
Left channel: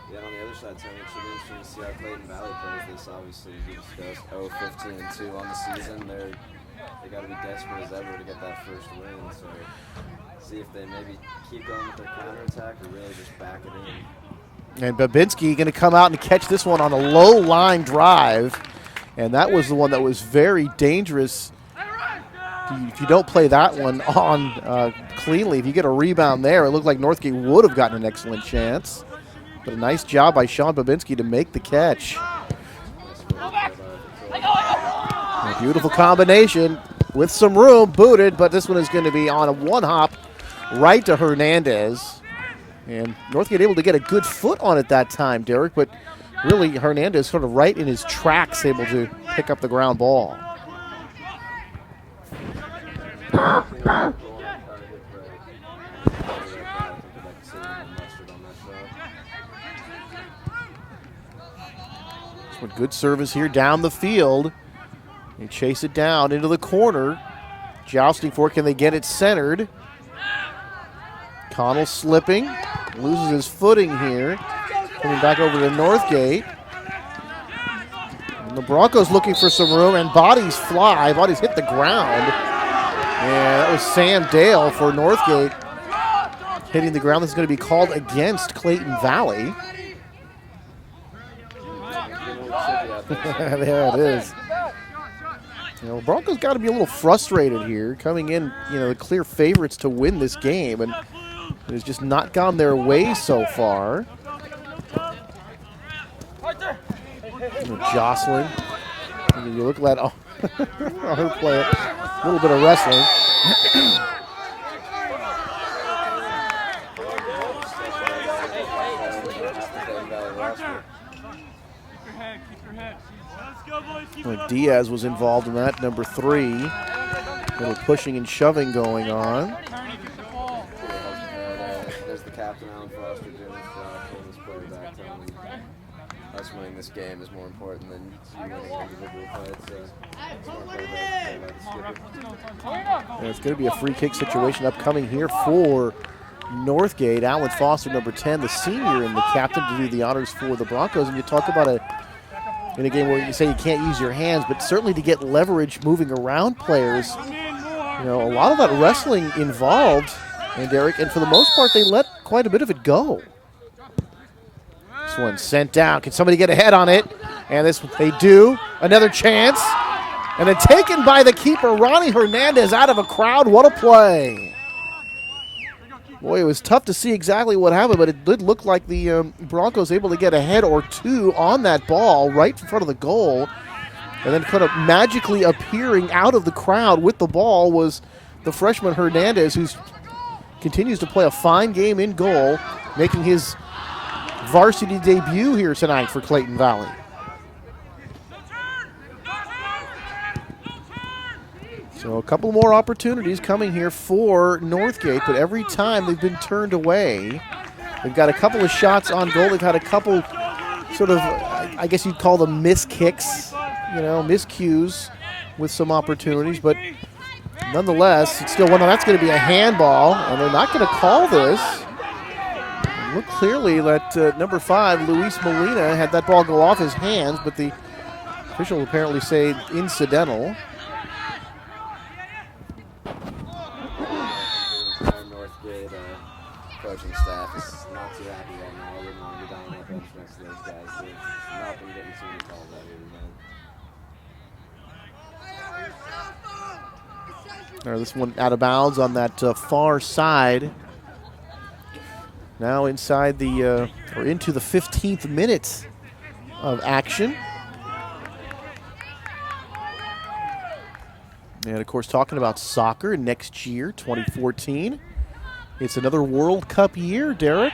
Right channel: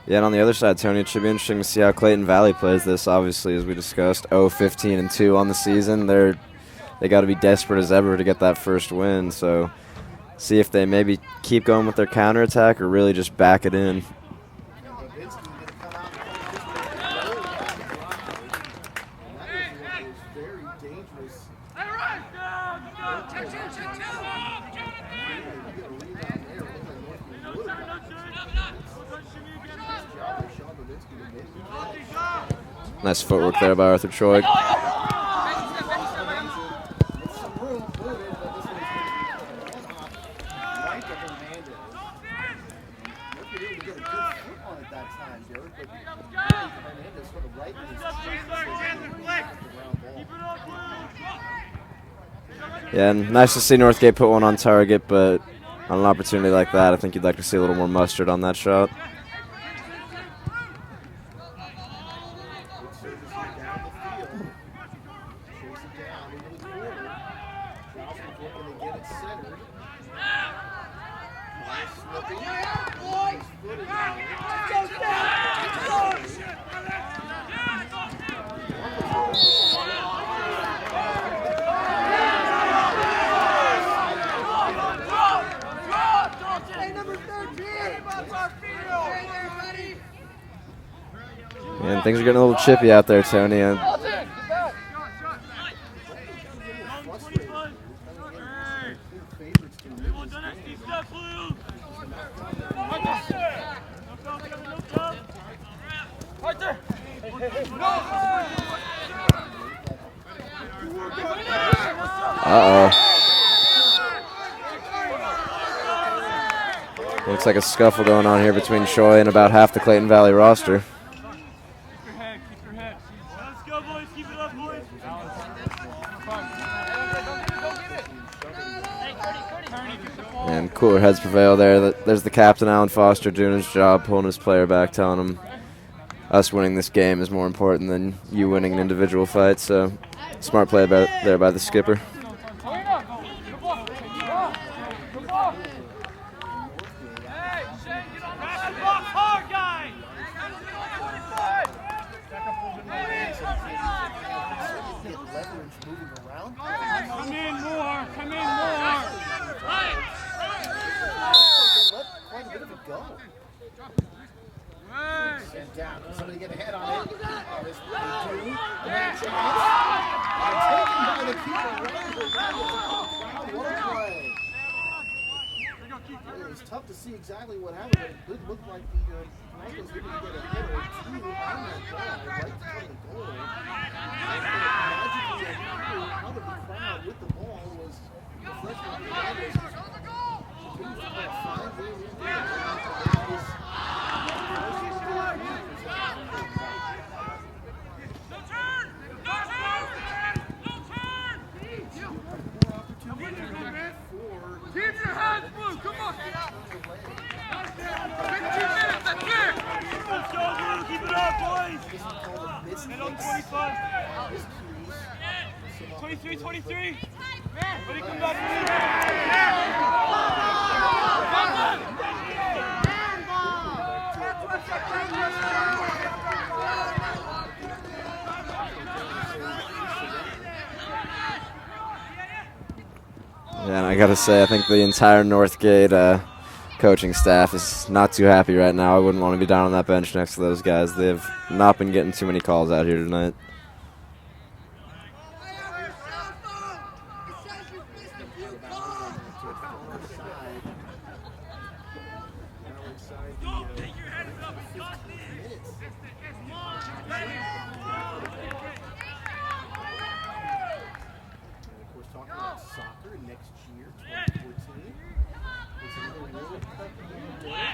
Yeah, and on the other side, Tony, it should be interesting to see how Clayton Valley plays this. Obviously, as we discussed, 0-15-2 on the season. They got to be desperate as ever to get that first win. So see if they maybe keep going with their counterattack or really just back it in. And Babinski going to come out and catch this one on a low line drive. And that was the one that was very dangerous. If you don't play that one on cleanly, if you get a rebound there, it looked like Northgate would have gotten an excellent chance. But a nice job by Sean Babinski to make the catch. Nice footwork there by Arthur Troy. A beautiful combination with some room, booted, but this one is going to be on a one-hop right to Hernandez. And Northgate able to get a good foot on it that time, Derek, but really Hernandez sort of right in his tracks able to pick up the ground ball. Yeah, and nice to see Northgate put one on target, but on an opportunity like that, I think you'd like to see a little more mustard on that shot. A good service here down the field. They chase it down into the corner. Jousting for it. Can they get it centered? Connell slipping. Loses his footing here. Coming back over to Northgate. And the Broncos looking for some room, and bodies fly. Bodies hit the ground. And that was Sam Dale for Northgate hitting the ground. This is going to be called against Clayton Valley. And things are getting a little chippy out there, Tony. Yeah, it is. Broncos got to be a little frustrated here, coming in, the clear favorites to win this game, and it has just not gone their way so far. Jocelyn, you look like a little bit of wrestling. Looks like a scuffle going on here between Choi and about half the Clayton Valley roster. Diaz was involved in that, number 3. A little pushing and shoving going on. And cooler heads prevail there. There's the captain, Alan Foster, doing his job, pulling his player back, telling him us winning this game is more important than you winning an individual fight. So smart play there by the skipper. And it's going to be a free kick situation upcoming here for Northgate. Alan Foster, number 10, the senior and the captain, to do the honors for the Broncos. And you talk about in a game where you say you can't use your hands, but certainly to get leverage moving around players. A lot of that wrestling involved, and Derek, and for the most part, they let quite a bit of it go. This one sent down. Can somebody get a head on it? And they do. Another chance. And then taken by the keeper, Ronny Hernandez, out of a crowd. What a play. Boy, it was tough to see exactly what happened, but it did look like the Broncos able to get a head or two on that ball right in front of the goal. And then kind of magically appearing out of the crowd with the ball was the freshman Hernandez, who continues to play a fine game in goal, making his varsity debut here tonight for Clayton Valley. So a couple more opportunities coming here for Northgate, but every time they've been turned away. They've got a couple of shots on goal. They've had a couple sort of, I guess you'd call them miss kicks, miscues with some opportunities, but nonetheless, it's still one that's going to be a handball, and they're not going to call this. Look clearly that number 5, Luis Molina, had that ball go off his hands, but the official apparently say incidental. Yeah, and I got to say, I think the entire Northgate coaching staff is not too happy right now. I wouldn't want to be down on that bench next to those guys. They've not been getting too many calls out here tonight. This one out of bounds on that far side. Now inside the, or into the 15th minute of action. And of course, talking about soccer next year, 2014. It's another World Cup year, Derek.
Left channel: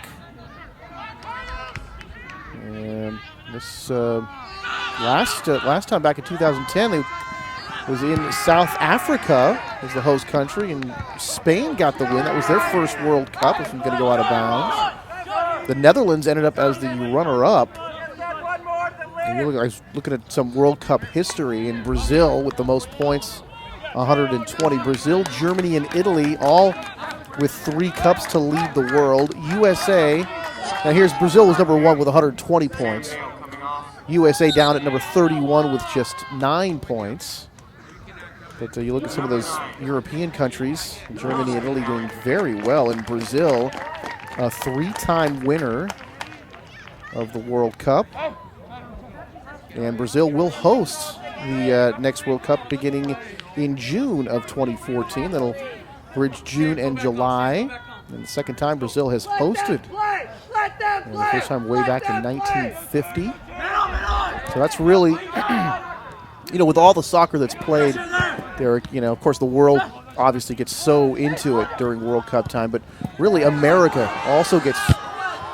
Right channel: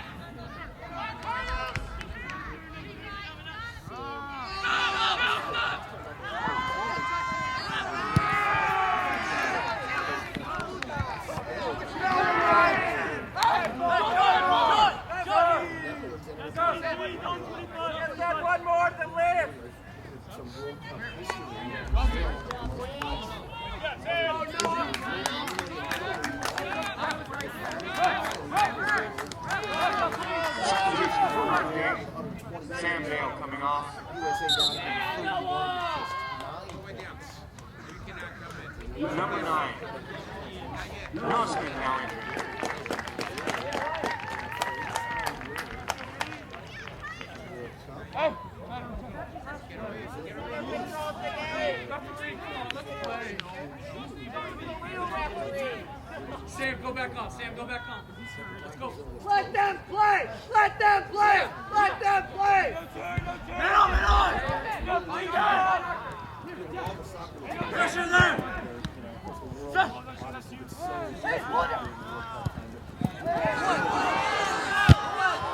And this last time back in 2010, they was in South Africa as the host country, and Spain got the win. That was their first World Cup, if I'm going to go out of bounds. The Netherlands ended up as the runner-up. I was looking at some World Cup history in Brazil with the most points, 120. Brazil, Germany, and Italy all with 3 cups to lead the world. USA, now here's Brazil was number 1 with 120 points. USA down at number 31 with just 9 points. But you look at some of those European countries, Germany and Italy doing very well. In Brazil, a 3-time winner of the World Cup. And Brazil will host the next World Cup beginning in June of 2014. That'll bridge June and July. And the second time Brazil has hosted. The first time way back in 1950. So that's really, with all the soccer that's played, Derek, of course the world obviously gets so into it during World Cup time, but really America also gets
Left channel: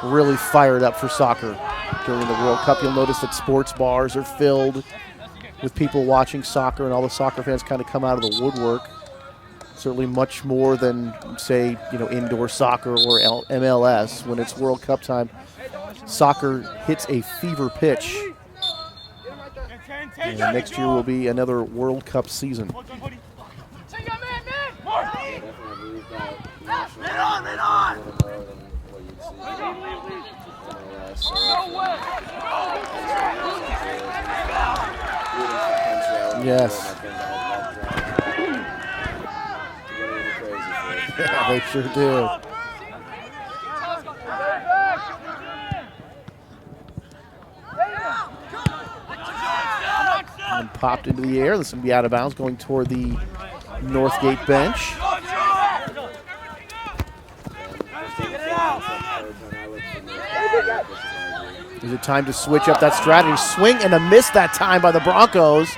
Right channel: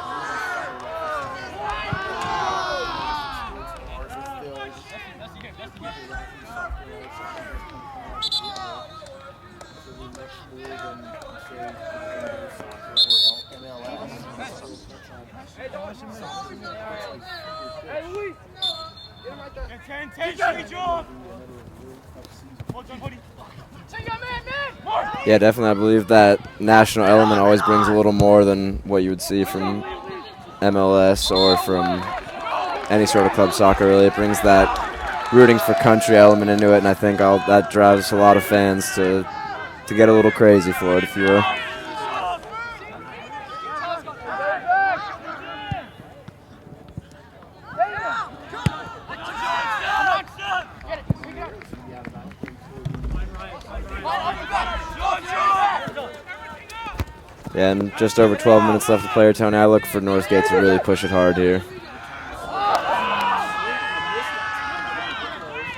really fired up for soccer during the World Cup. You'll notice that sports bars are filled with people watching soccer, and all the soccer fans kind of come out of the woodwork. Certainly much more than, say, indoor soccer or MLS. When it's World Cup time, soccer hits a fever pitch. And next year will be another World Cup season. Yeah, definitely. I believe that national element always brings a little more than what you would see from MLS or from any sort of club soccer. Really, it brings that rooting for country element into it, and I think that drives a lot of fans to get a little crazy for it, if you will. They sure do. Popped into the air. This is going to be out of bounds, going toward the Northgate bench. Yeah, and just over 12 minutes left to player time. I look for Northgate to really push it hard here. Is it time to switch up that strategy? Swing and a miss that time by the Broncos.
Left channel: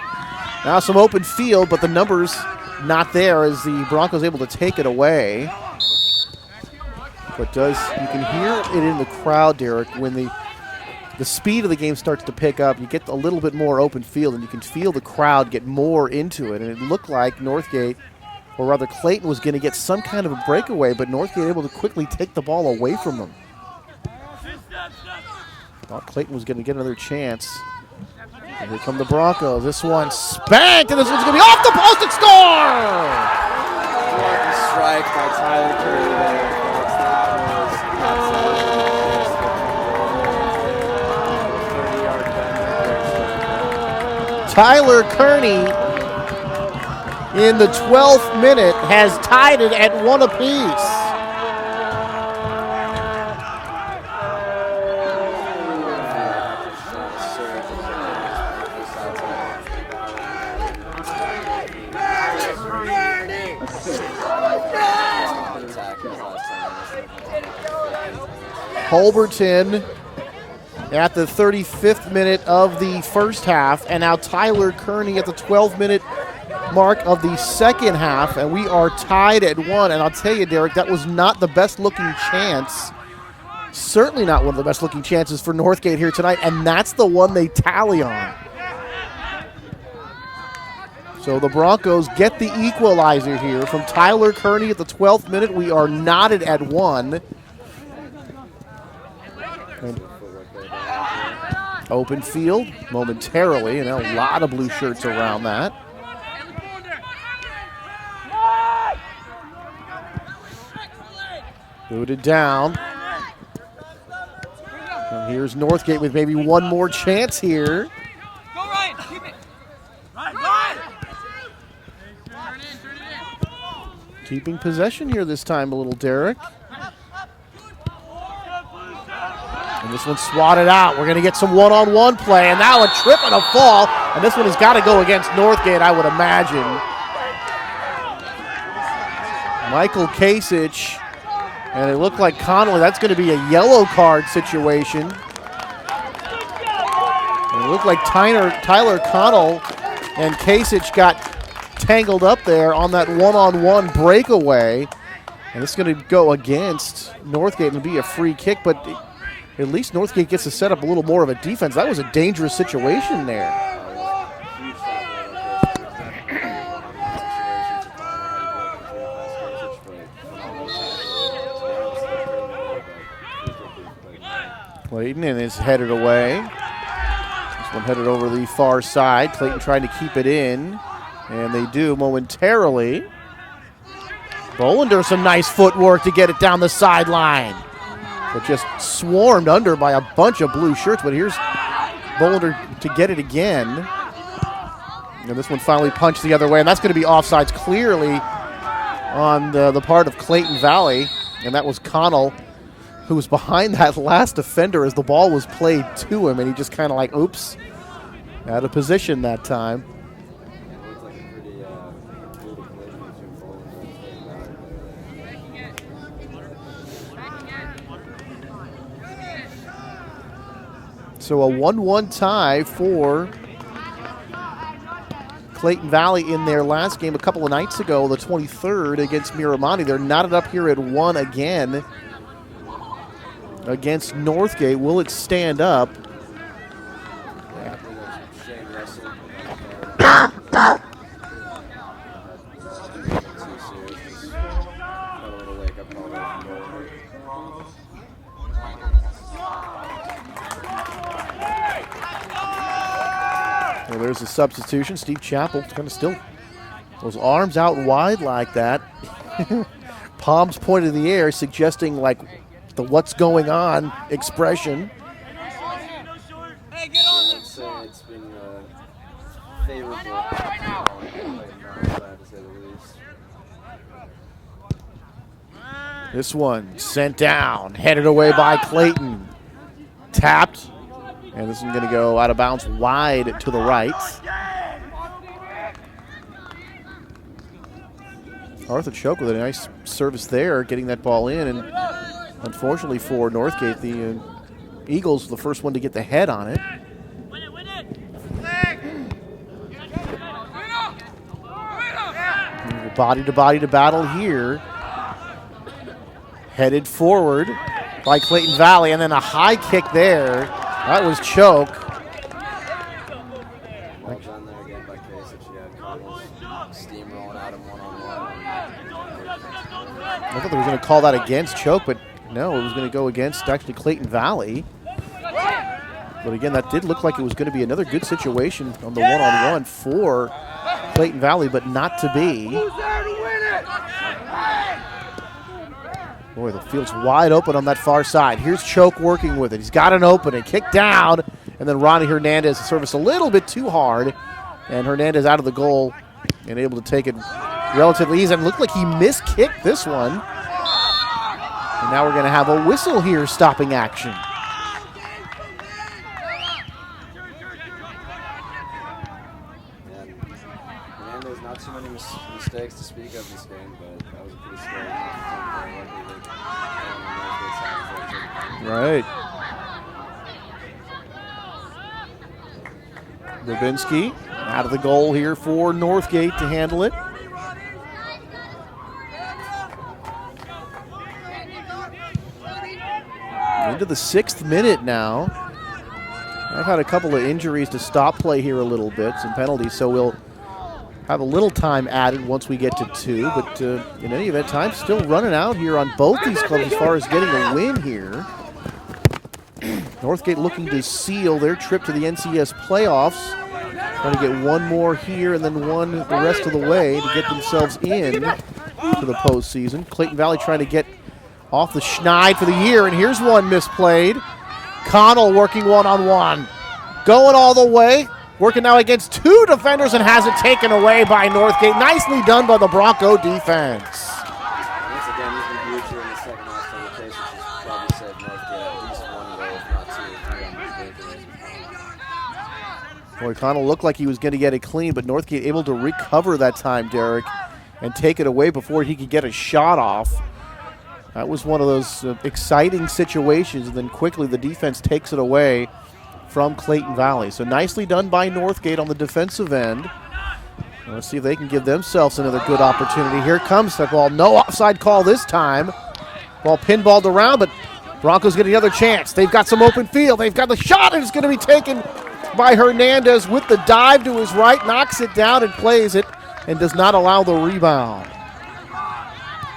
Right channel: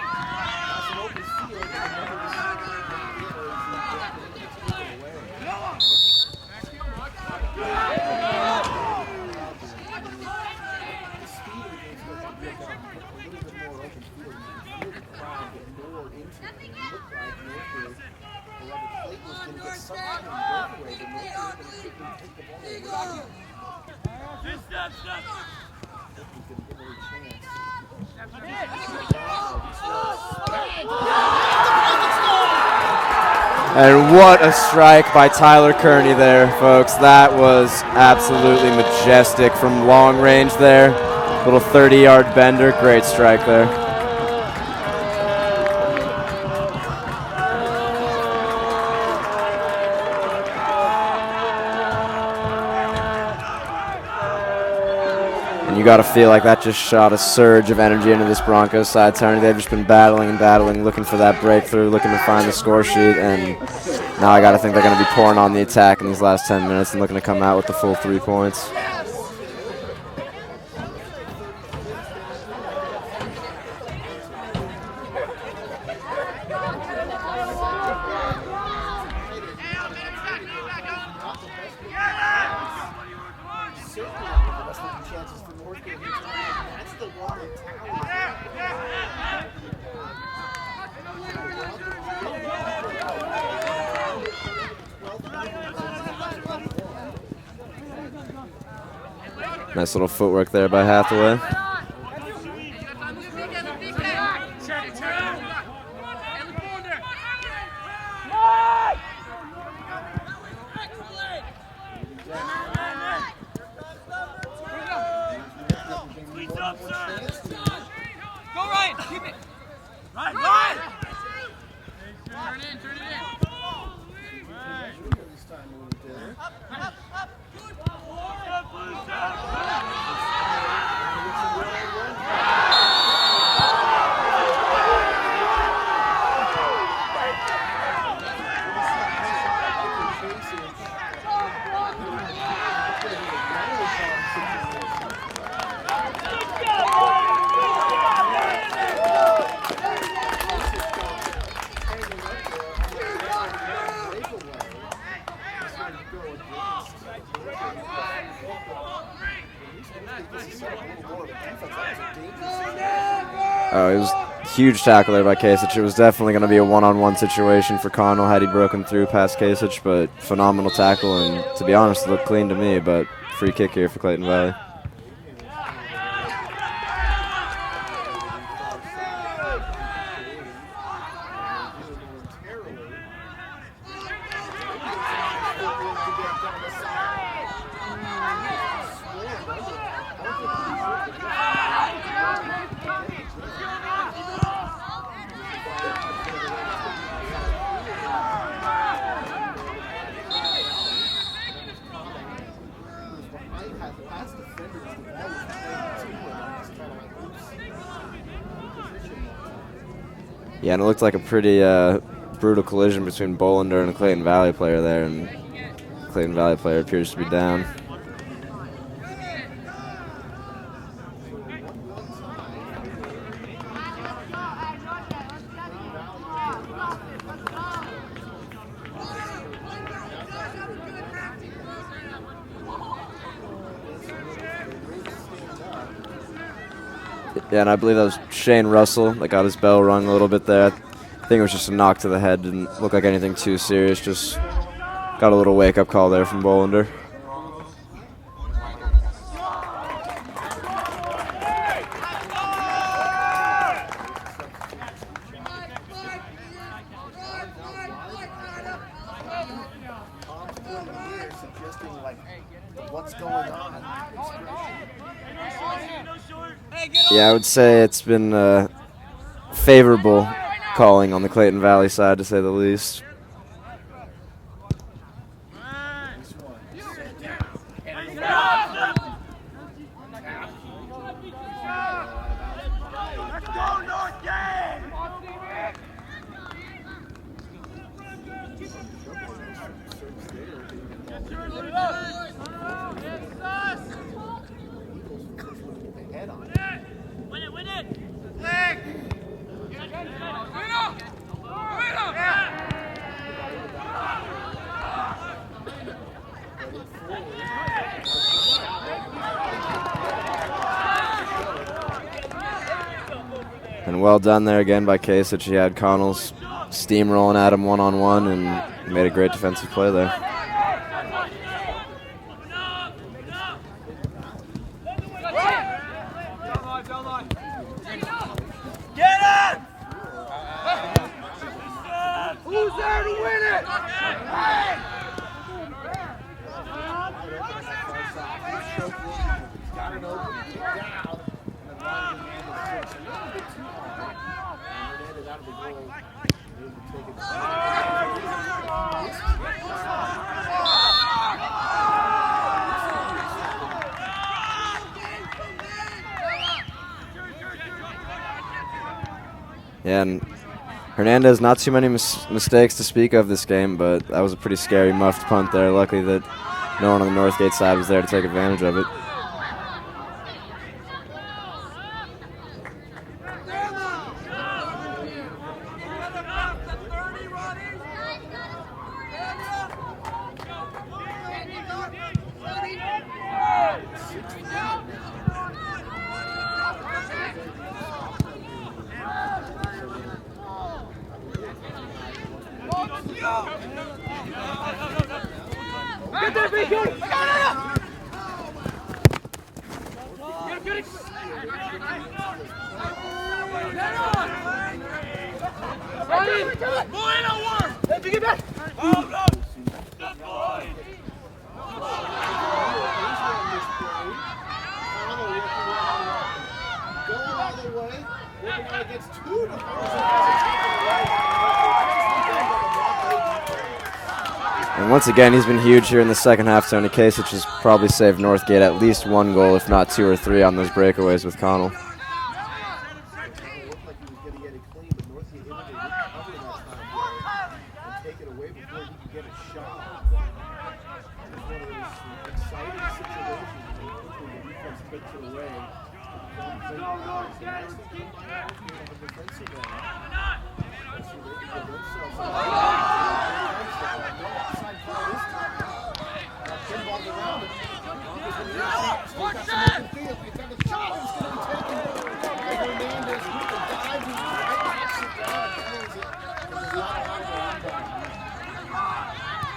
Now some open field, but the numbers not there as the Broncos able to take it away. But you can hear it in the crowd, Derek, when the speed of the game starts to pick up. You get a little bit more open field, and you can feel the crowd get more into it. And it looked like Northgate, or rather Clayton, was going to get some kind of a breakaway, but Northgate able to quickly take the ball away from them. Thought Clayton was going to get another chance. Here come the Broncos. This one spanked, and this one's going to be off the post and score! And what a strike by Tyler Connel there, folks. That was absolutely majestic from long range there. Little 30-yard bender. Great strike there. Tyler Connel in the 12th minute has tied it at 1 apiece. You you got to feel like that just shot a surge of energy into this Broncos side. Tony, they've just been battling and battling, looking for that breakthrough, looking to find the score sheet, and now I got to think they're going to be pouring on the attack in these last 10 minutes and looking to come out with the full 3 points. Holberton at the 35th minute of the first half, and now Tyler Kearney at the 12-minute mark of the second half, and we are tied at 1. And I'll tell you, Derek, that was not the best-looking chance. Certainly not one of the best-looking chances for Northgate here tonight, and that's the one they tally on. So the Broncos get the equalizer here from Tyler Kearney at the 12th minute. We are knotted at 1. Nice little footwork there by Hathaway. Open field momentarily, and a lot of blue shirts around that. Booted down. And here's Northgate with maybe one more chance here. Go Ryan, keep it. Ryan! Keeping possession here this time a little, Derek. And this one's swatted out. We're going to get some one-on-one play, and now a trip and a fall. And this one has got to go against Northgate, I would imagine. Michael Kasich, and it looked like Connolly. That's going to be a yellow card situation. It looked like Tyler Connell and Kasich got tangled up there on that one-on-one breakaway. And it's going to go against Northgate and be a free kick, but at least Northgate gets to set up a little more of a defense. That was a dangerous situation there. Oh, it was a huge tackle there by Kasich. It was definitely going to be a one-on-one situation for Connell had he broken through past Kasich, but phenomenal tackle, and to be honest, it looked clean to me, but free kick here for Clayton Valley. Clayton, and it's headed away. This one headed over the far side. Clayton trying to keep it in, and they do momentarily. Bolander, some nice footwork to get it down the sideline. But just swarmed under by a bunch of blue shirts, but here's Bolander to get it again. And this one finally punched the other way, and that's going to be offsides clearly on the part of Clayton Valley, and that was Connell, who was behind that last defender as the ball was played to him, and he just kind of like, oops, out of position that time. Yeah, and it looked like a pretty brutal collision between Bolander and a Clayton Valley player there, and the Clayton Valley player appears to be down. So a 1-1 tie for Clayton Valley in their last game a couple of nights ago, the 23rd against Miramonte. They're knotted up here at 1 again against Northgate. Will it stand up? Yeah, and I believe that was Shane Russell that got his bell rung a little bit there. I think it was just a knock to the head. Didn't look like anything too serious. Just got a little wake-up call there from Bolander. Well, there's a substitution. Steve Chappell going to still those arms out wide like that. Palms pointed in the air, suggesting like the "what's going on" expression. Yeah, I would say it's been favorable calling on the Clayton Valley side, to say the least. This one sent down, headed away by Clayton. Tapped, and this is going to go out of bounds wide to the right. Arthur Choke with a nice service there, getting that ball in, and unfortunately for Northgate, the Eagles were the first one to get the head on it. Body to battle here. Headed forward by Clayton Valley, and then a high kick there. That was Choke. And well done there again by Kasich. He had Connell's steamrolling at him one-on-one and made a great defensive play there. I thought they were going to call that against Choke, but no, it was going to go against actually Clayton Valley. But again, that did look like it was going to be another good situation on the one-on-one for Clayton Valley, but not to be. Who's there to win it? Boy, the field's wide open on that far side. Here's Choke working with it. He's got an opening. Kick down, and then Ronny Hernandez service a little bit too hard, and Hernandez out of the goal and able to take it relatively easy. It looked like he miskicked this one. And now we're going to have a whistle here stopping action. Yeah, and Hernandez, not too many mistakes to speak of this game, but that was a pretty scary muffed punt there. Luckily that no one on the Northgate side was there to take advantage of it. Levinsky out of the goal here for Northgate to handle it. Into the 6th minute now. I've had a couple of injuries to stop play here a little bit, some penalties, so we'll have a little time added once we get to 2. But in any event, time's still running out here on both these clubs as far as getting a win here. Northgate looking to seal their trip to the NCS playoffs. Trying to get one more here and then one the rest of the way to get themselves in for the postseason. Clayton Valley trying to get off the schneid for the year, and here's one misplayed. Connell working one-on-one. Going all the way. Working now against 2 defenders and has it taken away by Northgate. Nicely done by the Bronco defense. And once again, he's been huge here in the second half, Tony Case, which has probably saved Northgate at least 1 goal, if not 2 or 3 on those breakaways with Connell. Boy, Connell looked like he was going to get it clean, but Northgate able to recover that time, Derek, and take it away before he could get a shot off. That was one of those exciting situations, and then quickly the defense takes it away from Clayton Valley. So nicely done by Northgate on the defensive end. Let's see if they can give themselves another good opportunity. Here comes the ball. No offside call this time. Ball pinballed around, but Broncos get another chance. They've got some open field. They've got the shot, and it's going to be taken by Hernandez with the dive to his right, knocks it down and plays it, and does not allow the rebound.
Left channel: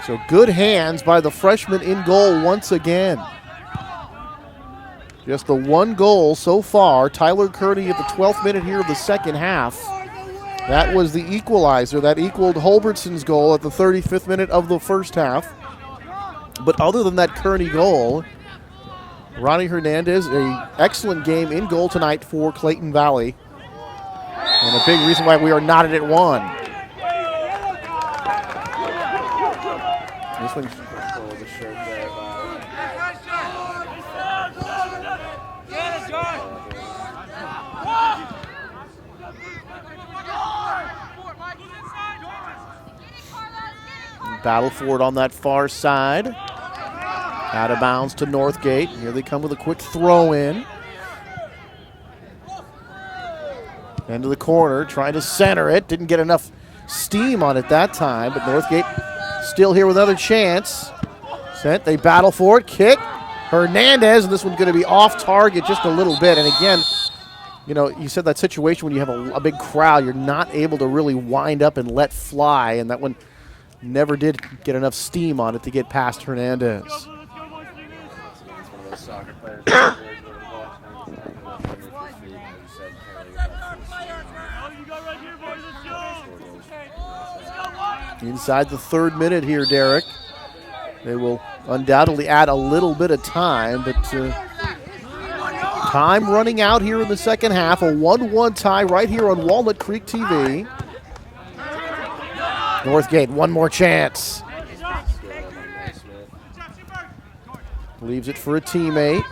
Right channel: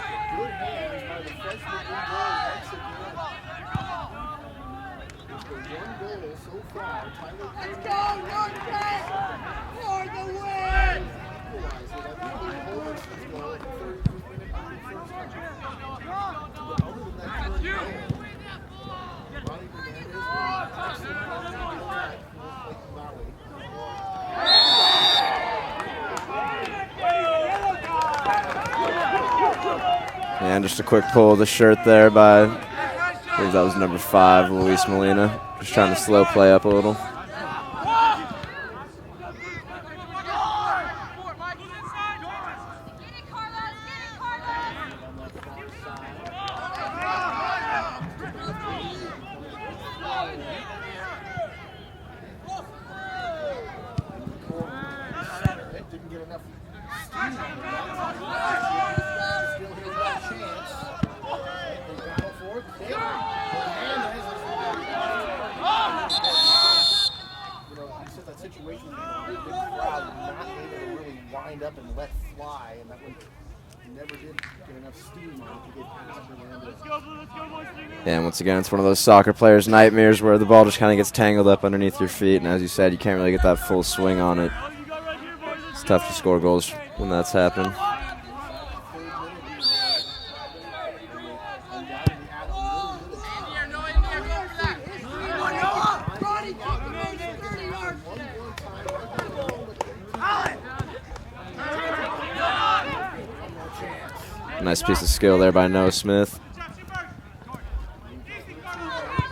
So good hands by the freshman in goal once again. Just the 1 goal so far. Tyler Connel at the 12th minute here of the second half. That was the equalizer. That equaled Holbertson's goal at the 35th minute of the first half. But other than that Kearney goal, Ronny Hernandez, an excellent game in goal tonight for Clayton Valley. And a big reason why we are knotted at 1. And just a quick pull of the shirt there by, I believe that was number 5, Luis Molina. Just trying to slow play up a little. Battle for it on that far side. Out of bounds to Northgate. Here they come with a quick throw in. Into the corner, trying to center it. Didn't get enough steam on it that time, but Northgate still here with another chance. Sent, they battle for it, kick. Hernandez, and this one's going to be off target just a little bit. And again, you know, you said that situation when you have a big crowd, you're not able to really wind up and let fly, and that one never did get enough steam on it to get past Hernandez. And once again, it's one of those soccer players' nightmares where the ball just kind of gets tangled up underneath your feet, and as you said, you can't really get that full swing on it. It's tough to score goals when that's happened. Inside the 3rd minute here, Derek. They will undoubtedly add a little bit of time, but time running out here in the second half. A 1-1 tie right here on Walnut Creek TV. Northgate, one more chance. Nice piece of skill there by Noah Smith. Leaves it for a teammate.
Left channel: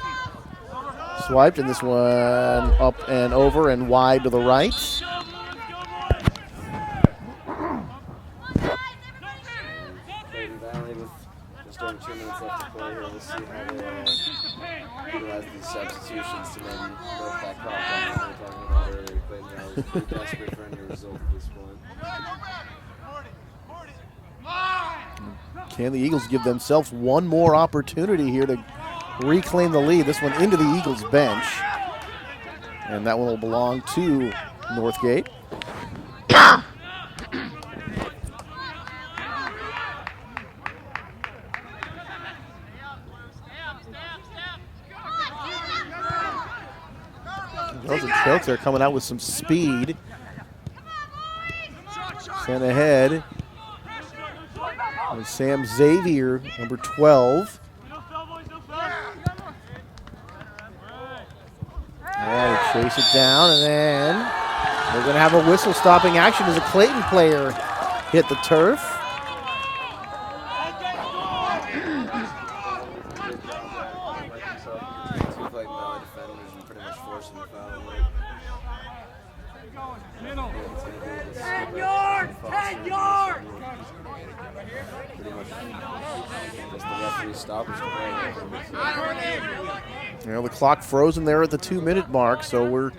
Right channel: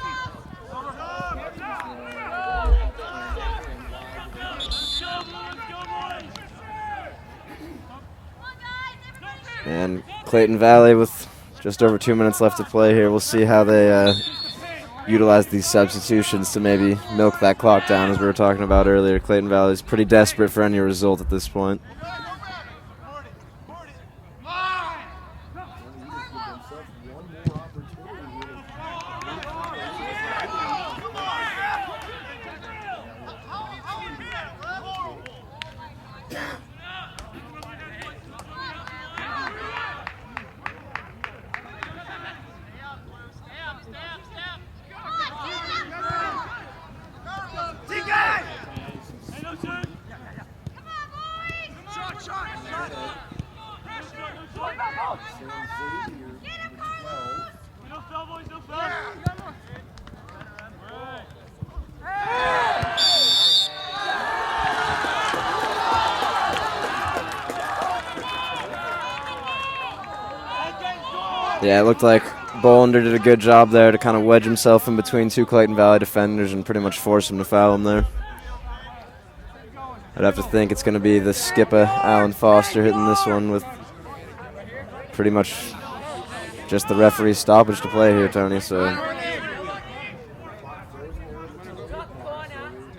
Swiped, and this one up and over and wide to the right. And Clayton Valley with just over 2 minutes left to play here. We'll see how they utilize these substitutions to maybe milk that clock down, as we were talking about earlier. Clayton Valley is pretty desperate for any result at this point. Can the Eagles give themselves one more opportunity here to reclaim the lead? This one into the Eagles bench. And that one will belong to Northgate. They're coming out with some speed. Sent ahead. And Sam Xavier, number 12. And chase it down, and then we're going to have a whistle stopping action as a Clayton player hit the turf. Yeah, it looked like Bolander did a good job there to kind of wedge himself in between 2 Clayton Valley defenders and pretty much force him to foul him there. I'd have to think it's going to be the skipper, Alan Foster, hitting this one with pretty much just the referee's stoppage to play here, Tony. So, the clock frozen there at the 2-minute mark, so we're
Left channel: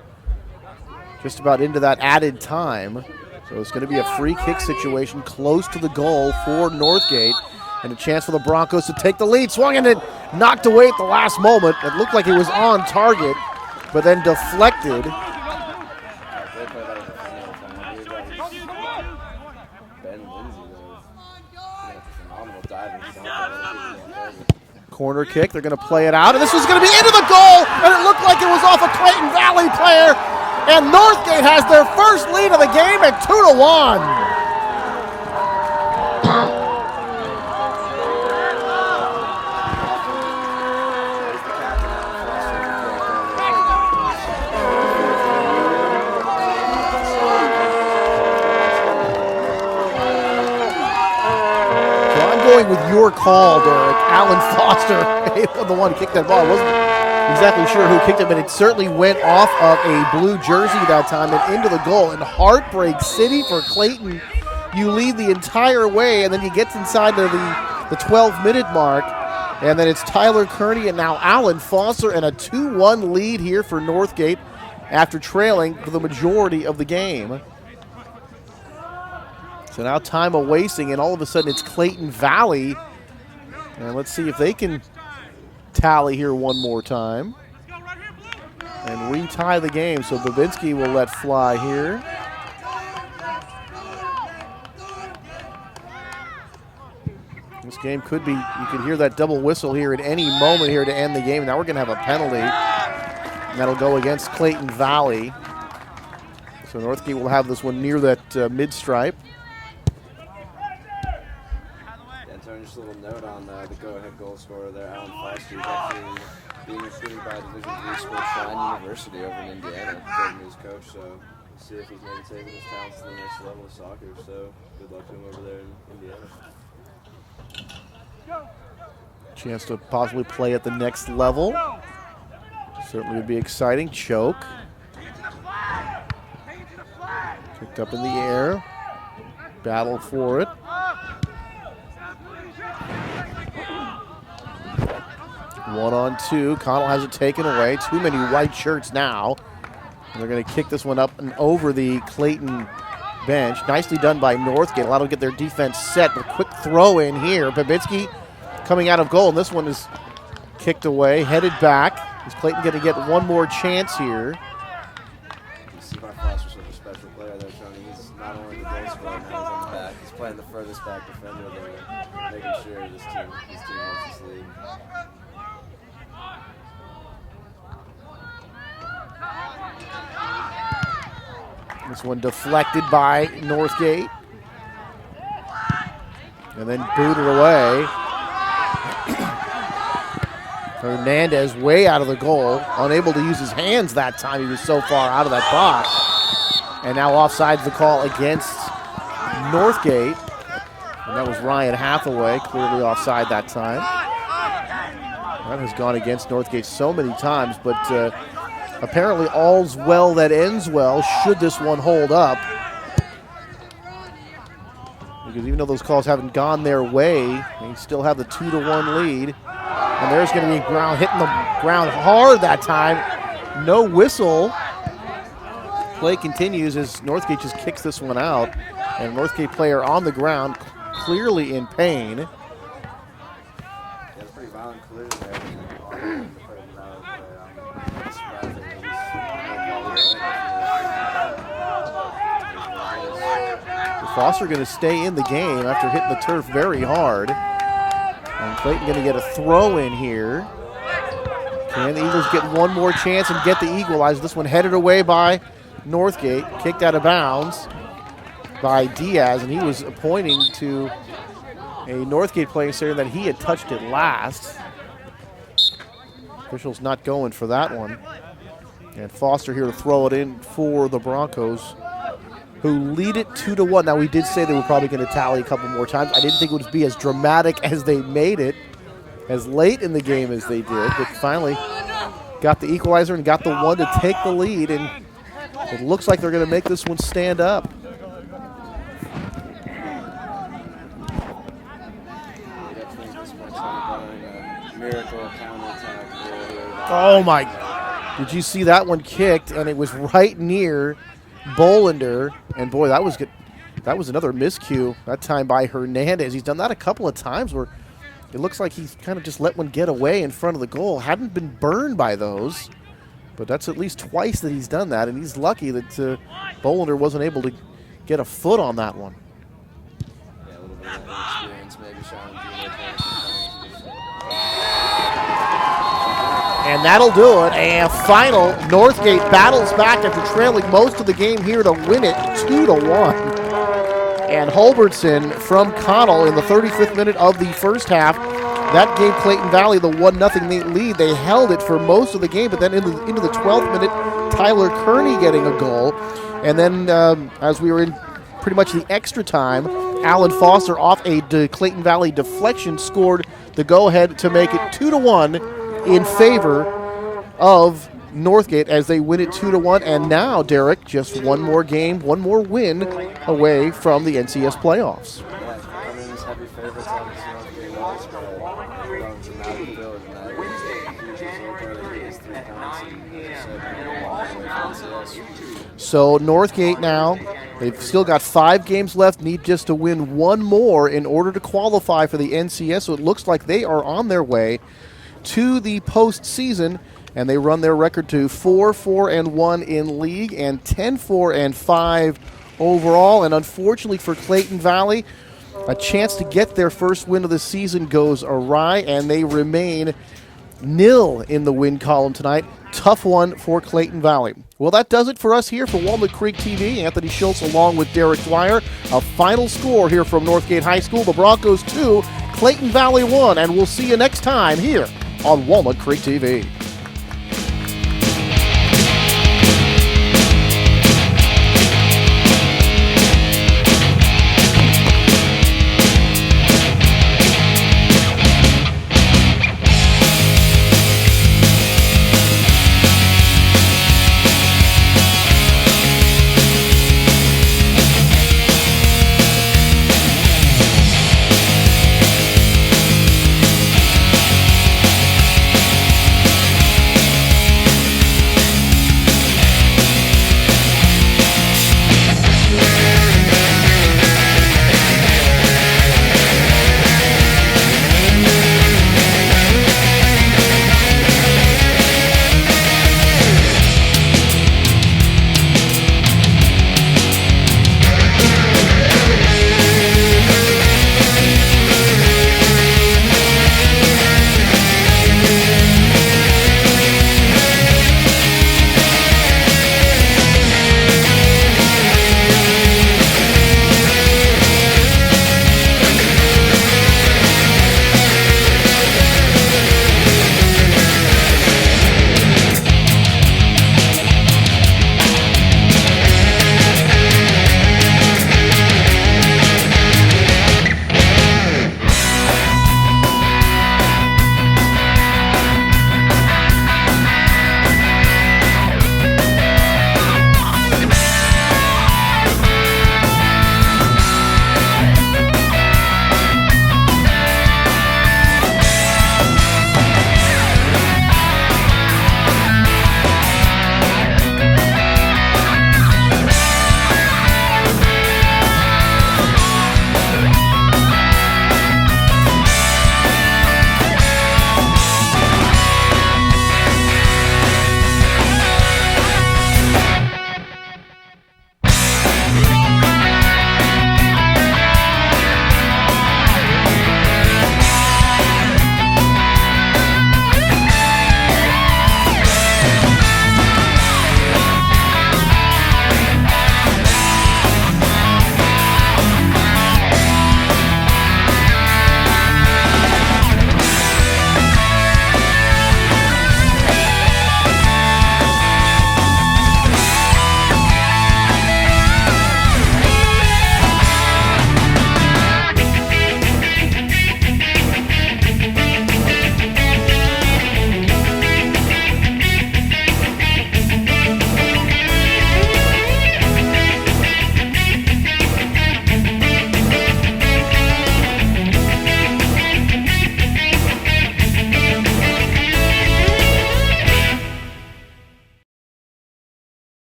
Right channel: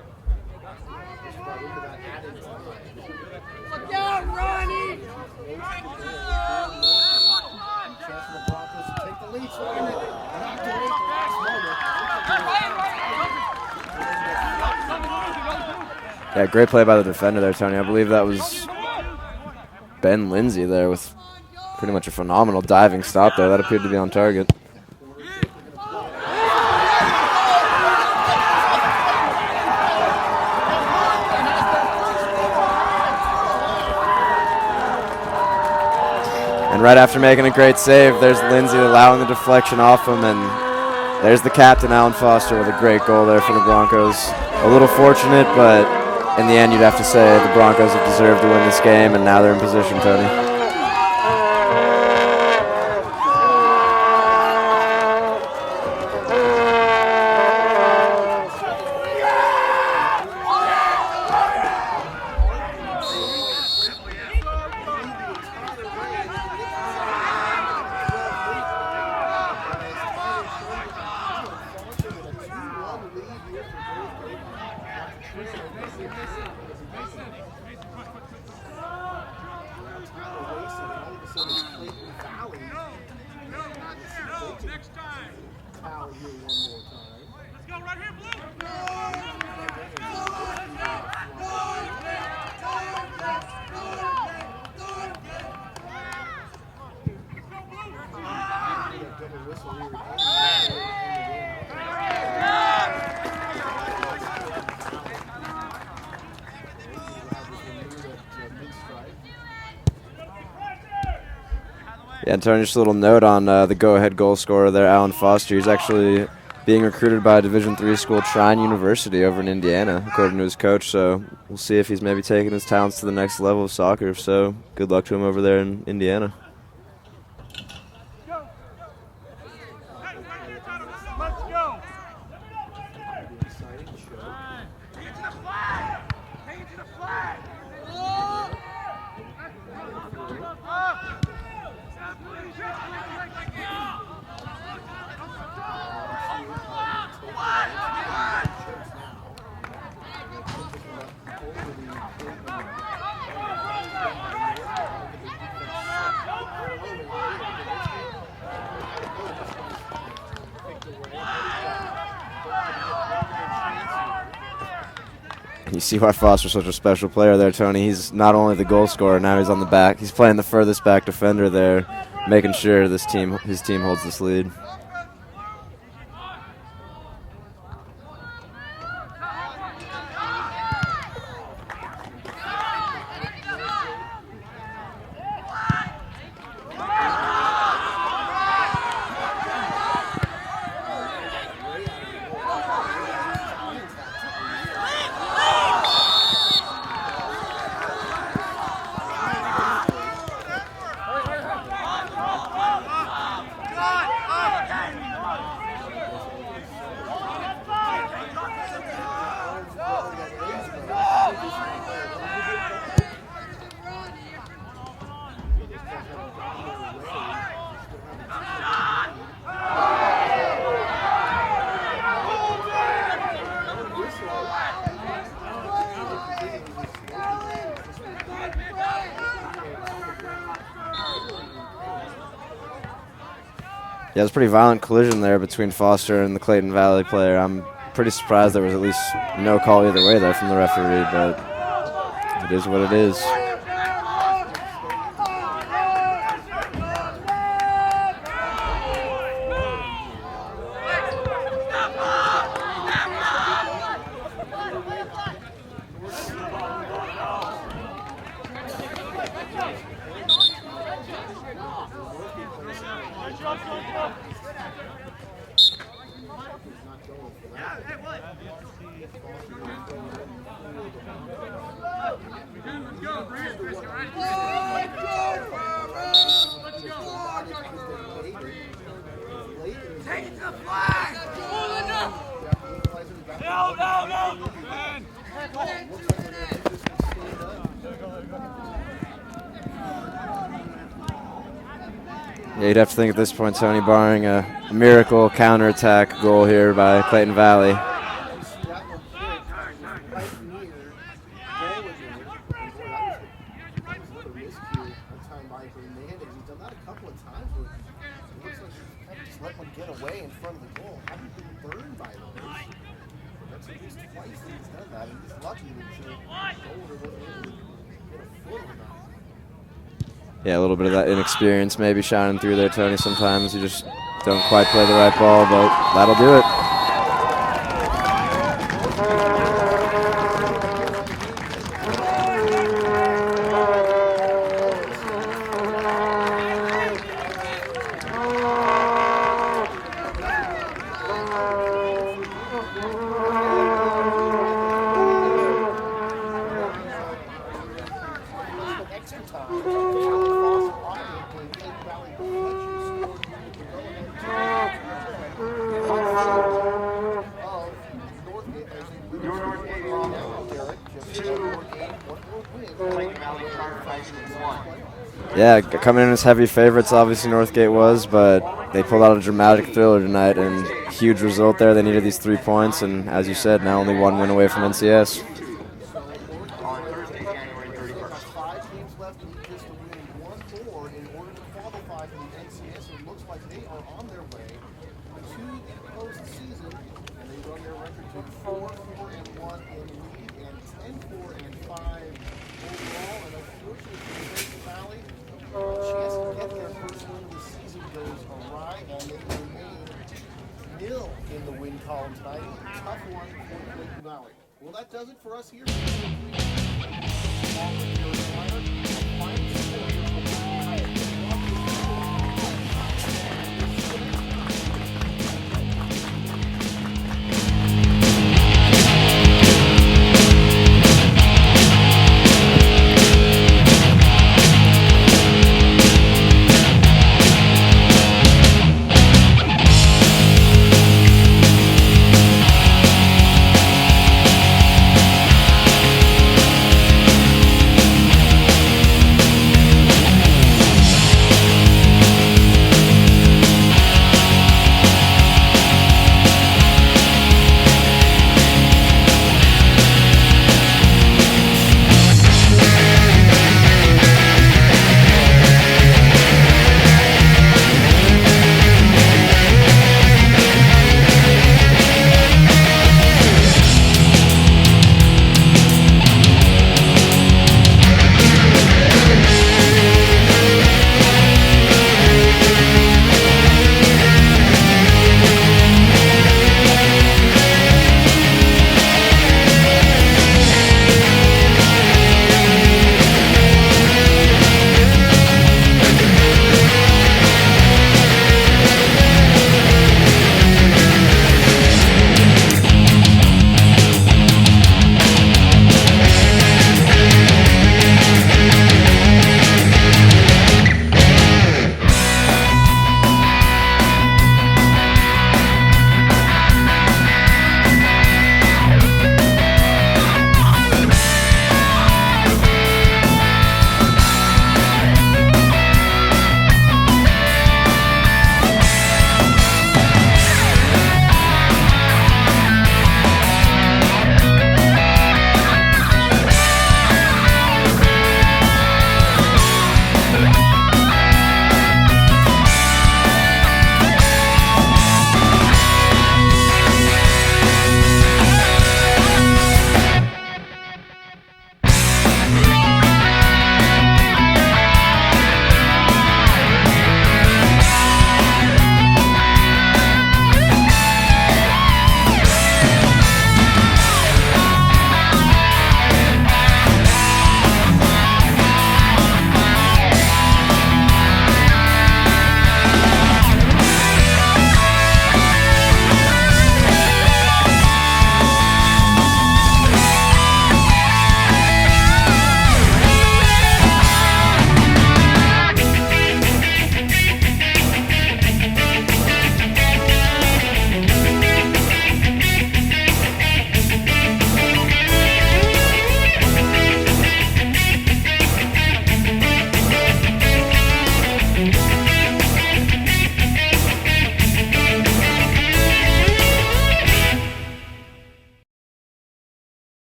just about into that added time. So it's going to be a free kick situation close to the goal for Northgate, and a chance for the Broncos to take the lead. Swung and it knocked away at the last moment. It looked like it was on target, but then deflected. Yeah, great play by the defender there, Tony. I believe that was Ben Lindsay there with pretty much a phenomenal diving stop there. That appeared to be on target. Corner kick, they're going to play it out, and this was going to be into the goal, and it looked like it was off a Clayton Valley player, and Northgate has their first lead of the game at 2-1. And right after making a great save, there's Lindsay allowing the deflection off him, and there's the captain, Alan Foster, with a great goal there for the Broncos. A little fortunate, but in the end, you'd have to say the Broncos have deserved to win this game, and now they're in position, Tony. I'm going with your call, Alan Foster, the one who kicked that ball. I wasn't exactly sure who kicked it, but it certainly went off of a blue jersey that time and into the goal. And Heartbreak City for Clayton. You lead the entire way, and then he gets inside the 12-minute mark, and then it's Tyler Connel and now Alan Foster, and a 2-1 lead here for Northgate after trailing for the majority of the game. So now time of wasting, and all of a sudden it's Clayton Valley. And let's see if they can tally here one more time. And we tie the game, so Babinski will let fly here. This game could be, you can hear that double whistle here at any moment here to end the game. Now we're going to have a penalty, and that'll go against Clayton Valley. So Northgate will have this one near that mid-stripe. Yeah, and Tony, just a little note on the go-ahead goal scorer there, Alan Foster. He's actually being recruited by a Division III school, Trine University, over in Indiana, according to his coach. So we'll see if he's maybe taking his talents to the next level of soccer. If so, good luck to him over there in Indiana. Chance to possibly play at the next level. Certainly would be exciting. Choke. Picked up in the air. Battle for it. 1-on-2. Connell has it taken away. Too many white shirts now. And they're going to kick this one up and over the Clayton bench. Nicely done by Northgate. Allowed to get their defense set. A quick throw in here. Babinski coming out of goal. And this one is kicked away, headed back. Is Clayton going to get one more chance here? You see why Foster's such a special player there, Tony. He's not only the goal scorer, now he's on the back. He's playing the furthest back defender there, making sure his team holds this lead. This one deflected by Northgate. And then booted away. Hernandez way out of the goal, unable to use his hands that time. He was so far out of that box. And now offsides the call against Northgate. And that was Ryan Hathaway, clearly offside that time. That has gone against Northgate so many times, but apparently all's well that ends well should this one hold up. Because even though those calls haven't gone their way, they still have the 2-1 lead. And there's going to be ground hitting the ground hard that time. No whistle. Play continues as Northgate just kicks this one out. And Northgate player on the ground, clearly in pain. Yeah, it was a pretty violent collision there between Foster and the Clayton Valley player. I'm pretty surprised there was at least no call either way there from the referee, but it is what it is. Foster going to stay in the game after hitting the turf very hard. And Clayton going to get a throw in here. Can the Eagles get one more chance and get the equalizer? This one headed away by Northgate, kicked out of bounds by Diaz, and he was pointing to a Northgate player saying that he had touched it last. Officials not going for that one. And Foster here to throw it in for the Broncos, who lead it 2-1. Now, we did say they were probably going to tally a couple more times. I didn't think it would be as dramatic as they made it, as late in the game as they did. But finally got the equalizer and got the one to take the lead. And It looks like they're going to make this one stand up. Yeah, you'd have to think at this point, Tony, barring a miracle counterattack goal here by Clayton Valley. Did you see that one kicked? And it was right near Bolander. And boy, that was good. That was another miscue, that time by Hernandez. He's done that a couple of times where it looks like he's kind of just let one get away in front of the goal. Hadn't been burned by those, but that's at least twice that he's done that, and he's lucky that Bolander wasn't able to get a foot on that one. Yeah, a little bit of that inexperience maybe shining through there, Tony. Sometimes you just don't quite play the right ball, but that'll do it. And that'll do it. And final, Northgate battles back after trailing most of the game here to win it 2-1. And Hulbertson from Connell in the 35th minute of the first half. That gave Clayton Valley the 1-0 lead. They held it for most of the game, but then into the 12th minute, Tyler Connel getting a goal. And then as we were in pretty much the extra time, Alan Foster off a Clayton Valley deflection scored the go-ahead to make it 2-1 in favor of Northgate as they win it 2-1. And now, Derek, just one more game, one more win away from the NCS playoffs. Yeah, coming in as heavy favorites, obviously Northgate was, but they pulled out a dramatic thriller tonight, and huge result there. They needed these 3 points, and as you said, now only 1 win away from NCS. So Northgate now, they've still got 5 games left, need just to win 1 more in order to qualify for the NCS. So it looks like they are on their way to the postseason, and they run their record to 4-4-1 in league and 10-4-5 overall. And unfortunately for Clayton Valley, a chance to get their first win of the season goes awry, and they remain nil in the win column tonight. Tough one for Clayton Valley. Well, that does it for us here for Walnut Creek TV. Anthony Schultz along with Derek Dwyer. A final score here from Northgate High School. The Broncos 2, Clayton Valley 1, and we'll see you next time here on Walnut Creek TV.